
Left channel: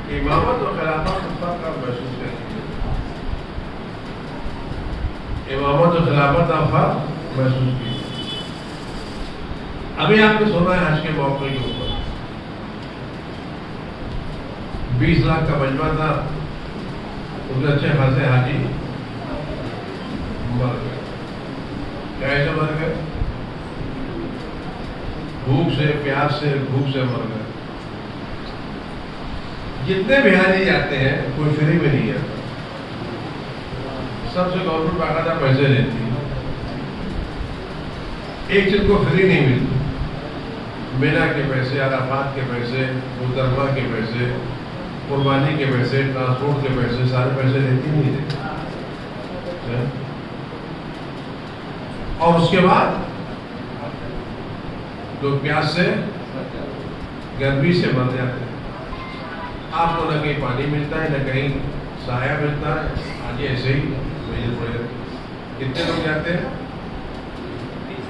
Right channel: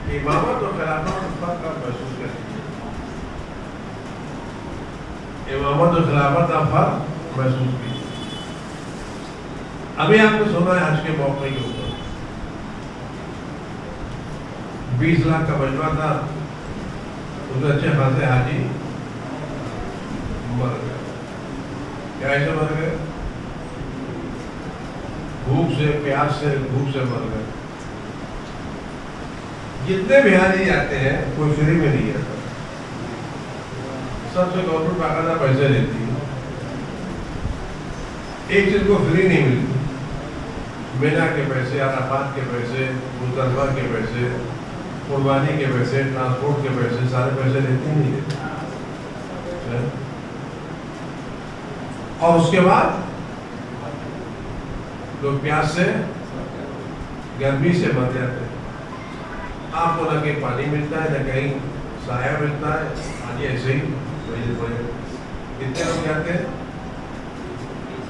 امامت اور خلافت کا فرق آپ محسوس کریں، امامت اور خلافت کا فرق محسوس کیجیے۔ ابھی آپ نے سنا ہے حج کے موقع کے اوپر 20 لاکھ کا مجمع تھا، اس میں اچھے خاصے حاجی مر گئے۔ کیا ایسے مر گئے؟ بھوک سے، پیاس سے، بھوک سے مر گئے۔ جتنے بھی حاجی جاتے ہیں کوئی فری میں نہیں جاتا، سب سے گورنمنٹ باقاعدہ پیسے لیتی ہے، ایک چیز کو فری نہیں ملتی، مینا کے پیسے، عرفات کے پیسے، مزدلفہ کے پیسے، قربانی کے پیسے، ٹرانسپورٹ کے پیسے، سارے پیسے لیتی نہیں دیتی۔ اور اس کے بعد لوگ پیاس سے، گرمی سے مر جاتے ہیں، آپ کو نہ کہیں پانی ملتا ہے نہ کہیں سایہ ملتا ہے، آج ایسے ہی کتنے لوگ جاتے ہیں؟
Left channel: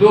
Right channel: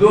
2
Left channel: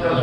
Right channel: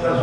10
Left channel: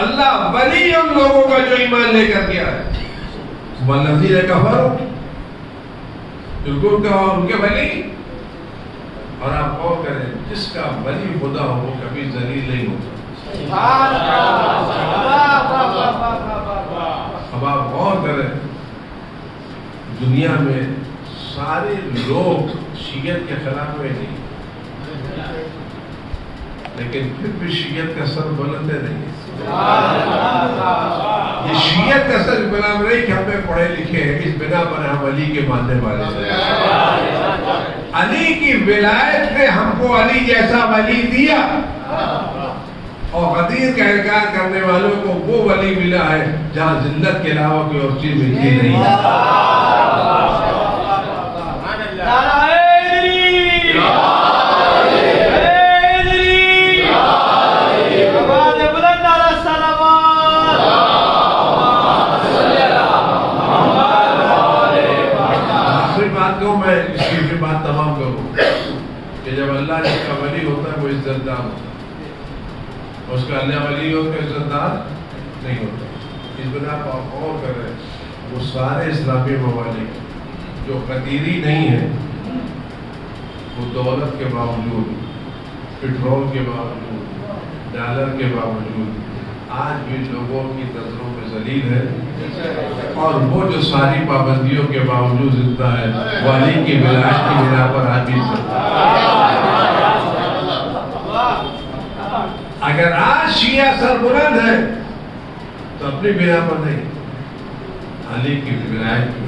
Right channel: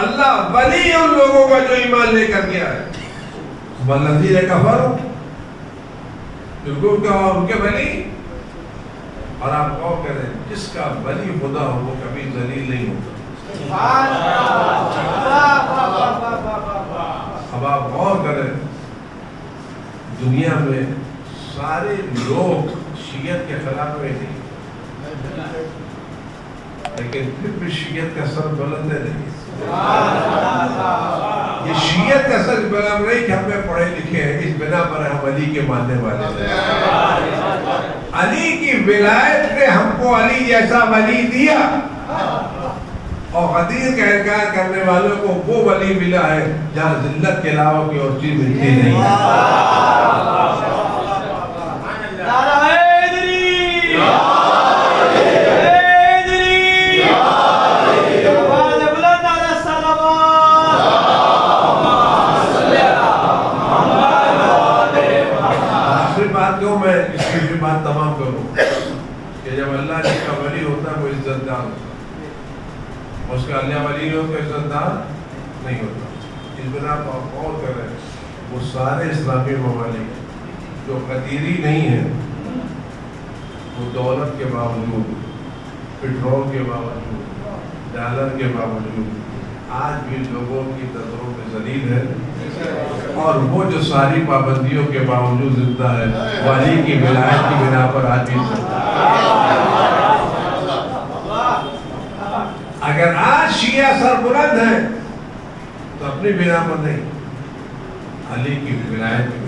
اللہ ولی ان لوگوں کا جو ایمان لے کر گیا ہے. والذین کفروا بالکل ان کے ولی. اور آپ غور کریں جس کا ولی خدا ہو وہ کبھی ذلیل نہیں ہوتا. اب آپ غور کریں دنیا میں سارے لوگ شیعت کے خلاف ہوئے نہیں لیکن پھر بھی شیعت کا سر بلند نہیں. یہ شیعت کا سر بلند نہیں کہ ہم میں پڑھے لکھے ہیں اس بنا پر ہم علی کے ماننے والے ہیں. علی کی ولایت نے ہم کو علی جیسا ولی دیا اور غدیر کا انکار کرنے والوں کو وہ ولی ملا ہے جہاں ذلت کے علاوہ کوئی اور چیز ملتی نہیں ہے. میں اس کی بات تمام کروں کہ جب اللہ جس کا ولی ہوتا ہے وہ عزت دار ہوتا ہے. اس کا اللہ ولی ہو تو عزت دار نہیں ہوتا. اس بنا پر آپ غور کر رہے ہیں وہ سارے اسلامی ممالک جو قدیری نہیں ہیں وہ دولت کے باوجود پٹرول کے باوجود ڈالر کے باوجود آج بھی لوگوں کی نظروں میں ذلیل ہے. اور وہ جو ساری پابندیوں کے باوجود زندہ ہے ولی کی ولایت کی بنا پر آج بھی زندہ ہے. اگر آج شیعہ سربلند ہے تو اپنی بنا پر نہیں علی کی ولایت کی.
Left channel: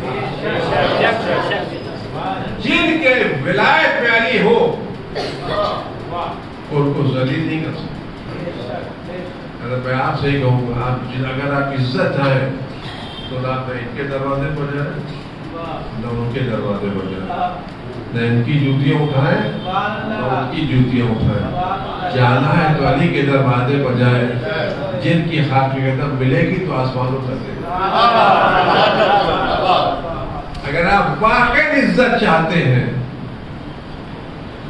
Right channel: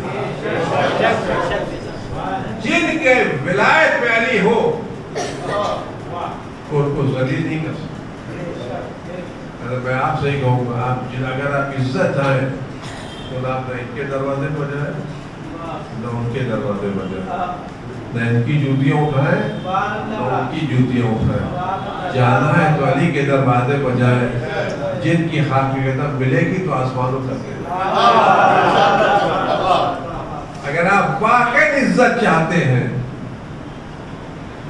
جن کے ولایت میں علی ہو ان کو ذلیل نہیں کر سکتے. اگر میں آپ سے ہی کہوں گا اگر آپ عزت چاہیں تو نہ ان کے دروازے پر جائیں نہ ان کے دروازے پر جائیں. نہ ان کی جوتیاں اٹھائیں نہ ان کی جوتیاں اٹھائیں. جانا ہے تو علی کے دروازے پر جائیں جن کی خاک قدم ملے گی تو آسمانوں تک دے گا. اگر آپ واقعی عزت چاہتے ہیں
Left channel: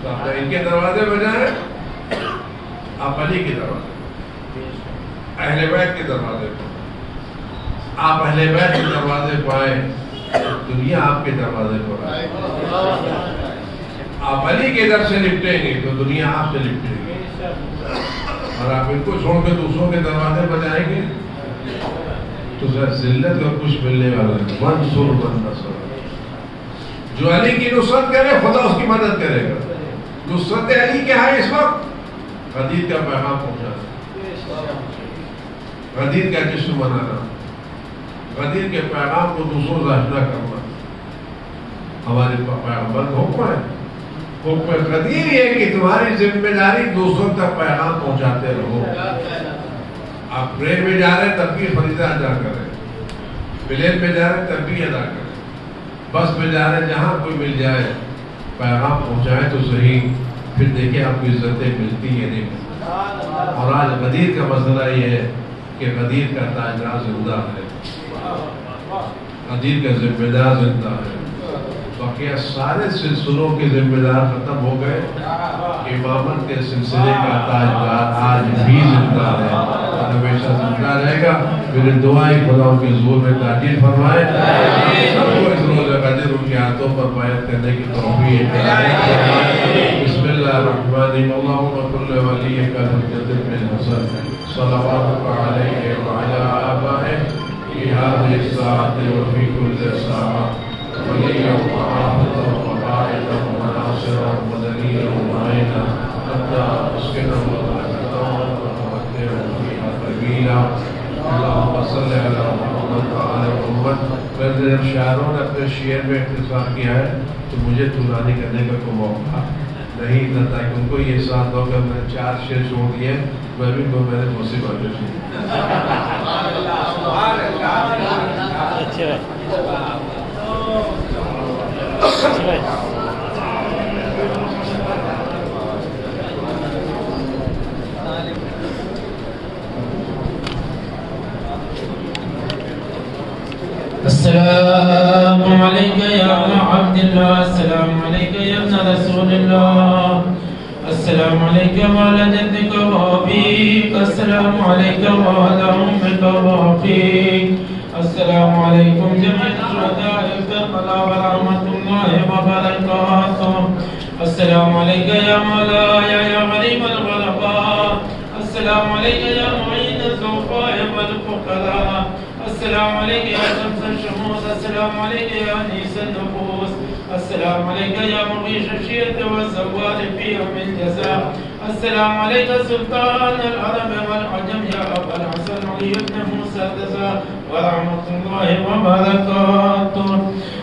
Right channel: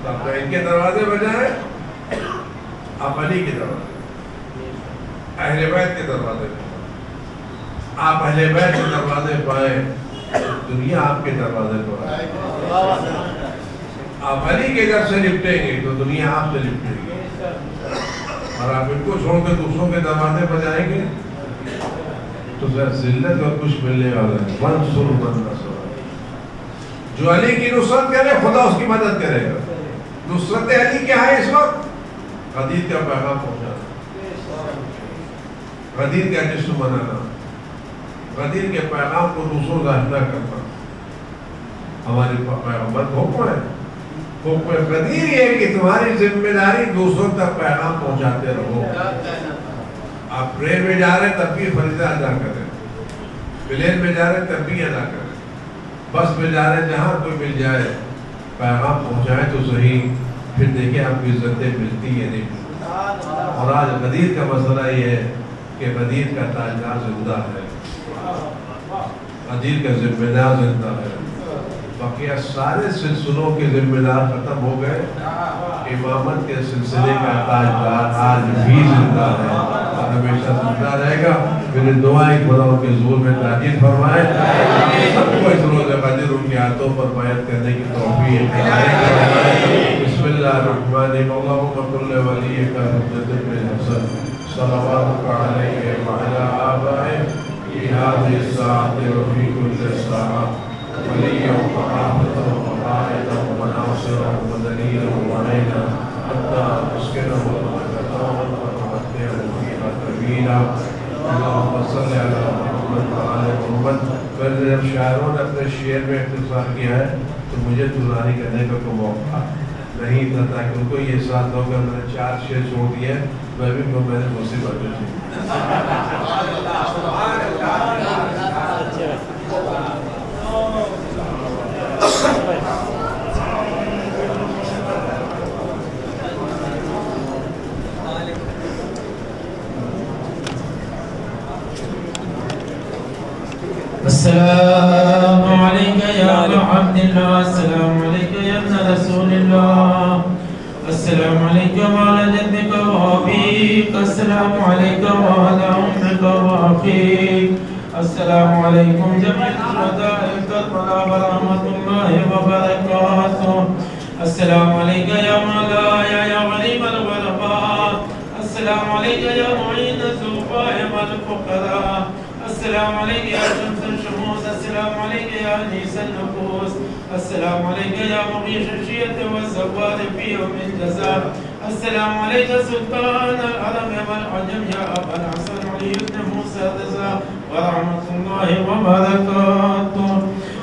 تو آپ ان کے دروازے پر جائیں. آپ علی کے دروازے اہل بیت کے دروازے پر آپ اہل بیت کے دروازے پائیں دنیا آپ کے دروازے پر آئے. آپ علی کے در سے لپٹیں گے تو دنیا آپ سے لپٹے گی. اور آپ ان کو چھوڑ کے دوسروں کے دروازے پر جائیں گے تو ذلت اور کچھ ملنے والا ہے. منصور من نصر جو علی کی نصرت کرے خدا اس کی مدد کرے گا. نصرت علی کیا ہے اس وقت؟ غدیر کا پیغام پہنچانا غدیر کا جشن منانا غدیر کے پیغام کو دوسروں سے آشنا کرنا ہمارے پیغمبر کا حکم ہے. حکم غدیر یہ کہ تمہاری ذمہ داری دوسروں تک پیغام پہنچاتے رہو. آپ ٹرین میں جا رہے ہیں تب بھی فریضہ ادا کریں. پلین میں جا رہے ہیں تب بھی ادا کریں. بس میں جا رہے ہیں جہاں کوئی مل جائے پیغام پہنچائے تو صحیح. پھر دیکھیں آپ کو عزتیں ملتی یا نہیں. اور آج غدیر کا مسئلہ یہ ہے کہ غدیر کا تاجدار زندہ ہے. غدیر کا ذمہ دار زندہ ہے. بقیہ سارے سلسلوں کے ذمہ دار ختم ہو گئے. امامت کے سلسلے کا تاجدار آج بھی زندہ ہے اور ہمیشہ زندہ رہے گا. میری دعائیں خدا ان کے ظہور میں تاجیل فرمائے. سب کو اس روز قدر ان کی آیتوں پر بیعت کرنے کی توفیق فرمائے. بسم اللہ الرحمن الرحیم. اللہم کل ولیک الحجۃ بن حسن صلواتک علیہ وعلی آبائہ فی هذه الساعة وفي كل ساعة وليا وحافظا وقائدا وناصرا ودليلا ومعينا حتى تسكنه رحمته وتمتعه فيها طويلا. اللهم صل على محمد وعلى محمد. میں نے جب شاعروں نے اپنے شعر میں اختصار کیا ہے تو مجھے طولانی کرنے کا کوئی موقع نہیں تھا تاکہ ان کو یہ ساتھ ہو کہ میں نے 4 شعر چھوڑ دیے. میں بھی کو میں نے مصیبت کی. السلام عليك يا ابن عبد الله. السلام عليك يا ابن رسول الله. السلام عليك مولى جدك وابيك. السلام علیکم وعلی امک وعقیق السلام علیکم جميع الشهداء کربلا ورحمۃ اللہ وبرکاتہ السلام علیک یا مولاي یا غریب الغرباء السلام علیک یا معین الضعفاء والفقراء السلام علیک یا شمس الشموس السلام علیک یا انیس النفوس السلام علیک یا مغیث الشیعة والزوال فی یوم الجزاء السلام علیک سلطان العرب والعجم یا ابا الحسن علی بن موسیٰ الرضا ورحمۃ اللہ وبرکاتہ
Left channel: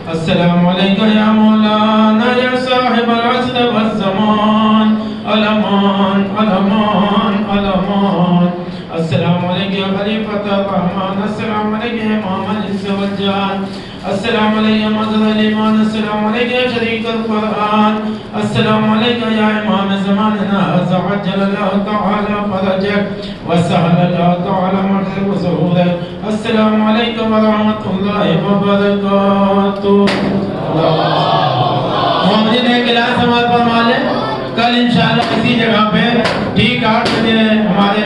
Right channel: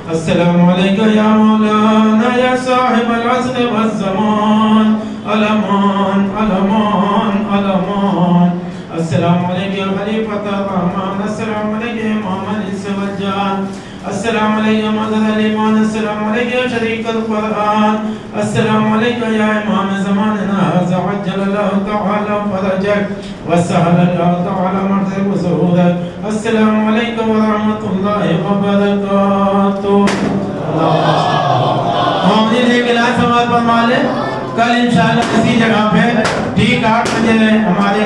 السلام علیک یا مولانا یا صاحب العصر والزمان الامان الامان الامان السلام علیکم یا خلیفۃ الرحمن السلام علیکم امام الانس والجان السلام علیکم مدد الایمان السلام علیکم شریک القرآن السلام علیکم یا امام زماننا هذا عجل اللہ تعالی فرجک وسهل اللہ تعالی مغرب ظہورک السلام علیکم ورحمۃ اللہ وبرکاتہ مومنین ایک اعلان سماعت فرما لیں کل انشاءاللہ اسی جگہ پہ ٹھیک 8 بجے ہمارے